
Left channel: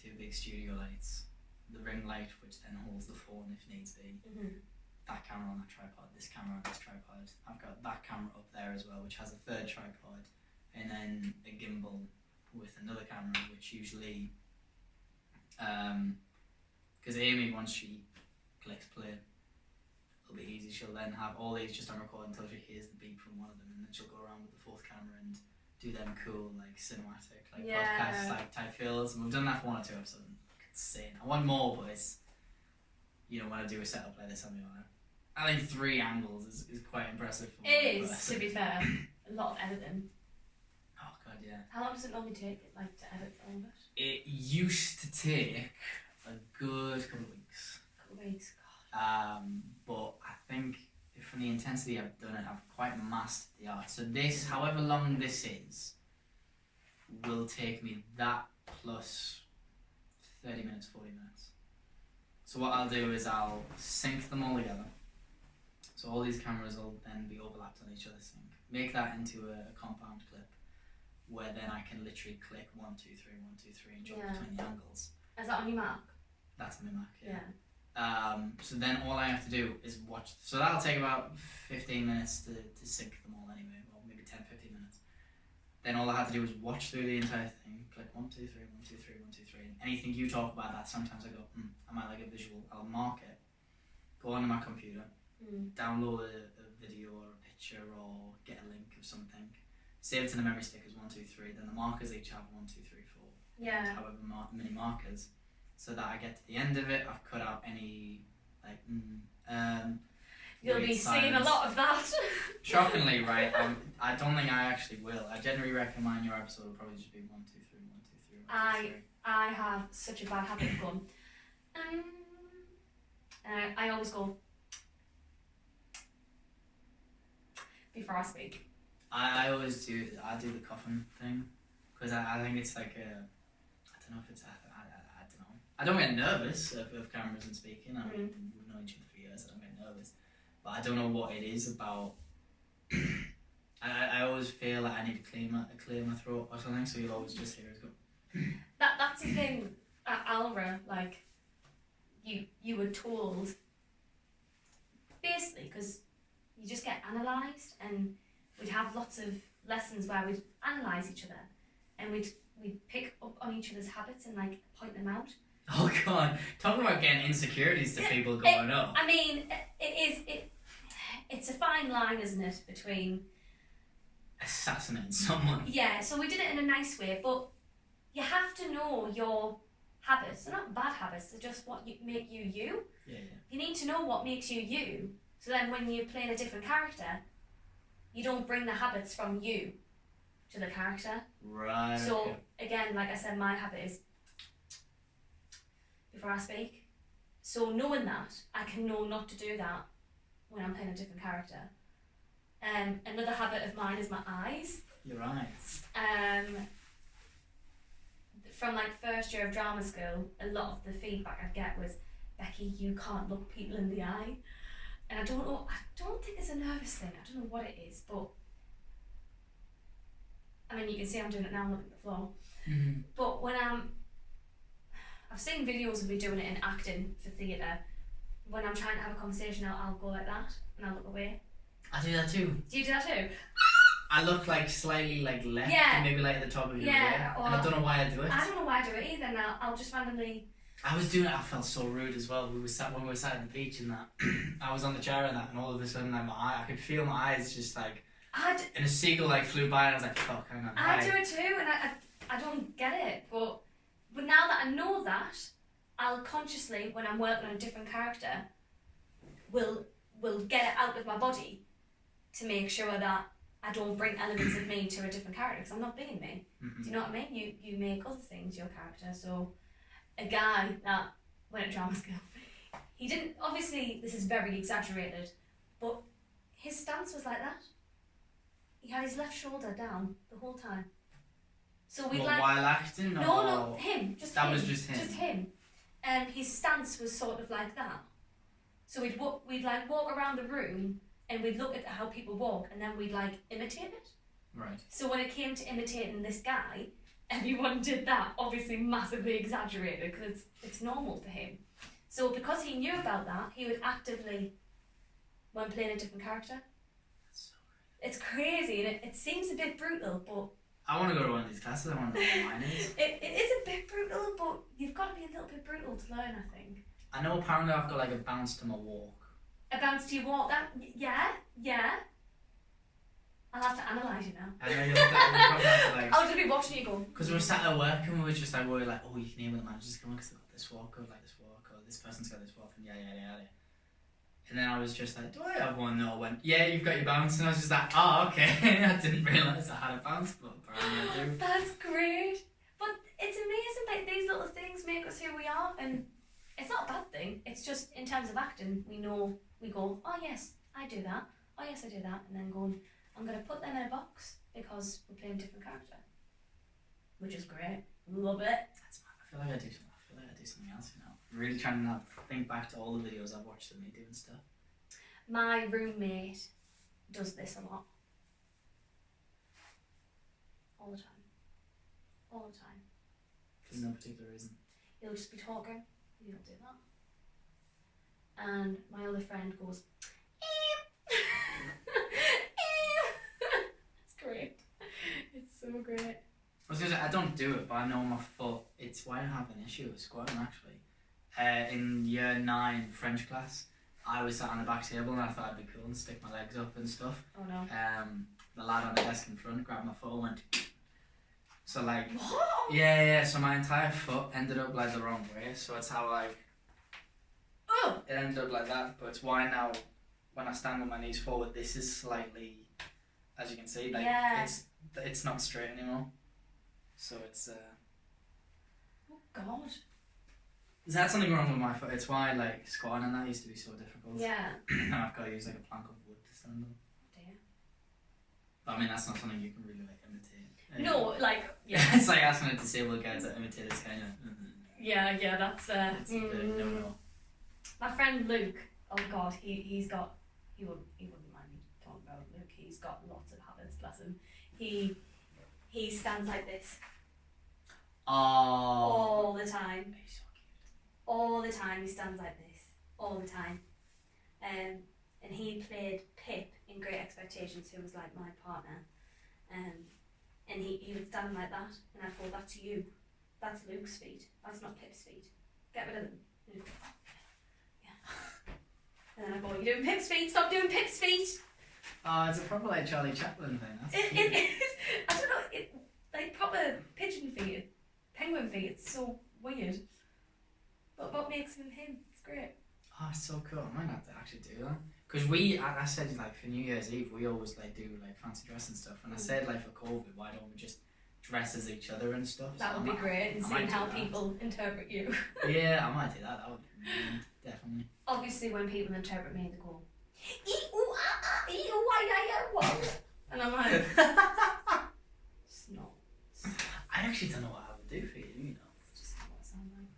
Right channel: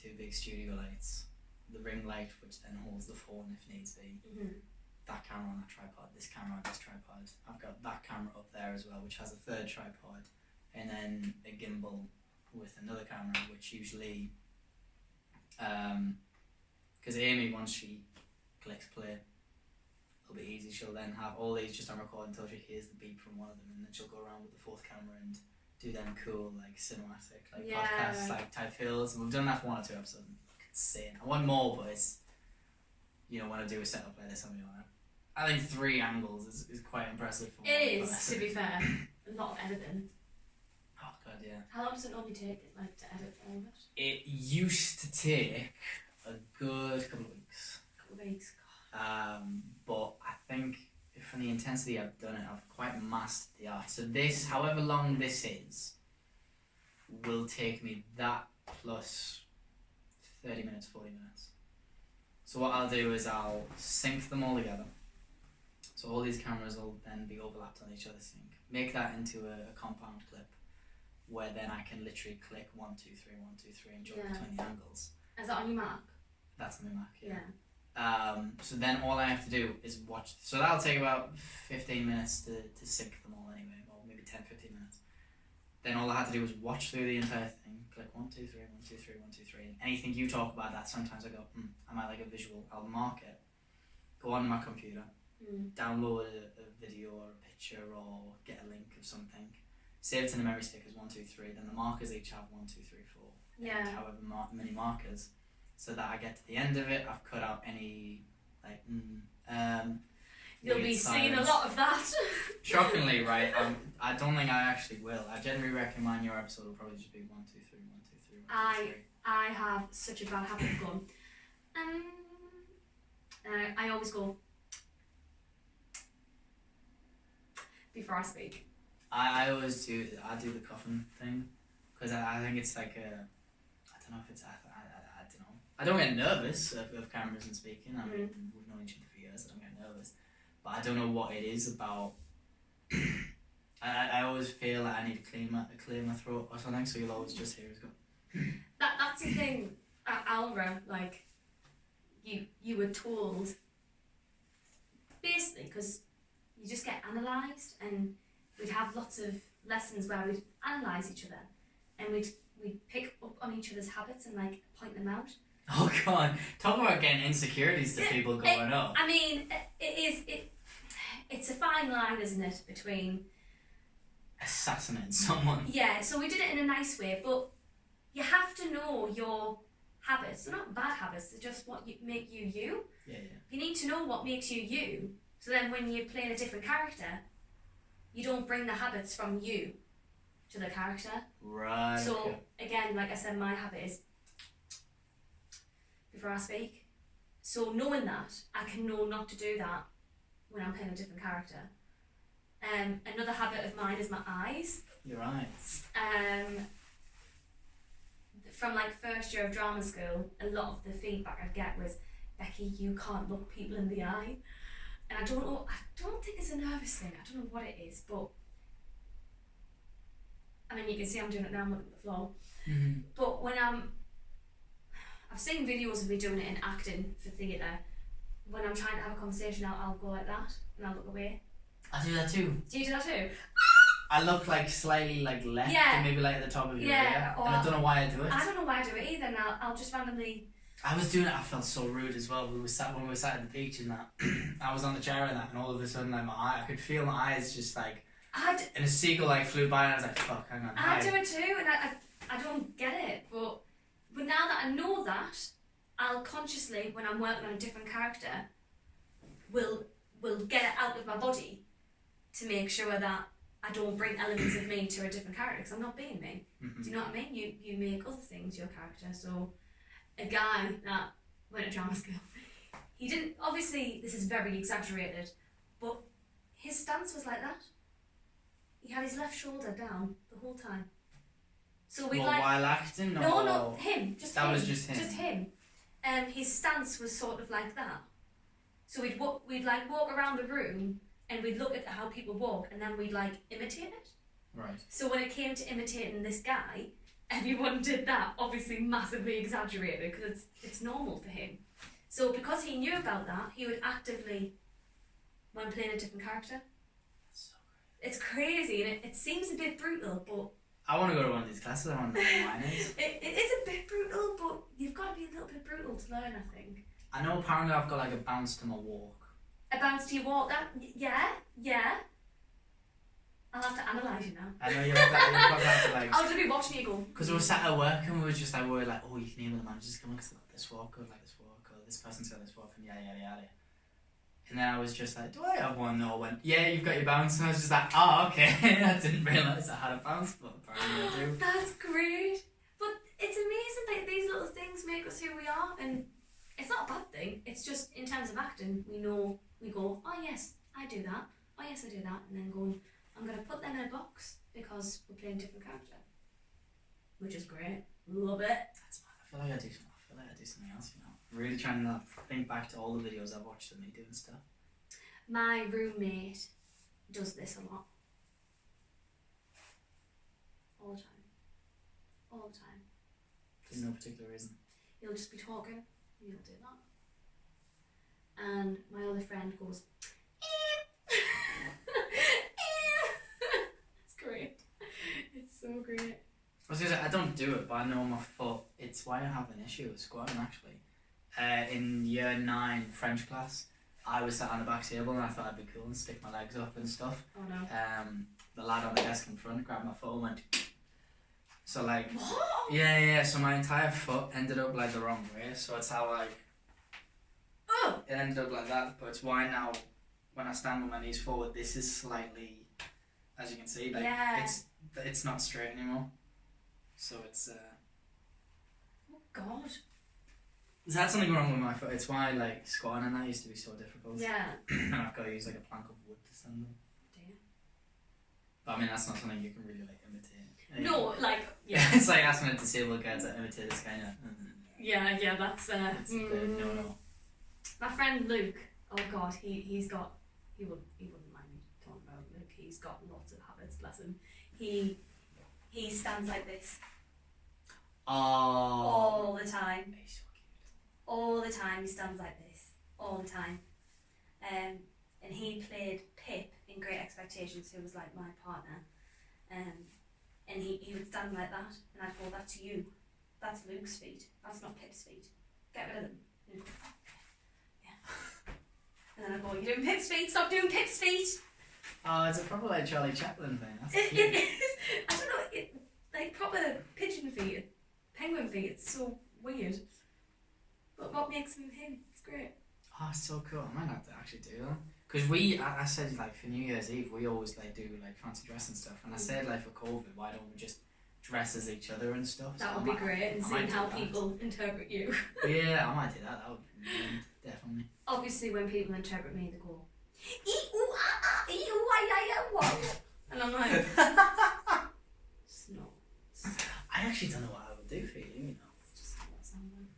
2 big studio lights, the ring light, which then holds the phone if needs be. That camera on that tripod, this camera on this tripod. I've got that camera up there as well, which has a 3rd tripod, and then a gimbal with another camera, which usually, because Amy, once she clicks play, it'll be easy. She'll then have all these just on record until she hears the beep from one of them, and then she'll go around with the 4th camera and do them cool cinematic podcast type feels. And we've done that for 1 or 2 episodes. It's insane. I want more, but it's when I do a setup like this, I think 3 angles is quite impressive. For it is, to be fair. A lot of editing. Oh god, yeah. How long does it normally take to edit all of it? It used to take a good couple of weeks. weeks. But I think from the intensity I've done it, I've quite mastered the art. So this, however long this is, will take me that plus 30 minutes, 40 minutes. So what I'll do is I'll sync them all together. So all these cameras will then be overlapped on each other's sync. Make that into a compound clip where then I can literally click 1, 2, 3, 1, 2, 3 and jump between the angles. Is that on your Mac? That's on my Mac, yeah. So then all I have to do is watch. So that'll take about 15 minutes to sync them all anyway, or maybe 10, 15 minutes. Then all I have to do is watch through the entire thing, click 1, 2, 3, 1, 2, 3, 1, 2, 3. And anything you talk about that, sometimes I go, I might like a visual, I'll mark it, go onto my computer, download a video or a picture or get a link of something, save it to the memory stick as 1, 2, 3, then the markers each have 1, 2, 3, 4, however many markers, so that I get to the end of it, I've cut out any, like, you'll be seeing a lot of that. Shockingly, right, I don't think I actually will. I generally reckon your episode will probably just be 1, 2, 3, 1, 2, 3, 1, 2, 3. I have such a bad habit of going, and I always go, before I speak. I always do the coughing thing, because I think it's like I don't know if it's, I don't know. I don't get nervous of cameras and speaking. I mean, we've known each other for years, I don't get nervous. But I don't know what it is about, I always feel like I need to clear my throat or something, so you'll always just hear us go. That's the thing at ALRA, like, you were told, basically, because you just get analysed, and we'd have lots of lessons where we'd analyse each other, and we'd pick up on each other's habits and like point them out. Oh god, talk about getting insecurities to people going up. I mean, it's a fine line, isn't it, between assassinating someone. Yeah, so we did it in a nice way, but you have to know your habits. They're not bad habits, they're just what make you you. Yeah. You need to know what makes you you, so then when you're playing a different character, you don't bring the habits from you to the character. Right. So again, like I said, my habit is before I speak. So knowing that, I can know not to do that when I'm playing a different character. Another habit of mine is my eyes. Your eyes. From like first year of drama school, a lot of the feedback I'd get was, Becky, you can't look people in the eye. And I don't think it's a nervous thing, I don't know what it is, but I mean, you can see I'm doing it now, I'm looking at the floor. But when I've seen videos of me doing it in acting for theatre, when I'm trying to have a conversation, I'll go like that, and I'll look away. I do that too. Do you do that too? I look like slightly like left, and maybe like at the top of your ear, and I don't know why I do it. I don't know why I do it either, and I'll just randomly... I was doing it, I felt so rude as well. When we were sat at the beach and that, I was on the chair and that, and all of a sudden like, I could feel my eyes just like, and a seagull like flew by and I was like, fuck, hang on. I do it too, and I don't get it, but now that I know that, I'll consciously, when I'm working on a different character, will get it out of my body to make sure that I don't bring elements of me to a different character, because I'm not being me. Do you know what I mean? You make other things your character. So a guy that went to drama school, he didn't, obviously this is very exaggerated, but his stance was like that. He had his left shoulder down the whole time. So we while acting? No, him. Just that him. was just him. Just him. His stance was sort of like that. So we'd like walk around the room and we'd look at how people walk, and then we'd like imitate it. Right. So when it came to imitating this guy, everyone did that, obviously massively exaggerated, because it's normal for him. So because he knew about that, he would actively, when playing a different character. That's so great. It's crazy, and it seems a bit brutal, but... I want to go to one of these classes, I want to know what mine is. It is a bit brutal, but you've got to be a little bit brutal to learn, I think. I know apparently I've got like a bounce to my walk. A bounce to your walk? Yeah. I'll have to analyse you now. I know you'll probably have to like... I'll just be watching you go. Because we were sat at work and we were just like, oh, you can hear when the manager's coming because they've got this walk, or like this walk, or this person's got this walk, and yada yada yada. And then I was just like, do I have one? No, I went, yeah, you've got your bounce. And I was just like, oh, okay. I didn't realise I had a bounce, but apparently I do. That's great. But it's amazing, like, these little things make us who we are, and it's not a bad thing. It's just in terms of acting, we know, we go, oh yes, I do that. Oh yes, I do that. And then going, I'm going to put them in a box because we're playing a different character. Which is great. Love it. I feel like I do something else, you know. Really trying to not think back to all the videos I've watched of me doing stuff. My roommate does this a lot. All the time. All the time. For no particular reason. He'll just be talking, and he'll do that. And my other friend goes, it's great. It's so great. I was gonna say, I don't do it, but I know my foot. It's why I have an issue with squatting, actually. In year 9 French class, I was sat on the back table and I thought I'd be cool and stick my legs up and stuff. Oh no. The lad on the desk in front grabbed my foot and went. So like, What? yeah. So my entire foot ended up like the wrong way. So it's how like, it ended up like that. But it's why now, when I stand with my knees forward, this is slightly, as you can see, like it's not straight anymore. So it's Oh God. That's something wrong with my foot. It's why like squatting and that used to be so difficult. Yeah. And I've got to use like a plank of wood to stand on. Dear. But I mean that's not something you can really like imitate. No, like it's like asking a disabled guy to imitate this kind of. Yeah, that's It's a bit no. My friend Luke, oh God, he wouldn't mind me talking about Luke. He's got lots of habits, bless him. He stands like this. Oh. All the time. He's so cute. All the time he stands like this. All the time. And he played Pip in Great Expectations, who was like my partner. And he would stand like that, and I'd go, that's you. That's Luke's feet. That's not Pip's feet. Get rid of them. And he'd go, yeah. And then I'd go, you're doing Pip's feet, stop doing Pip's feet. Oh, it's a proper like Charlie Chaplin thing. That's It cute. is. I don't know, like proper pigeon feet, penguin feet, it's so weird. But what makes him him? It's great. Oh, it's so cool. I might have to actually do that. Because I said like for New Year's Eve, we always like do like fancy dress and stuff. And I said like for COVID, why don't we just dress as each other and stuff? That So would be great, and seeing how people interpret you. Yeah, I might do that. That would be brilliant, definitely. Obviously, when people interpret me, they go, what? And I'm like, it's not. I actually don't know what I would do for you, you know. It's just not what I sound like.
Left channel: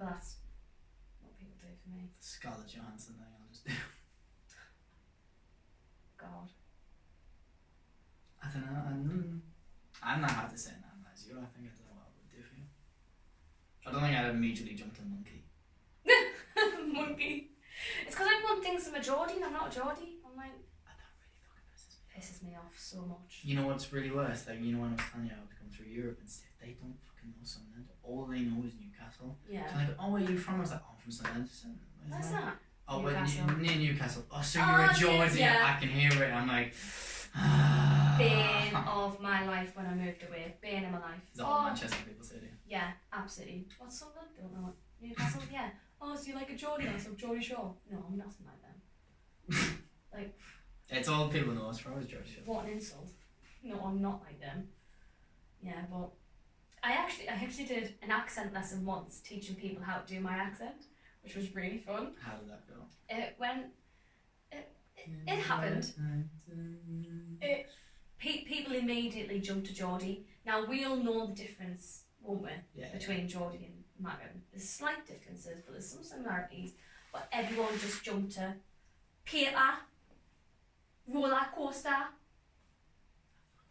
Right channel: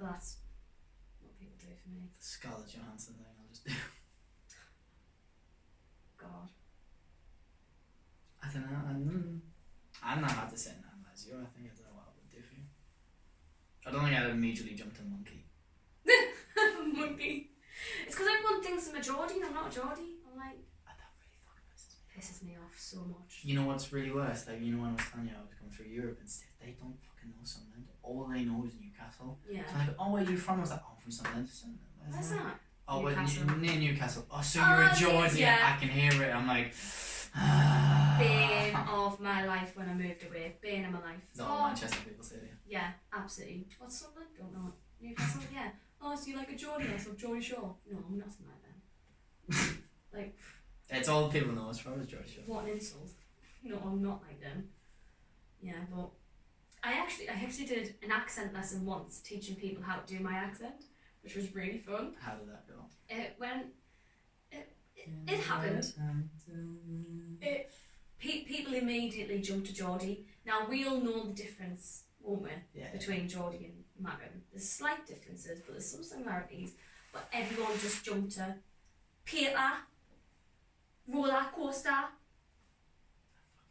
That's what people do for me. The Scarlett Johansson thing, I'll just do. God. I don't know. I'm not hard to say that as you. I think I don't know what I would do for you. I don't think I'd immediately jump to monkey. Monkey. It's because everyone thinks I'm a Geordie and I'm not a Geordie. I'm like, That really fucking pisses me off so much. You know what's really worse? Like, you know when I was telling you I was going through Europe and stuff, they don't fucking know Sunderland. All they know is Newcastle. Yeah. So like, oh, where are you from? I was like, oh, I'm from Sunderland. Where's that? Oh, Newcastle. near Newcastle. Oh, so you're a Geordie. Yeah. I can hear it. I'm like, Bane of my life when I moved away. Bane of my life. Is that all Manchester people say to you? Yeah, absolutely. What's Sunderland? Don't know. Newcastle? Yeah. Oh, so you like a Geordie? I said Geordie Shaw. No, I'm nothing like them. Like, it's all people know as far as Geordie Shaw. what an insult. No, I'm not like them. Yeah, but I actually did an accent lesson once, teaching people how to do my accent, which was really fun. How did that go? It happened. People immediately jumped to Geordie. Now we all know the difference, won't we? Yeah. Between Geordie and Marin. There's slight differences, but there's some similarities. But everyone just jumped to Peter, roller coaster,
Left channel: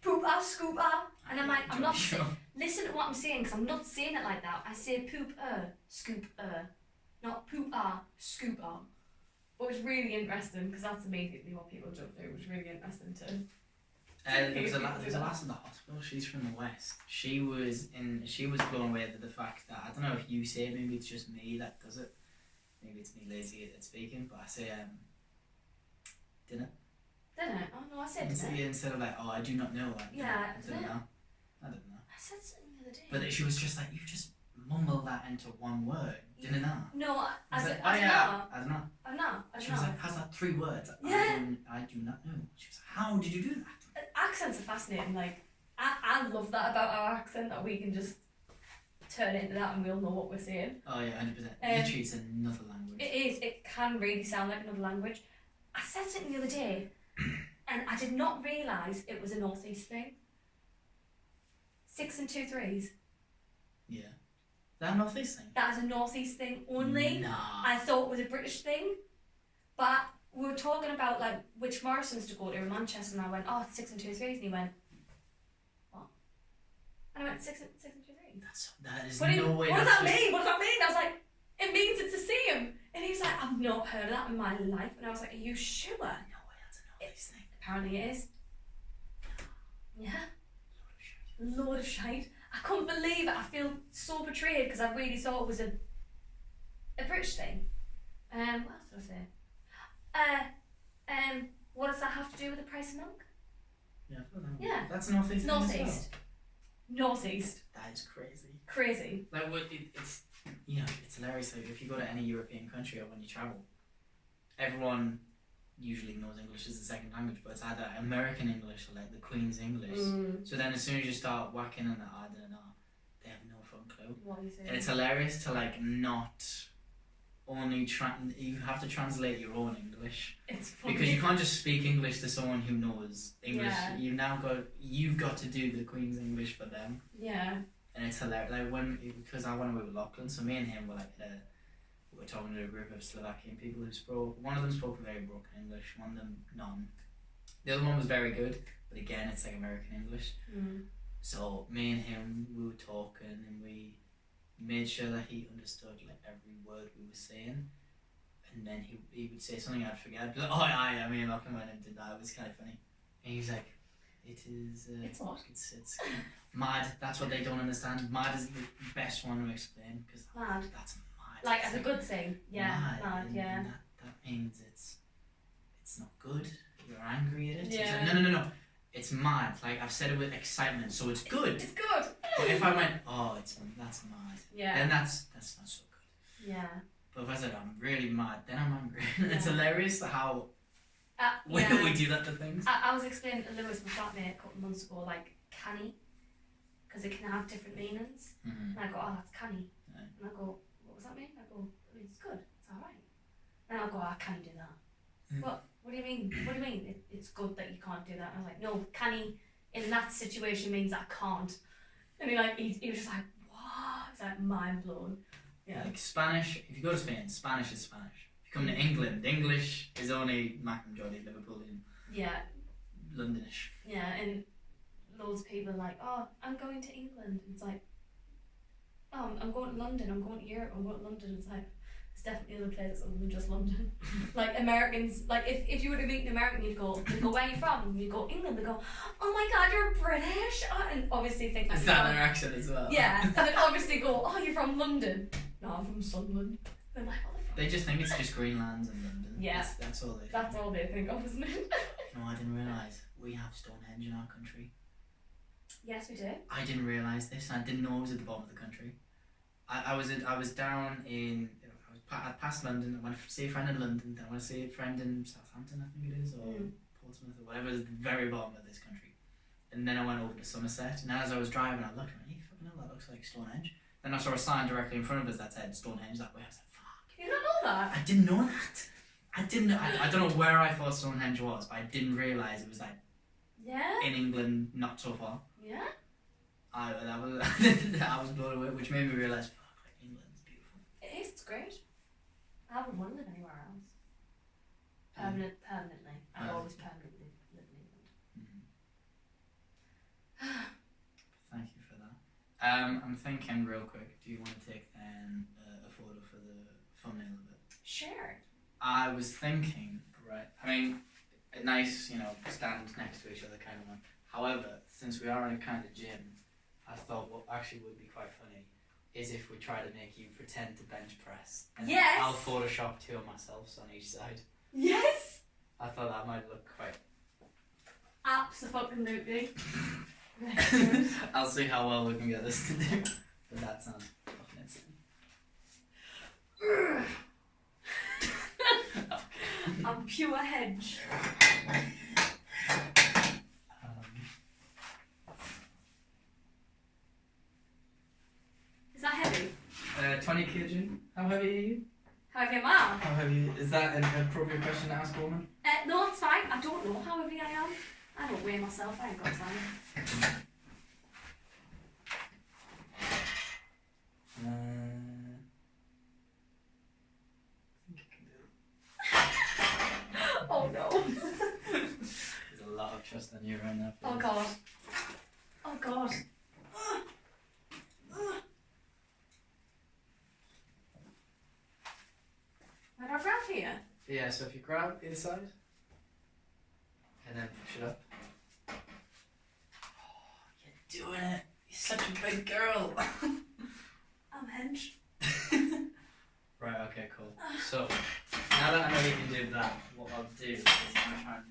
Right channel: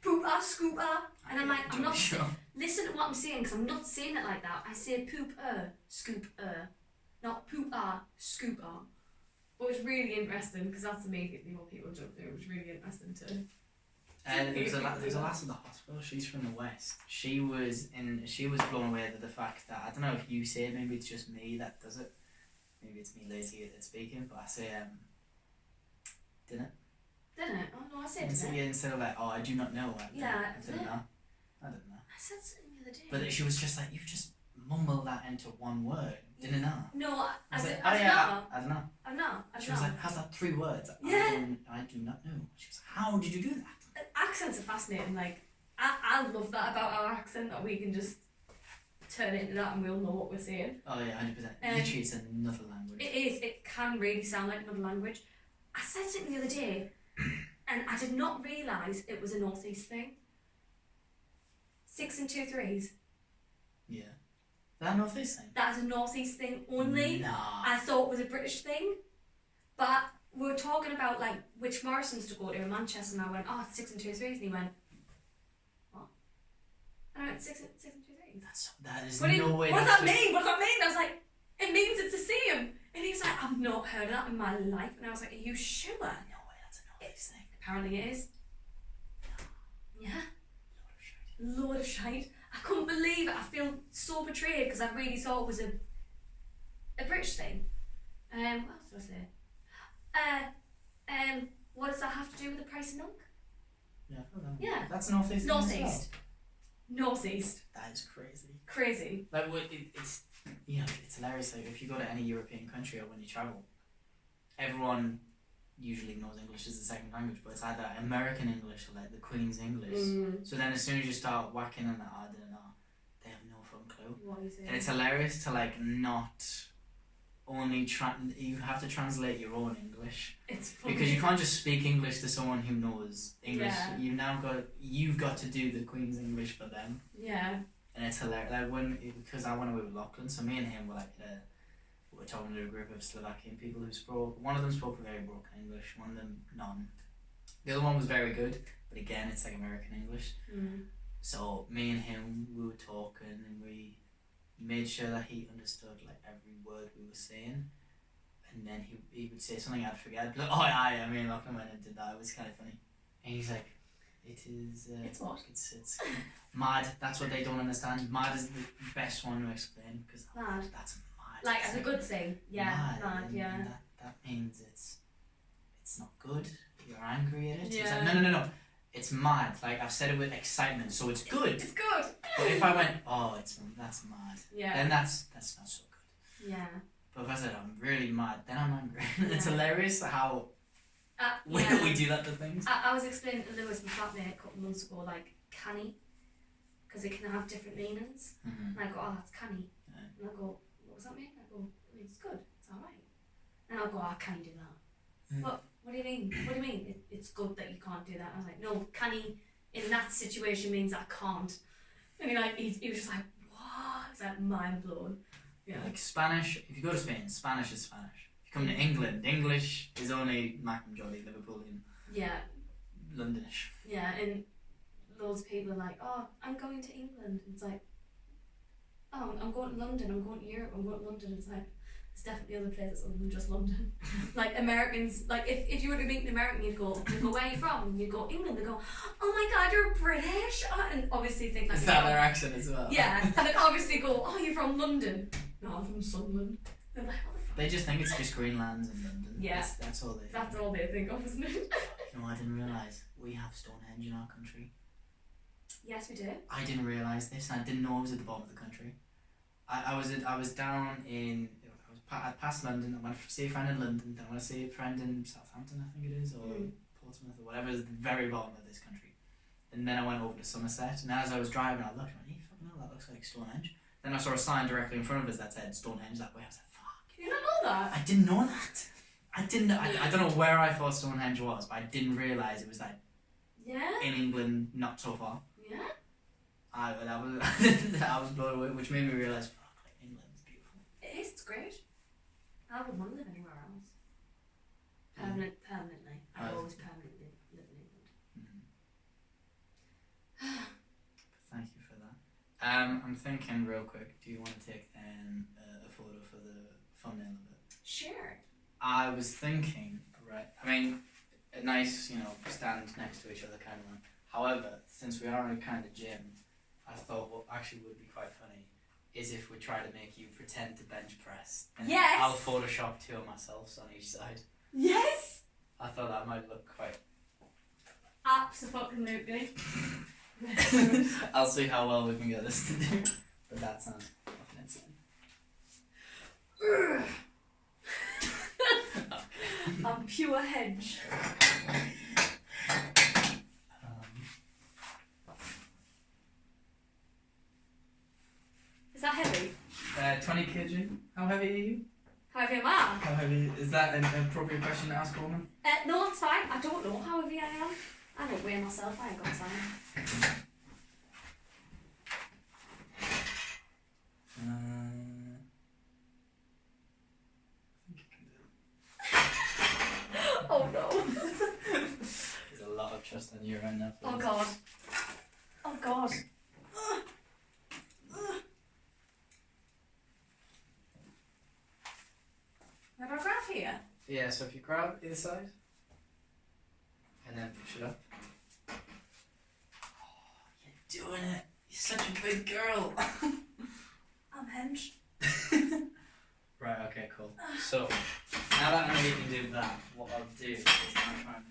pooper, scooper, and I'm like, I'm not. Listen to what I'm saying, because I'm not saying it like that. I say pooper, scooper, not pooper, scooper. But it was really interesting because that's immediately what people jumped to. It was really interesting too. There's a lass in the hospital. She's from the west. She was blown away at the fact that, I don't know if you say it, maybe it's just me that does it. Maybe it's me lazy at speaking, but I say dinner. Didn't it? Oh no, I said dinner. Instead of like, oh, I do not know. Like, Yeah, I didn't know. I didn't know. I said something the other day. But she was just like, you just mumble that into one word. Didn't know. No, I was said, like, oh yeah, I don't know. I know. She was like, how's that 3 words? Yeah. I do not know. She was like, how did you do that? Accents are fascinating. Like, I love that about our accent, that we can just turn it into that and we'll know what we're saying. Oh yeah, 100%. Literally, it's another language. It is. It can really sound like another language. I said something the other day, and I did not realise it was a North East thing. 6 and 2 3s. Yeah. That North East thing? That is a North East thing only. Nah. I thought it was a British thing, but we were talking about like which Morrisons to go to in Manchester, and I went, oh, 6 and 2 3s, and he went, what? And I went 6 and 2 3s. That is What no way. What does that mean? What does that mean? I was like, it means it's the same. And he's like, I've not heard of that in my life. And I was like, are you sure? No way, that's a North East thing. Apparently it is. Yeah. Load of shite. I couldn't believe it. I feel so betrayed because I really thought it was a British thing. What else did I say? What does that have to do with the price of milk? Yeah, I thought that. Yeah. That's North East. North East. North East. That is crazy. Crazy. Like, it's it's hilarious. Like, if you go to any European country or when you travel, everyone usually knows English as a second language, but it's either American English or like the Queen's English. So then as soon as you start whacking on that, I don't know, they have no fucking clue. What are you saying? And it's hilarious to like not only you have to translate your own English. It's funny. Because you can't just speak English to someone who knows English. Yeah. You've got to do the Queen's English for them. Yeah. And it's hilarious. Like because I went away with Lachlan, so me and him were like we were talking to a group of Slovakian people who spoke. One of them spoke very broken English, one of them none. The other one was very good, but again, it's like American English. So me and him, we were talking, and we made sure that he understood like every word we were saying. And then he would say something I'd forget. I'd be like, oh yeah, me and Lachlan went and did that. It was kind of funny. And he's like, it is. It's what? It's mad. That's what they don't understand. Mad is the best one to explain because that's mad. Like as a good thing. Yeah. Mad. Yeah. And that means it's not good. You're angry at it. Yeah. It's like, no. It's mad. Like I've said it with excitement, so it's good. It's good. But if I went, oh, that's mad. Yeah. Then that's not so good. Yeah. But if I said I'm really mad, then I'm angry. It's hilarious how we do that to things. I was explaining to Lewis, my flatmate, a couple of months ago, like canny, because it can have different meanings. And I go, oh, that's canny. Yeah. And I go, what does that mean? I go, it's good. It's all right. And I'll go, I can't do that. What do you mean? What do you mean? It's good that you can't do that. And I was like, no, canny in that situation means I can't. And he was just like, what? It's like mind blown. Yeah. Like Spanish, if you go to Spain, Spanish is Spanish. If you come to England, English is only Macam Jolly, Liverpoolian. Yeah. Londonish. Yeah, and loads of people are like, oh, I'm going to England. It's like, oh, I'm going to London, I'm going to Europe, I'm going to London. It's like, there's definitely other places other than just London. Like Americans, like if you were to meet an American, you'd go, where are you from? And you'd go, England. They'd go, oh my God, you're British. And obviously think is that their accent as well? Yeah, and then obviously go, oh, you're from London. No, I'm from Sunderland. They're like, what the fuck? They just think it's just Greenland and London. Yeah. That's all they think. That's all they think of, isn't it? You know, I didn't realise we have Stonehenge in our country. Yes, we do. I didn't realise this, and I didn't know it was at the bottom of the country. I was down in, I passed London. I went to see a friend in London. Then I went to see a friend in Southampton, I think it is, or Portsmouth, or whatever. Is the very bottom of this country. And then I went over to Somerset. And as I was driving, I looked and went, fucking hell, that looks like Stonehenge. Then I saw a sign directly in front of us that said Stonehenge that way. I was like, fuck. You don't know that? I didn't know that. I don't know where I thought Stonehenge was, but I didn't realise it was like in England, not so far. Yeah. I was blown away, which made me realise, fuck, like, England's beautiful. It is. It's great. I wouldn't want to live anywhere else. Permanently. I've always permanently lived in England. Thank you for that. I'm thinking real quick. Do you want to take a photo for the thumbnail of it? Sure. I was thinking, right. I mean, a nice, stand next to each other kind of one. However, since we are in a kind of gym, I thought what actually would be quite funny is if we try to make you pretend to bench press. And I'll Photoshop two of myself on each side. Yes! I thought that might look quite... Abso-fucking-lutely. I'll see how well we can get this to do. But that sounds fucking insane. I'm pure hedge. Is 20 kg. How heavy are you? How heavy am I? How heavy is that an appropriate question to ask a woman? No, it's fine. I don't know how heavy I am. I don't weigh myself. I ain't got time. I think you can do it. Oh no. There's a lot of trust on you right now. Oh god. Oh god. Where do I grab here? Yeah, so if you grab either side and then push it up. Oh, you're doing it. You're such a big girl. I'm hinged. Right, okay, cool. So, now that I know you can do that, what I'll do is I'll try and find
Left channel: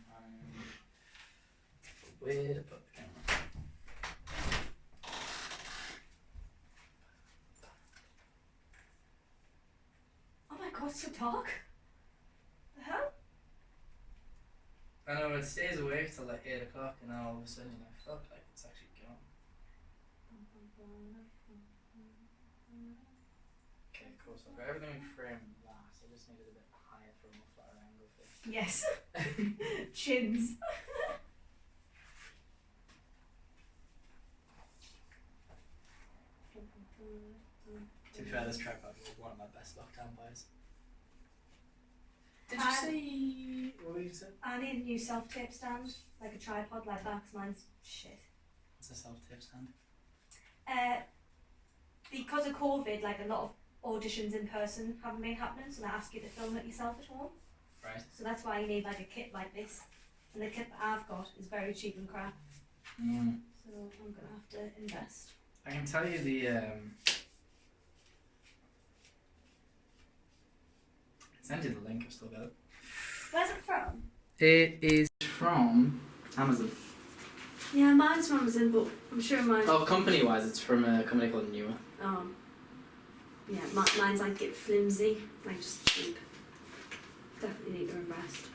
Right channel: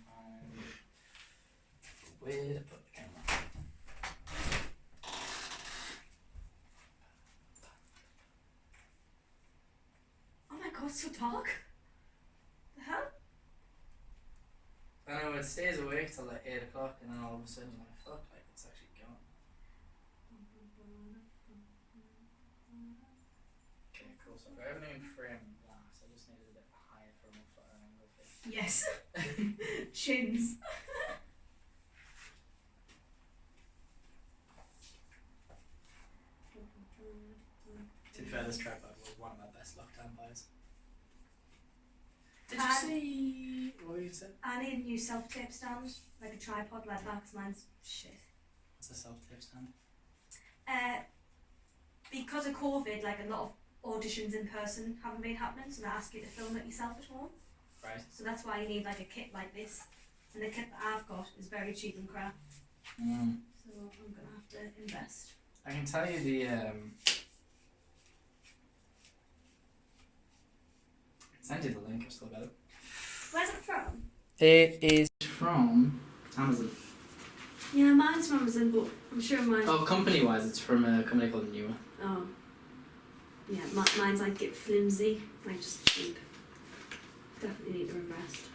where to put the camera. Oh my god, it's so dark. The hell? I know it stays awake till like 8 o'clock and then all of a sudden you're like, fuck, like it's actually gone. Okay, cool. So for everything in frame last, I just needed a bit higher for a more flatter angle for you. Yes. Chins. To be fair, this tripod was one of my best lockdown buys. Did you I- see what you said? I need a new self-tape stand, like a tripod like that, because mine's shit. What's a self-tape stand? Because of COVID, like a lot of auditions in person haven't been happening, so they ask you to film it yourself at home. Right. So that's why you need like a kit like this. And the kit that I've got is very cheap and crap. Mm. So I'm gonna have to invest. I can tell you the send you the link, I've still got it. Where's it from? It is from Amazon. Yeah, mine's from Amazon, but I'm sure mine. Oh, company wise, it's from a company called Newer. Oh. Yeah, mine's like get flimsy, like just cheap. Definitely need to invest.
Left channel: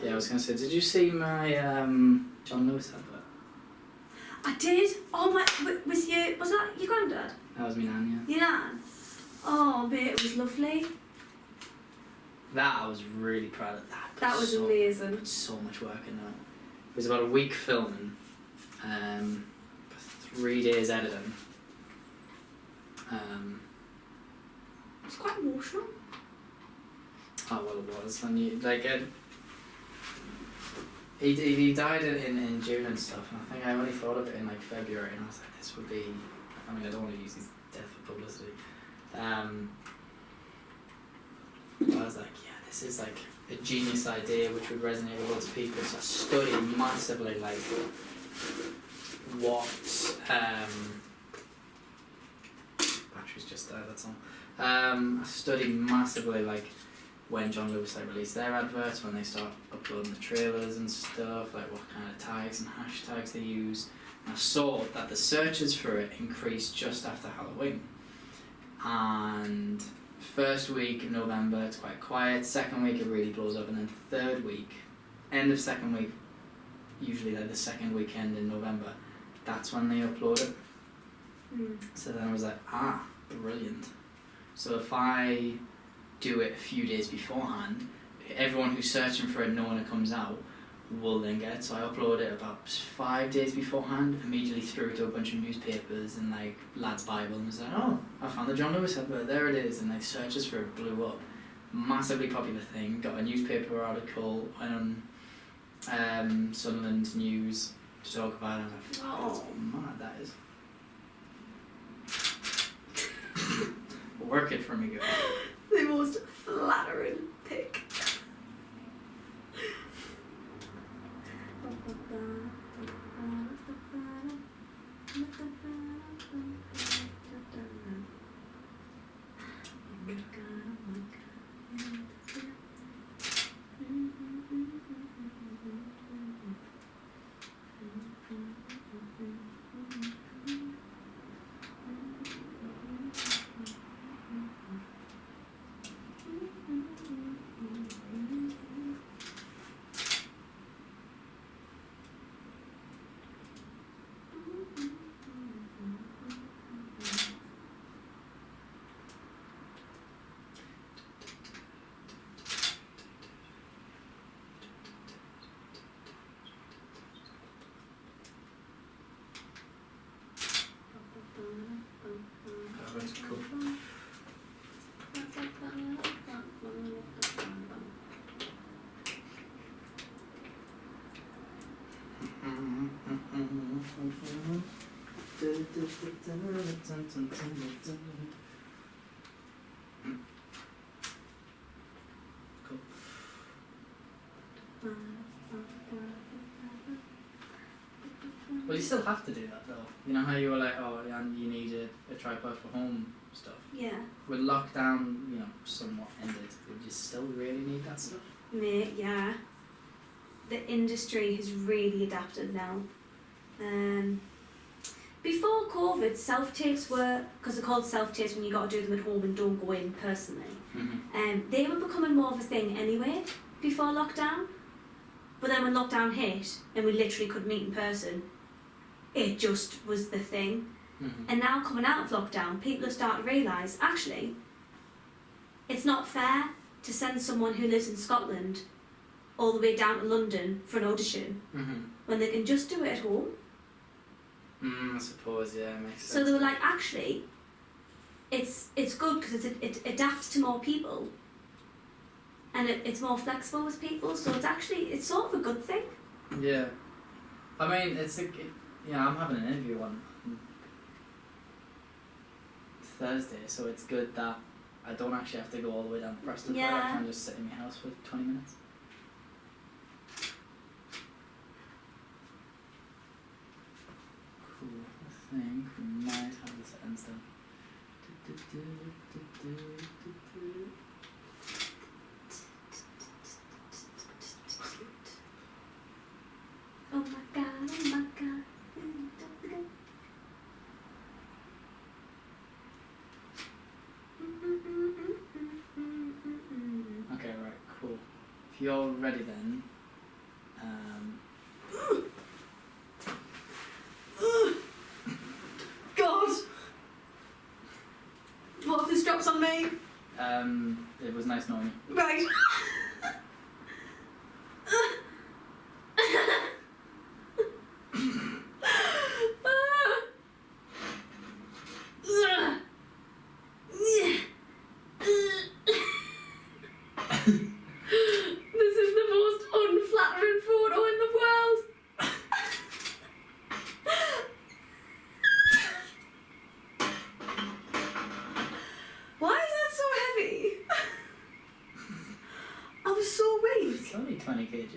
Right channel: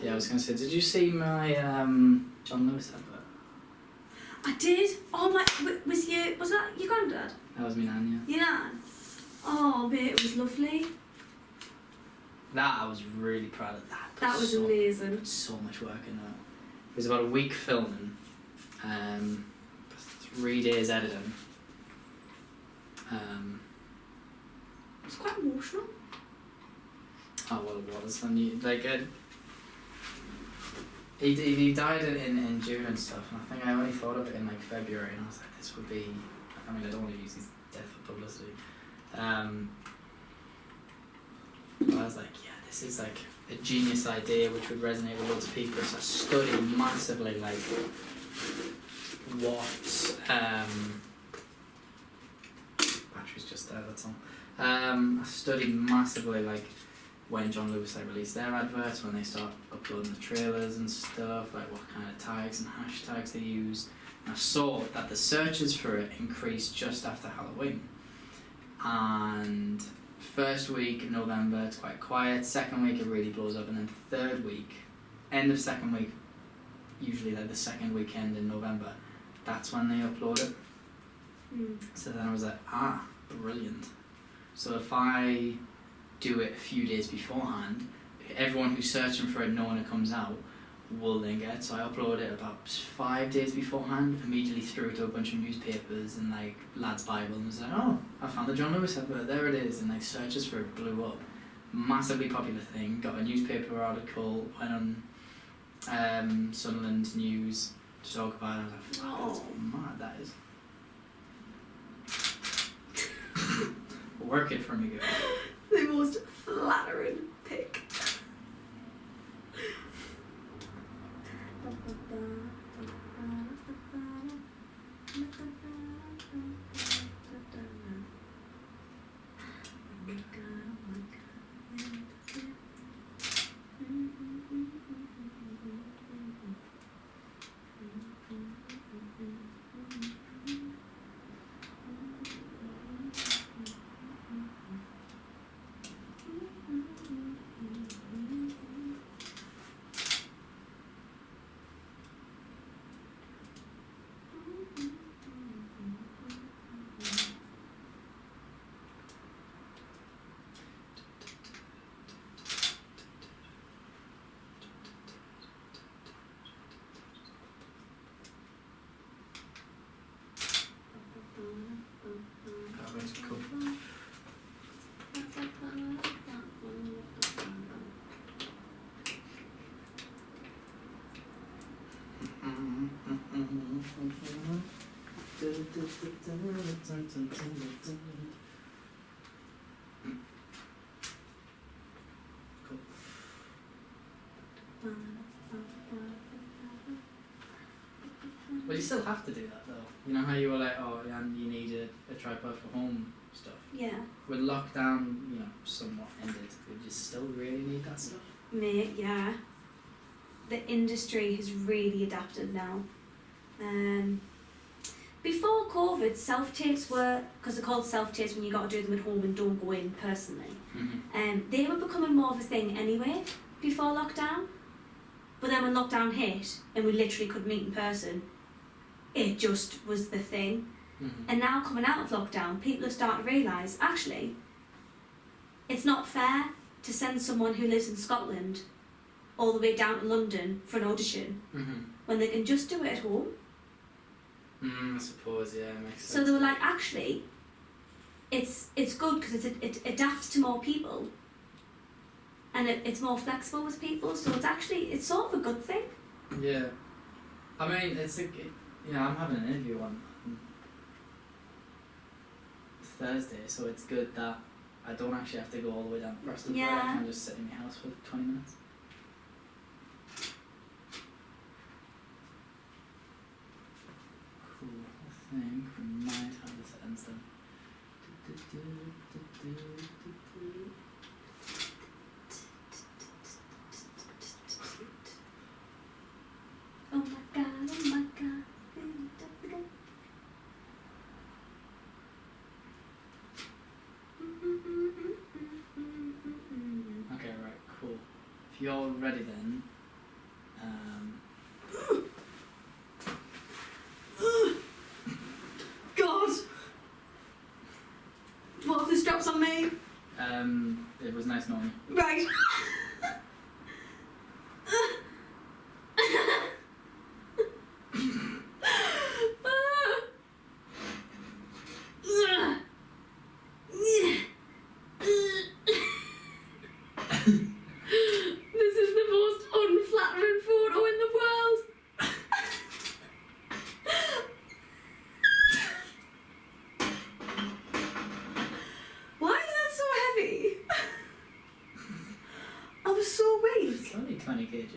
Yeah, I was gonna say, did you see my John Lewis advert? I did. Oh my, was that your granddad? That was me nan, Your nan? Oh, mate, it was lovely. yeah. That I was really proud of that. That was amazing. Put so much work in that. It was about a week filming, 3 days editing. It's quite emotional. Oh well, it was. And you, like he died in June and stuff, and I think I only thought of it in like February, and I was like, this would be. I mean, I don't want to use his death for publicity. But I was like, yeah, this is like a genius idea which would resonate with lots of people. So I studied massively like what battery's just there. That's all. I studied massively like when John Lewis like released their adverts, when they start uploading the trailers and stuff, like what kind of tags and hashtags they use. And I saw that the searches for it increased just after Halloween. And first week in November it's quite quiet, second week it really blows up, and then third week, end of second week, usually like the second weekend in November, that's when they upload it. So then I was like, brilliant. So if I do it a few days beforehand, everyone who's searching for it knowing it comes out will then get it. So I upload it about 5 days beforehand, immediately threw it to a bunch of newspapers and like Lad's Bible, and was like, oh, I found the John Lewis advert, there it is, and like searches for it blew up. Massively popular thing, got a newspaper article, went on Sunderland News to talk about it. I was like, fuck, that's mad, that is. Work it for me, girl. The most flattering pic. Well, you still have to do that though. You know how you were like, oh, and you need a tripod for home stuff. Yeah. With lockdown, you know, somewhat ended, would you still really need that stuff? Mate, yeah. The industry has really adapted now. Before COVID, self-tapes were, because they're called self-tapes when you got to do them at home and don't go in personally, they were becoming more of a thing anyway before lockdown. But then when lockdown hit and we literally couldn't meet in person, it just was the thing. And now coming out of lockdown, people are starting to realise, actually, it's not fair to send someone who lives in Scotland all the way down to London for an audition when they can just do it at home. I suppose, yeah, it makes sense. So they were like, actually, it's good because it adapts to more people and it's more flexible with people, so it's sort of a good thing. Yeah. I mean, I'm having an interview on Thursday, so it's good that I don't actually have to go all the way down to Preston for it. I can just sit in my house for 20 minutes. Cool. I think we might have this ends then. Oh my god, oh my god. Okay, right, cool. If you're ready then, God! What if this drops on me? it was nice knowing you. Right. This is the most unflattering photo in the world. Why is that so heavy? I was so weak. It's only 20 kg.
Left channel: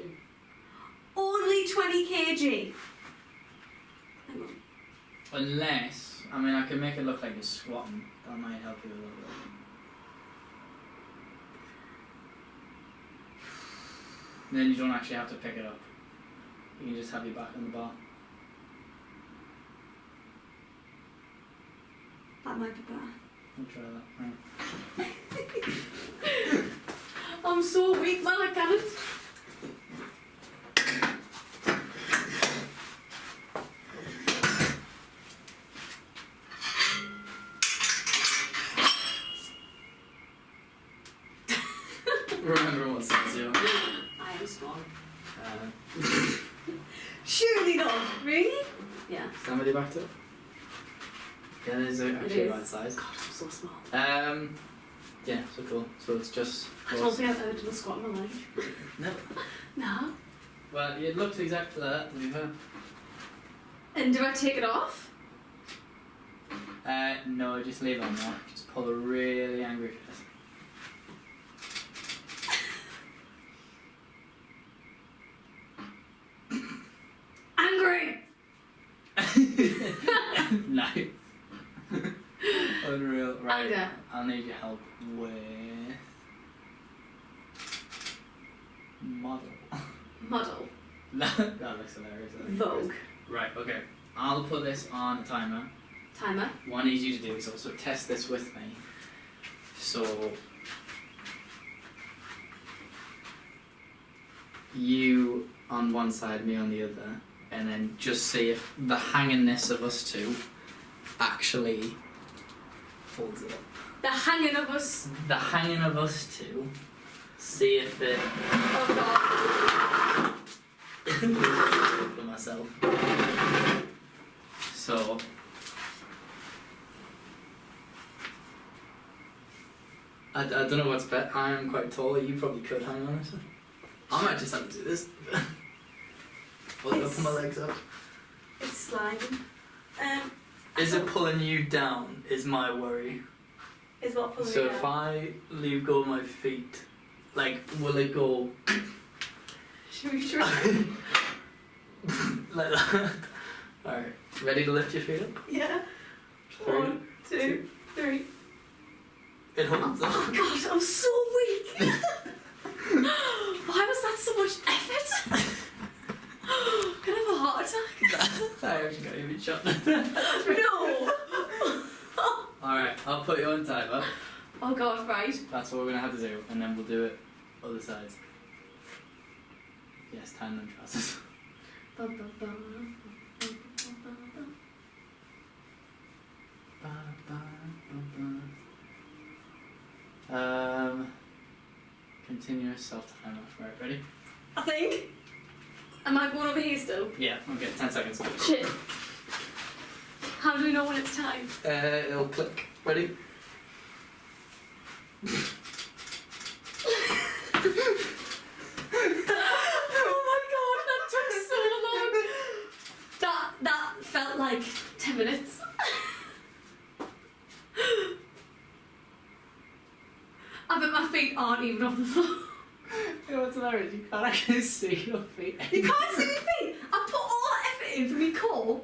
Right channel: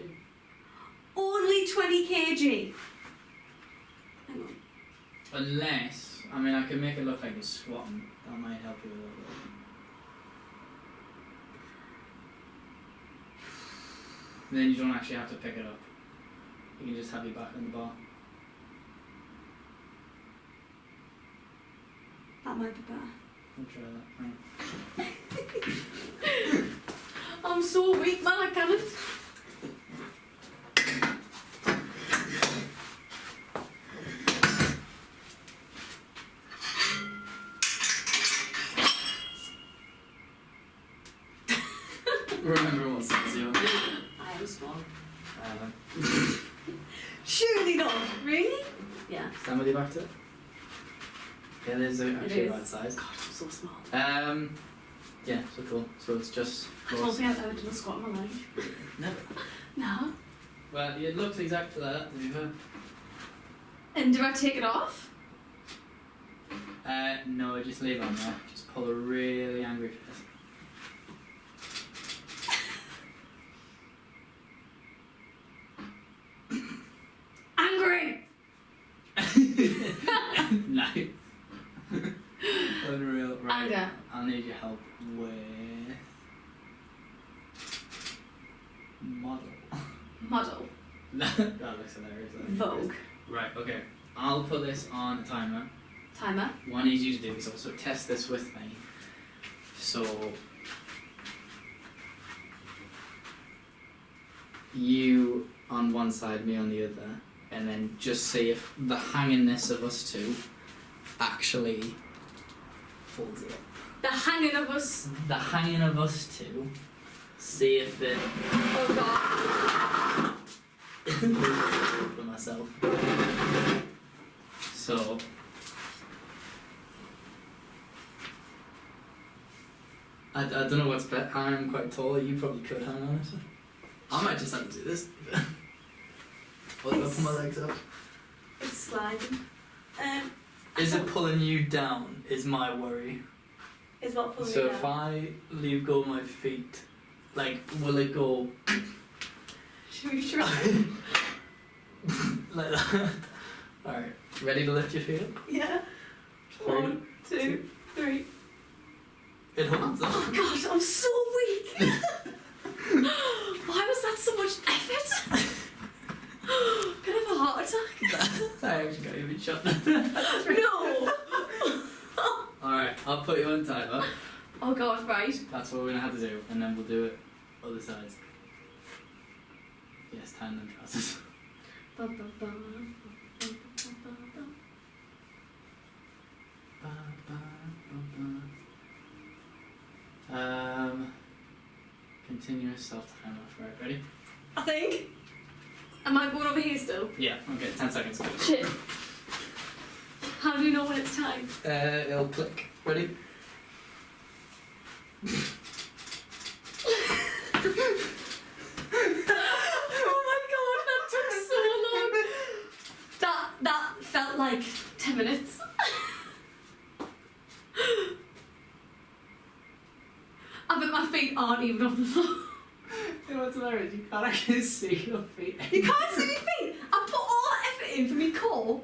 Only 20 kg. Hang on. Unless, I mean, I can make it look like you're squatting. That might help you a little bit. And then you don't actually have to pick it up. You can just have your back on the bar. That might be better. I'll try that. Right. I'm so weak, man, I can't. Remember what size you are. I am small. Surely not. Really? Yeah. Stand with your back to it. Yeah, there's actually is. the right size. God, I'm so small. Yeah, so cool. So it's just. I don't think I've ever done a squat in my life. Never. No. Well, it looks exactly like that, to be fair. And do I take it off? No, just leave it on there. Just pull a really angry face. Angry! No. Unreal. Right. Anger. I'll need your help with model. Model. That looks hilarious. Vogue. Right, okay. I'll put this on a timer. Timer. What I need you to do is also test this with me. So you on one side, me on the other, and then just see if the hangingness of us two actually holds it up. The hanging of us. The hanging of us two. See if it. Oh god. For myself. So. I don't know what's better. I'm quite tall. You probably could hang on it. I might just have to do this. Put my legs up. It's sliding. Is it pulling you down? Is my worry. Is what pulling So me if down. I leave go of my feet, like, will it go Should we try? like that? Alright, ready to lift your feet up? Yeah. 3, 1, 2, 3. It holds up. Oh god, I'm so weak. Why was that so much effort? Can I have a heart attack? I actually got you shot. No. Alright, I'll put you on timer. Oh god, right. That's what we're gonna have to do, and then we'll do it other sides. Yes, time them trousers. Continuous self-timer. Right, ready? I think. Am I going over here still? Yeah, okay, 10 seconds. Shit. How do we know when it's time? It'll click. Ready? Oh my god, that took so long. That felt like 10 minutes. I bet my feet aren't even on the floor. You know what's hilarious? You can't actually see your feet. You can't see my feet. I put all that effort in for me core.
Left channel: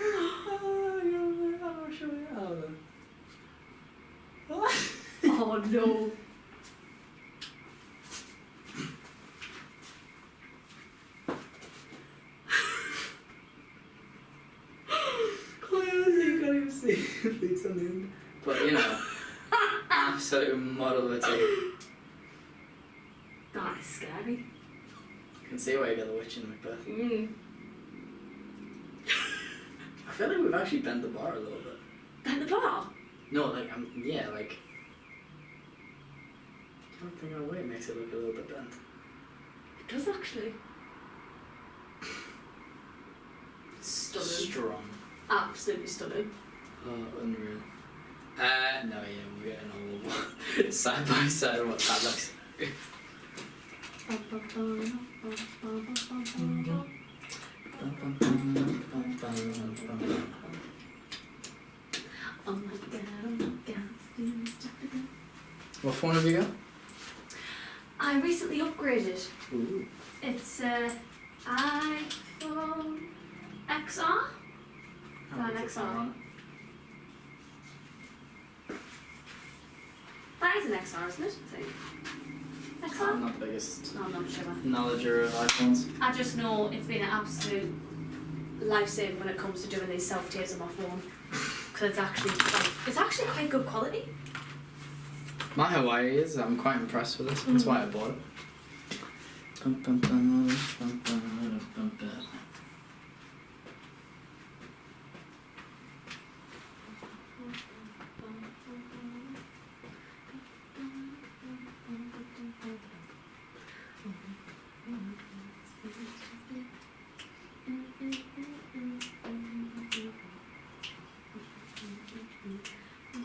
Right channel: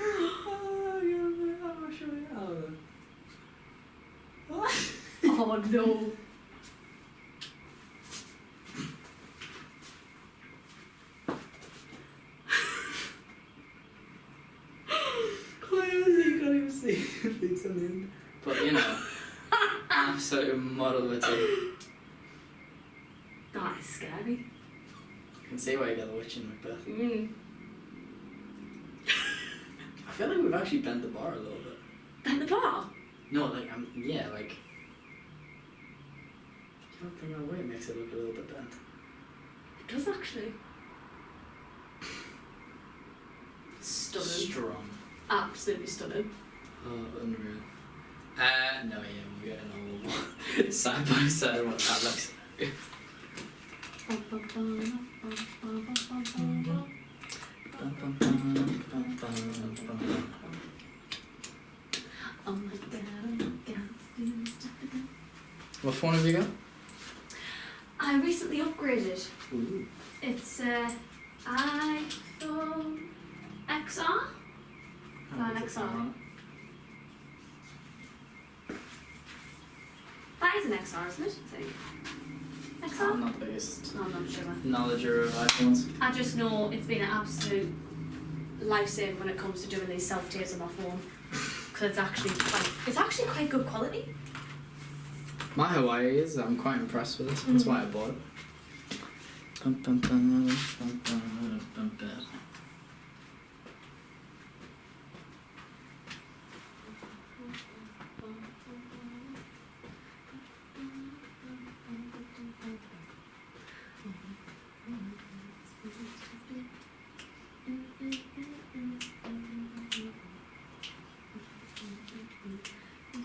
Oh, yeah, I'll show you how then. Oh no. Clearly, you can't even see your feet on the end. But you know, absolute model of a team. That is scary. You can see why you got the witch in Macbeth. I feel like we've actually bent the bar a little bit. Bend the bar? No, like, yeah, like... I don't think our weight makes it look a little bit bent. It does actually. Stunning. Strong. Absolutely stunning. Oh, unreal. No, yeah, we're getting all side by side what that looks like. Oh my god. What phone have you got? I recently upgraded. Ooh. It's iPhone XR? An XR. That is an XR, isn't it? I think. XR? I'm not the biggest No, I'm not sure. knowledger of iPhones. I just know it's been an absolute lifesaver when it comes to doing these self-tapes on my phone. Because it's actually quite good quality. My Hawaii is, I'm quite impressed with this. That's why I bought it. I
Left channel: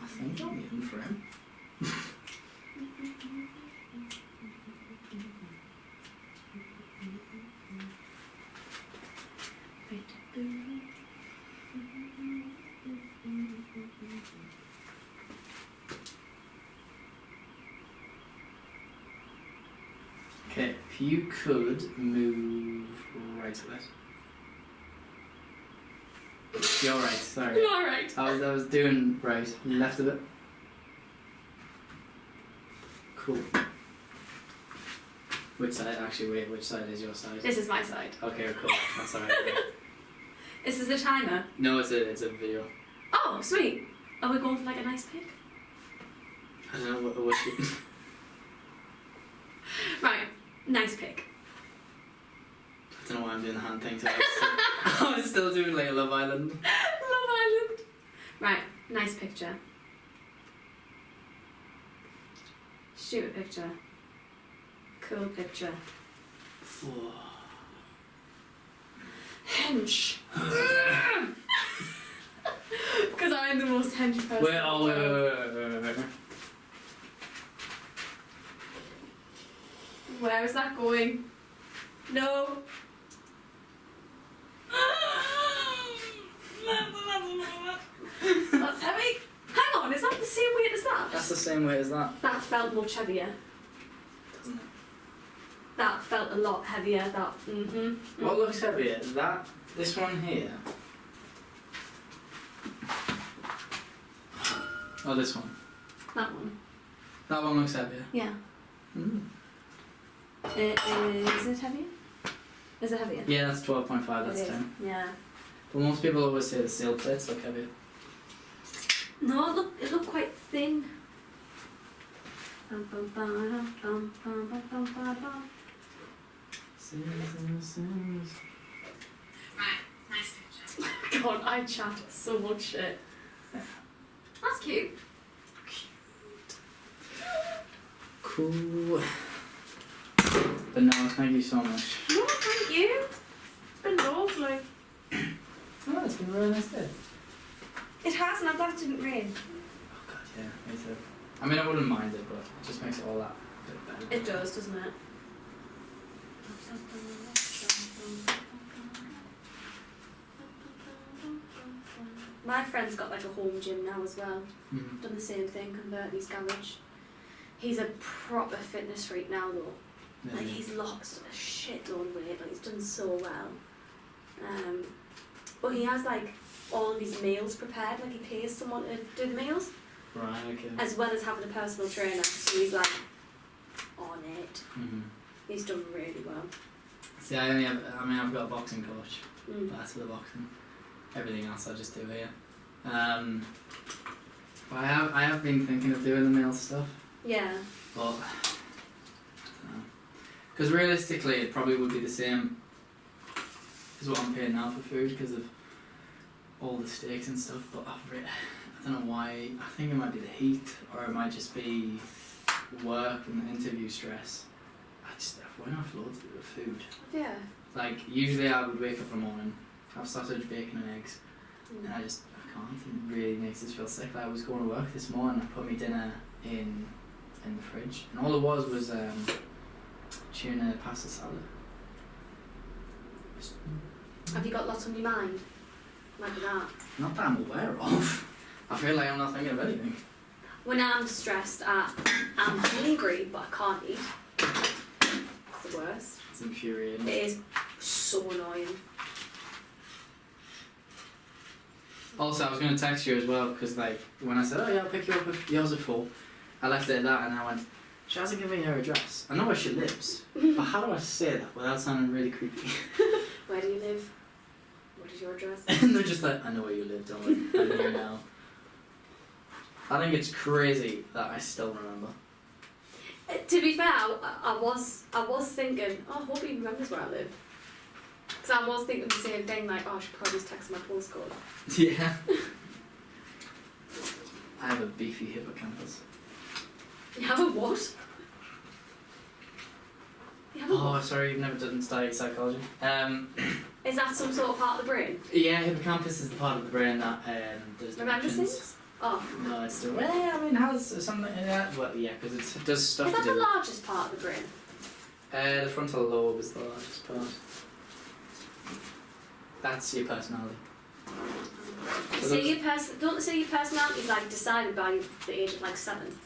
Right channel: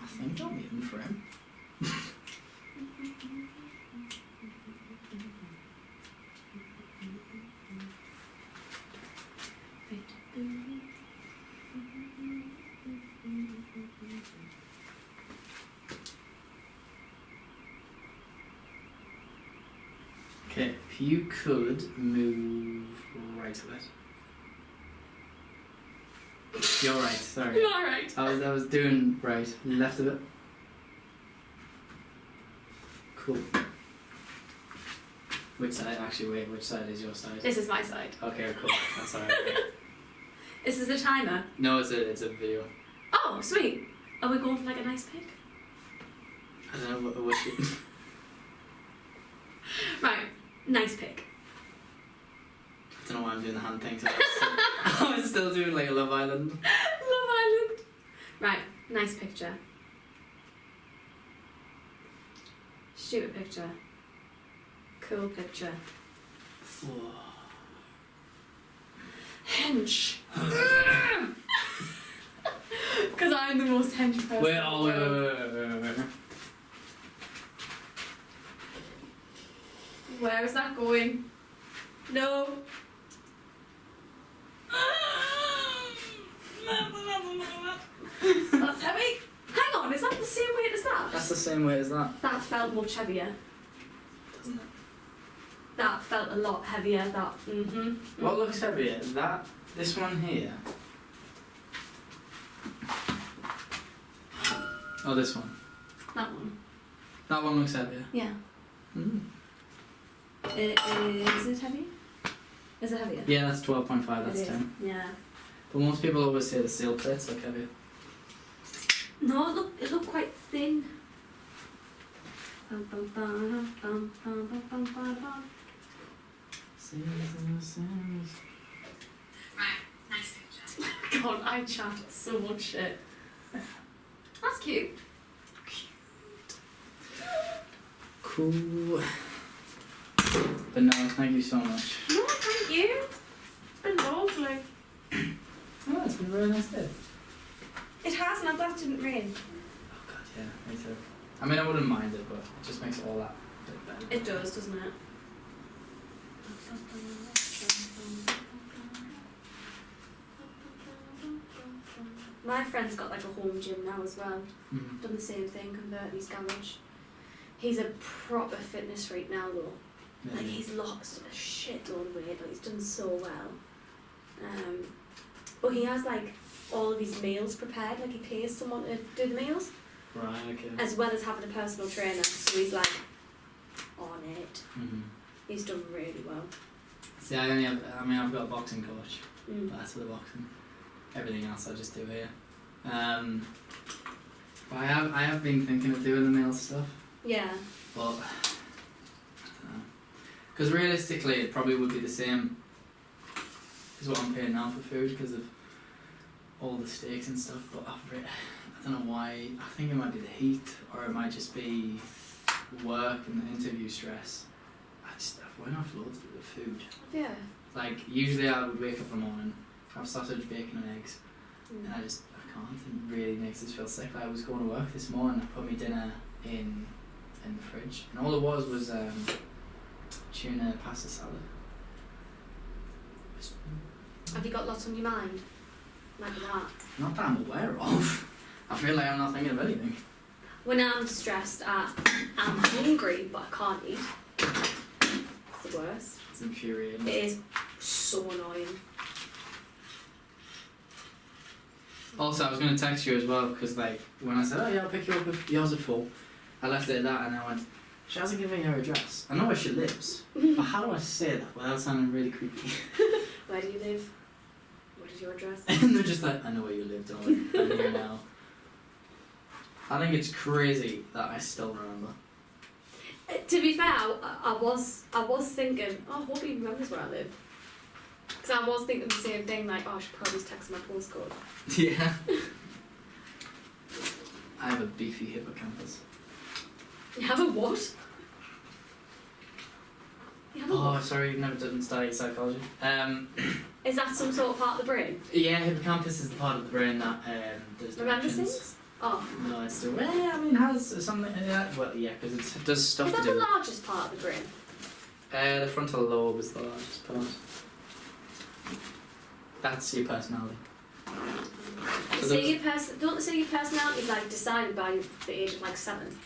think I'm eating for him. Okay, if you could move right a bit. You're right, sorry. You're alright. I was doing right. Left a bit. Cool. Which side? Actually, wait. Which side is your side? This is my side. Okay, cool. That's alright. This is a timer. No, it's a video. Oh, sweet. Are we going for like a nice pic? I don't know what you. Right, nice pic. I don't know why I'm doing the hand thing. So I was still doing like a Love Island. Love Island. Right, nice picture. Shoot a picture. Cool picture. Hench. Because I'm the most hench person. Wait. Where is that going? No. That's heavy. Hang on, is that the same weight as that? That's the same weight as that. That felt much heavier. Doesn't it? That felt a lot heavier. That. What looks heavier? This one here. Or this one? That one. That one looks heavier. Yeah. Mm. Is it heavier? Is it heavier? Yeah, that's 12.5, that's It is. 10. Yeah. But most people always say the steel plates look heavier. No, it looked quite thin. God, I chat so much shit. That's cute. Cool. But no, thank you so much. No, thank you. It's been lovely. Oh, it's been a really nice day. It has, and I'm glad it didn't rain. Oh god, yeah, me too. I mean, I wouldn't mind it, but it just makes it all that bit better. It does, doesn't it? My friend's got like a home gym now as well. Mm. Done the same thing, converted his garage. He's a proper fitness freak now though. Yeah. Like he's lost a shitload of weight, like he's done so well. But he has like all of his meals prepared, like he pays someone to do the meals. Right, okay. As well as having a personal trainer, so he's like on it. Mm-hmm. He's done really well. See, I've got a boxing coach, but that's for the boxing. Everything else I just do here. But I have been thinking of doing the meal stuff, Yeah. but I don't know. Because realistically, it probably would be the same as what I'm paying now for food because of all the steaks and stuff. But I don't know why. I think it might be the heat, or it might just be work and the interview stress. Why not have loads of food? Yeah. Like usually I would wake up in the morning, have sausage, bacon and eggs, and I can't. It really makes us feel sick. Like I was going to work this morning, I put my dinner in the fridge, and all it was tuna pasta salad. Have you got lots on your mind? Like that? Not that I'm aware of. I feel like I'm not thinking of anything. When I'm stressed, I'm hungry, but I can't eat. It's the worst. It's infuriating. It is so annoying. Also, I was going to text you as well because, like, when I said, "Oh yeah, I'll pick you up if yours are full," I left it at that, and I went, "She hasn't given me her address. I know where she lives, but how do I say that without sounding really creepy?" Where do you live? What is your address? And they're just like, "I know where you live, don't worry. I'm here now." I think it's crazy that I still remember. To be fair, I was thinking, oh, I hope he remembers where I live. Because I was thinking the same thing, like, oh, I should probably just text my postcode. Yeah. I have a beefy hippocampus. You have a what? You have a Oh, what? sorry, you've never done study psychology. Is that some sort of part of the brain? Yeah, hippocampus is the part of the brain that does Remembers directions. things? Oh. No, it's the has something like that. Well, yeah, because it does stuff Is that to the do. largest part of the brain? The frontal lobe is the largest part. That's your personality. So Don't they say your personality is like decided by the age of like 7?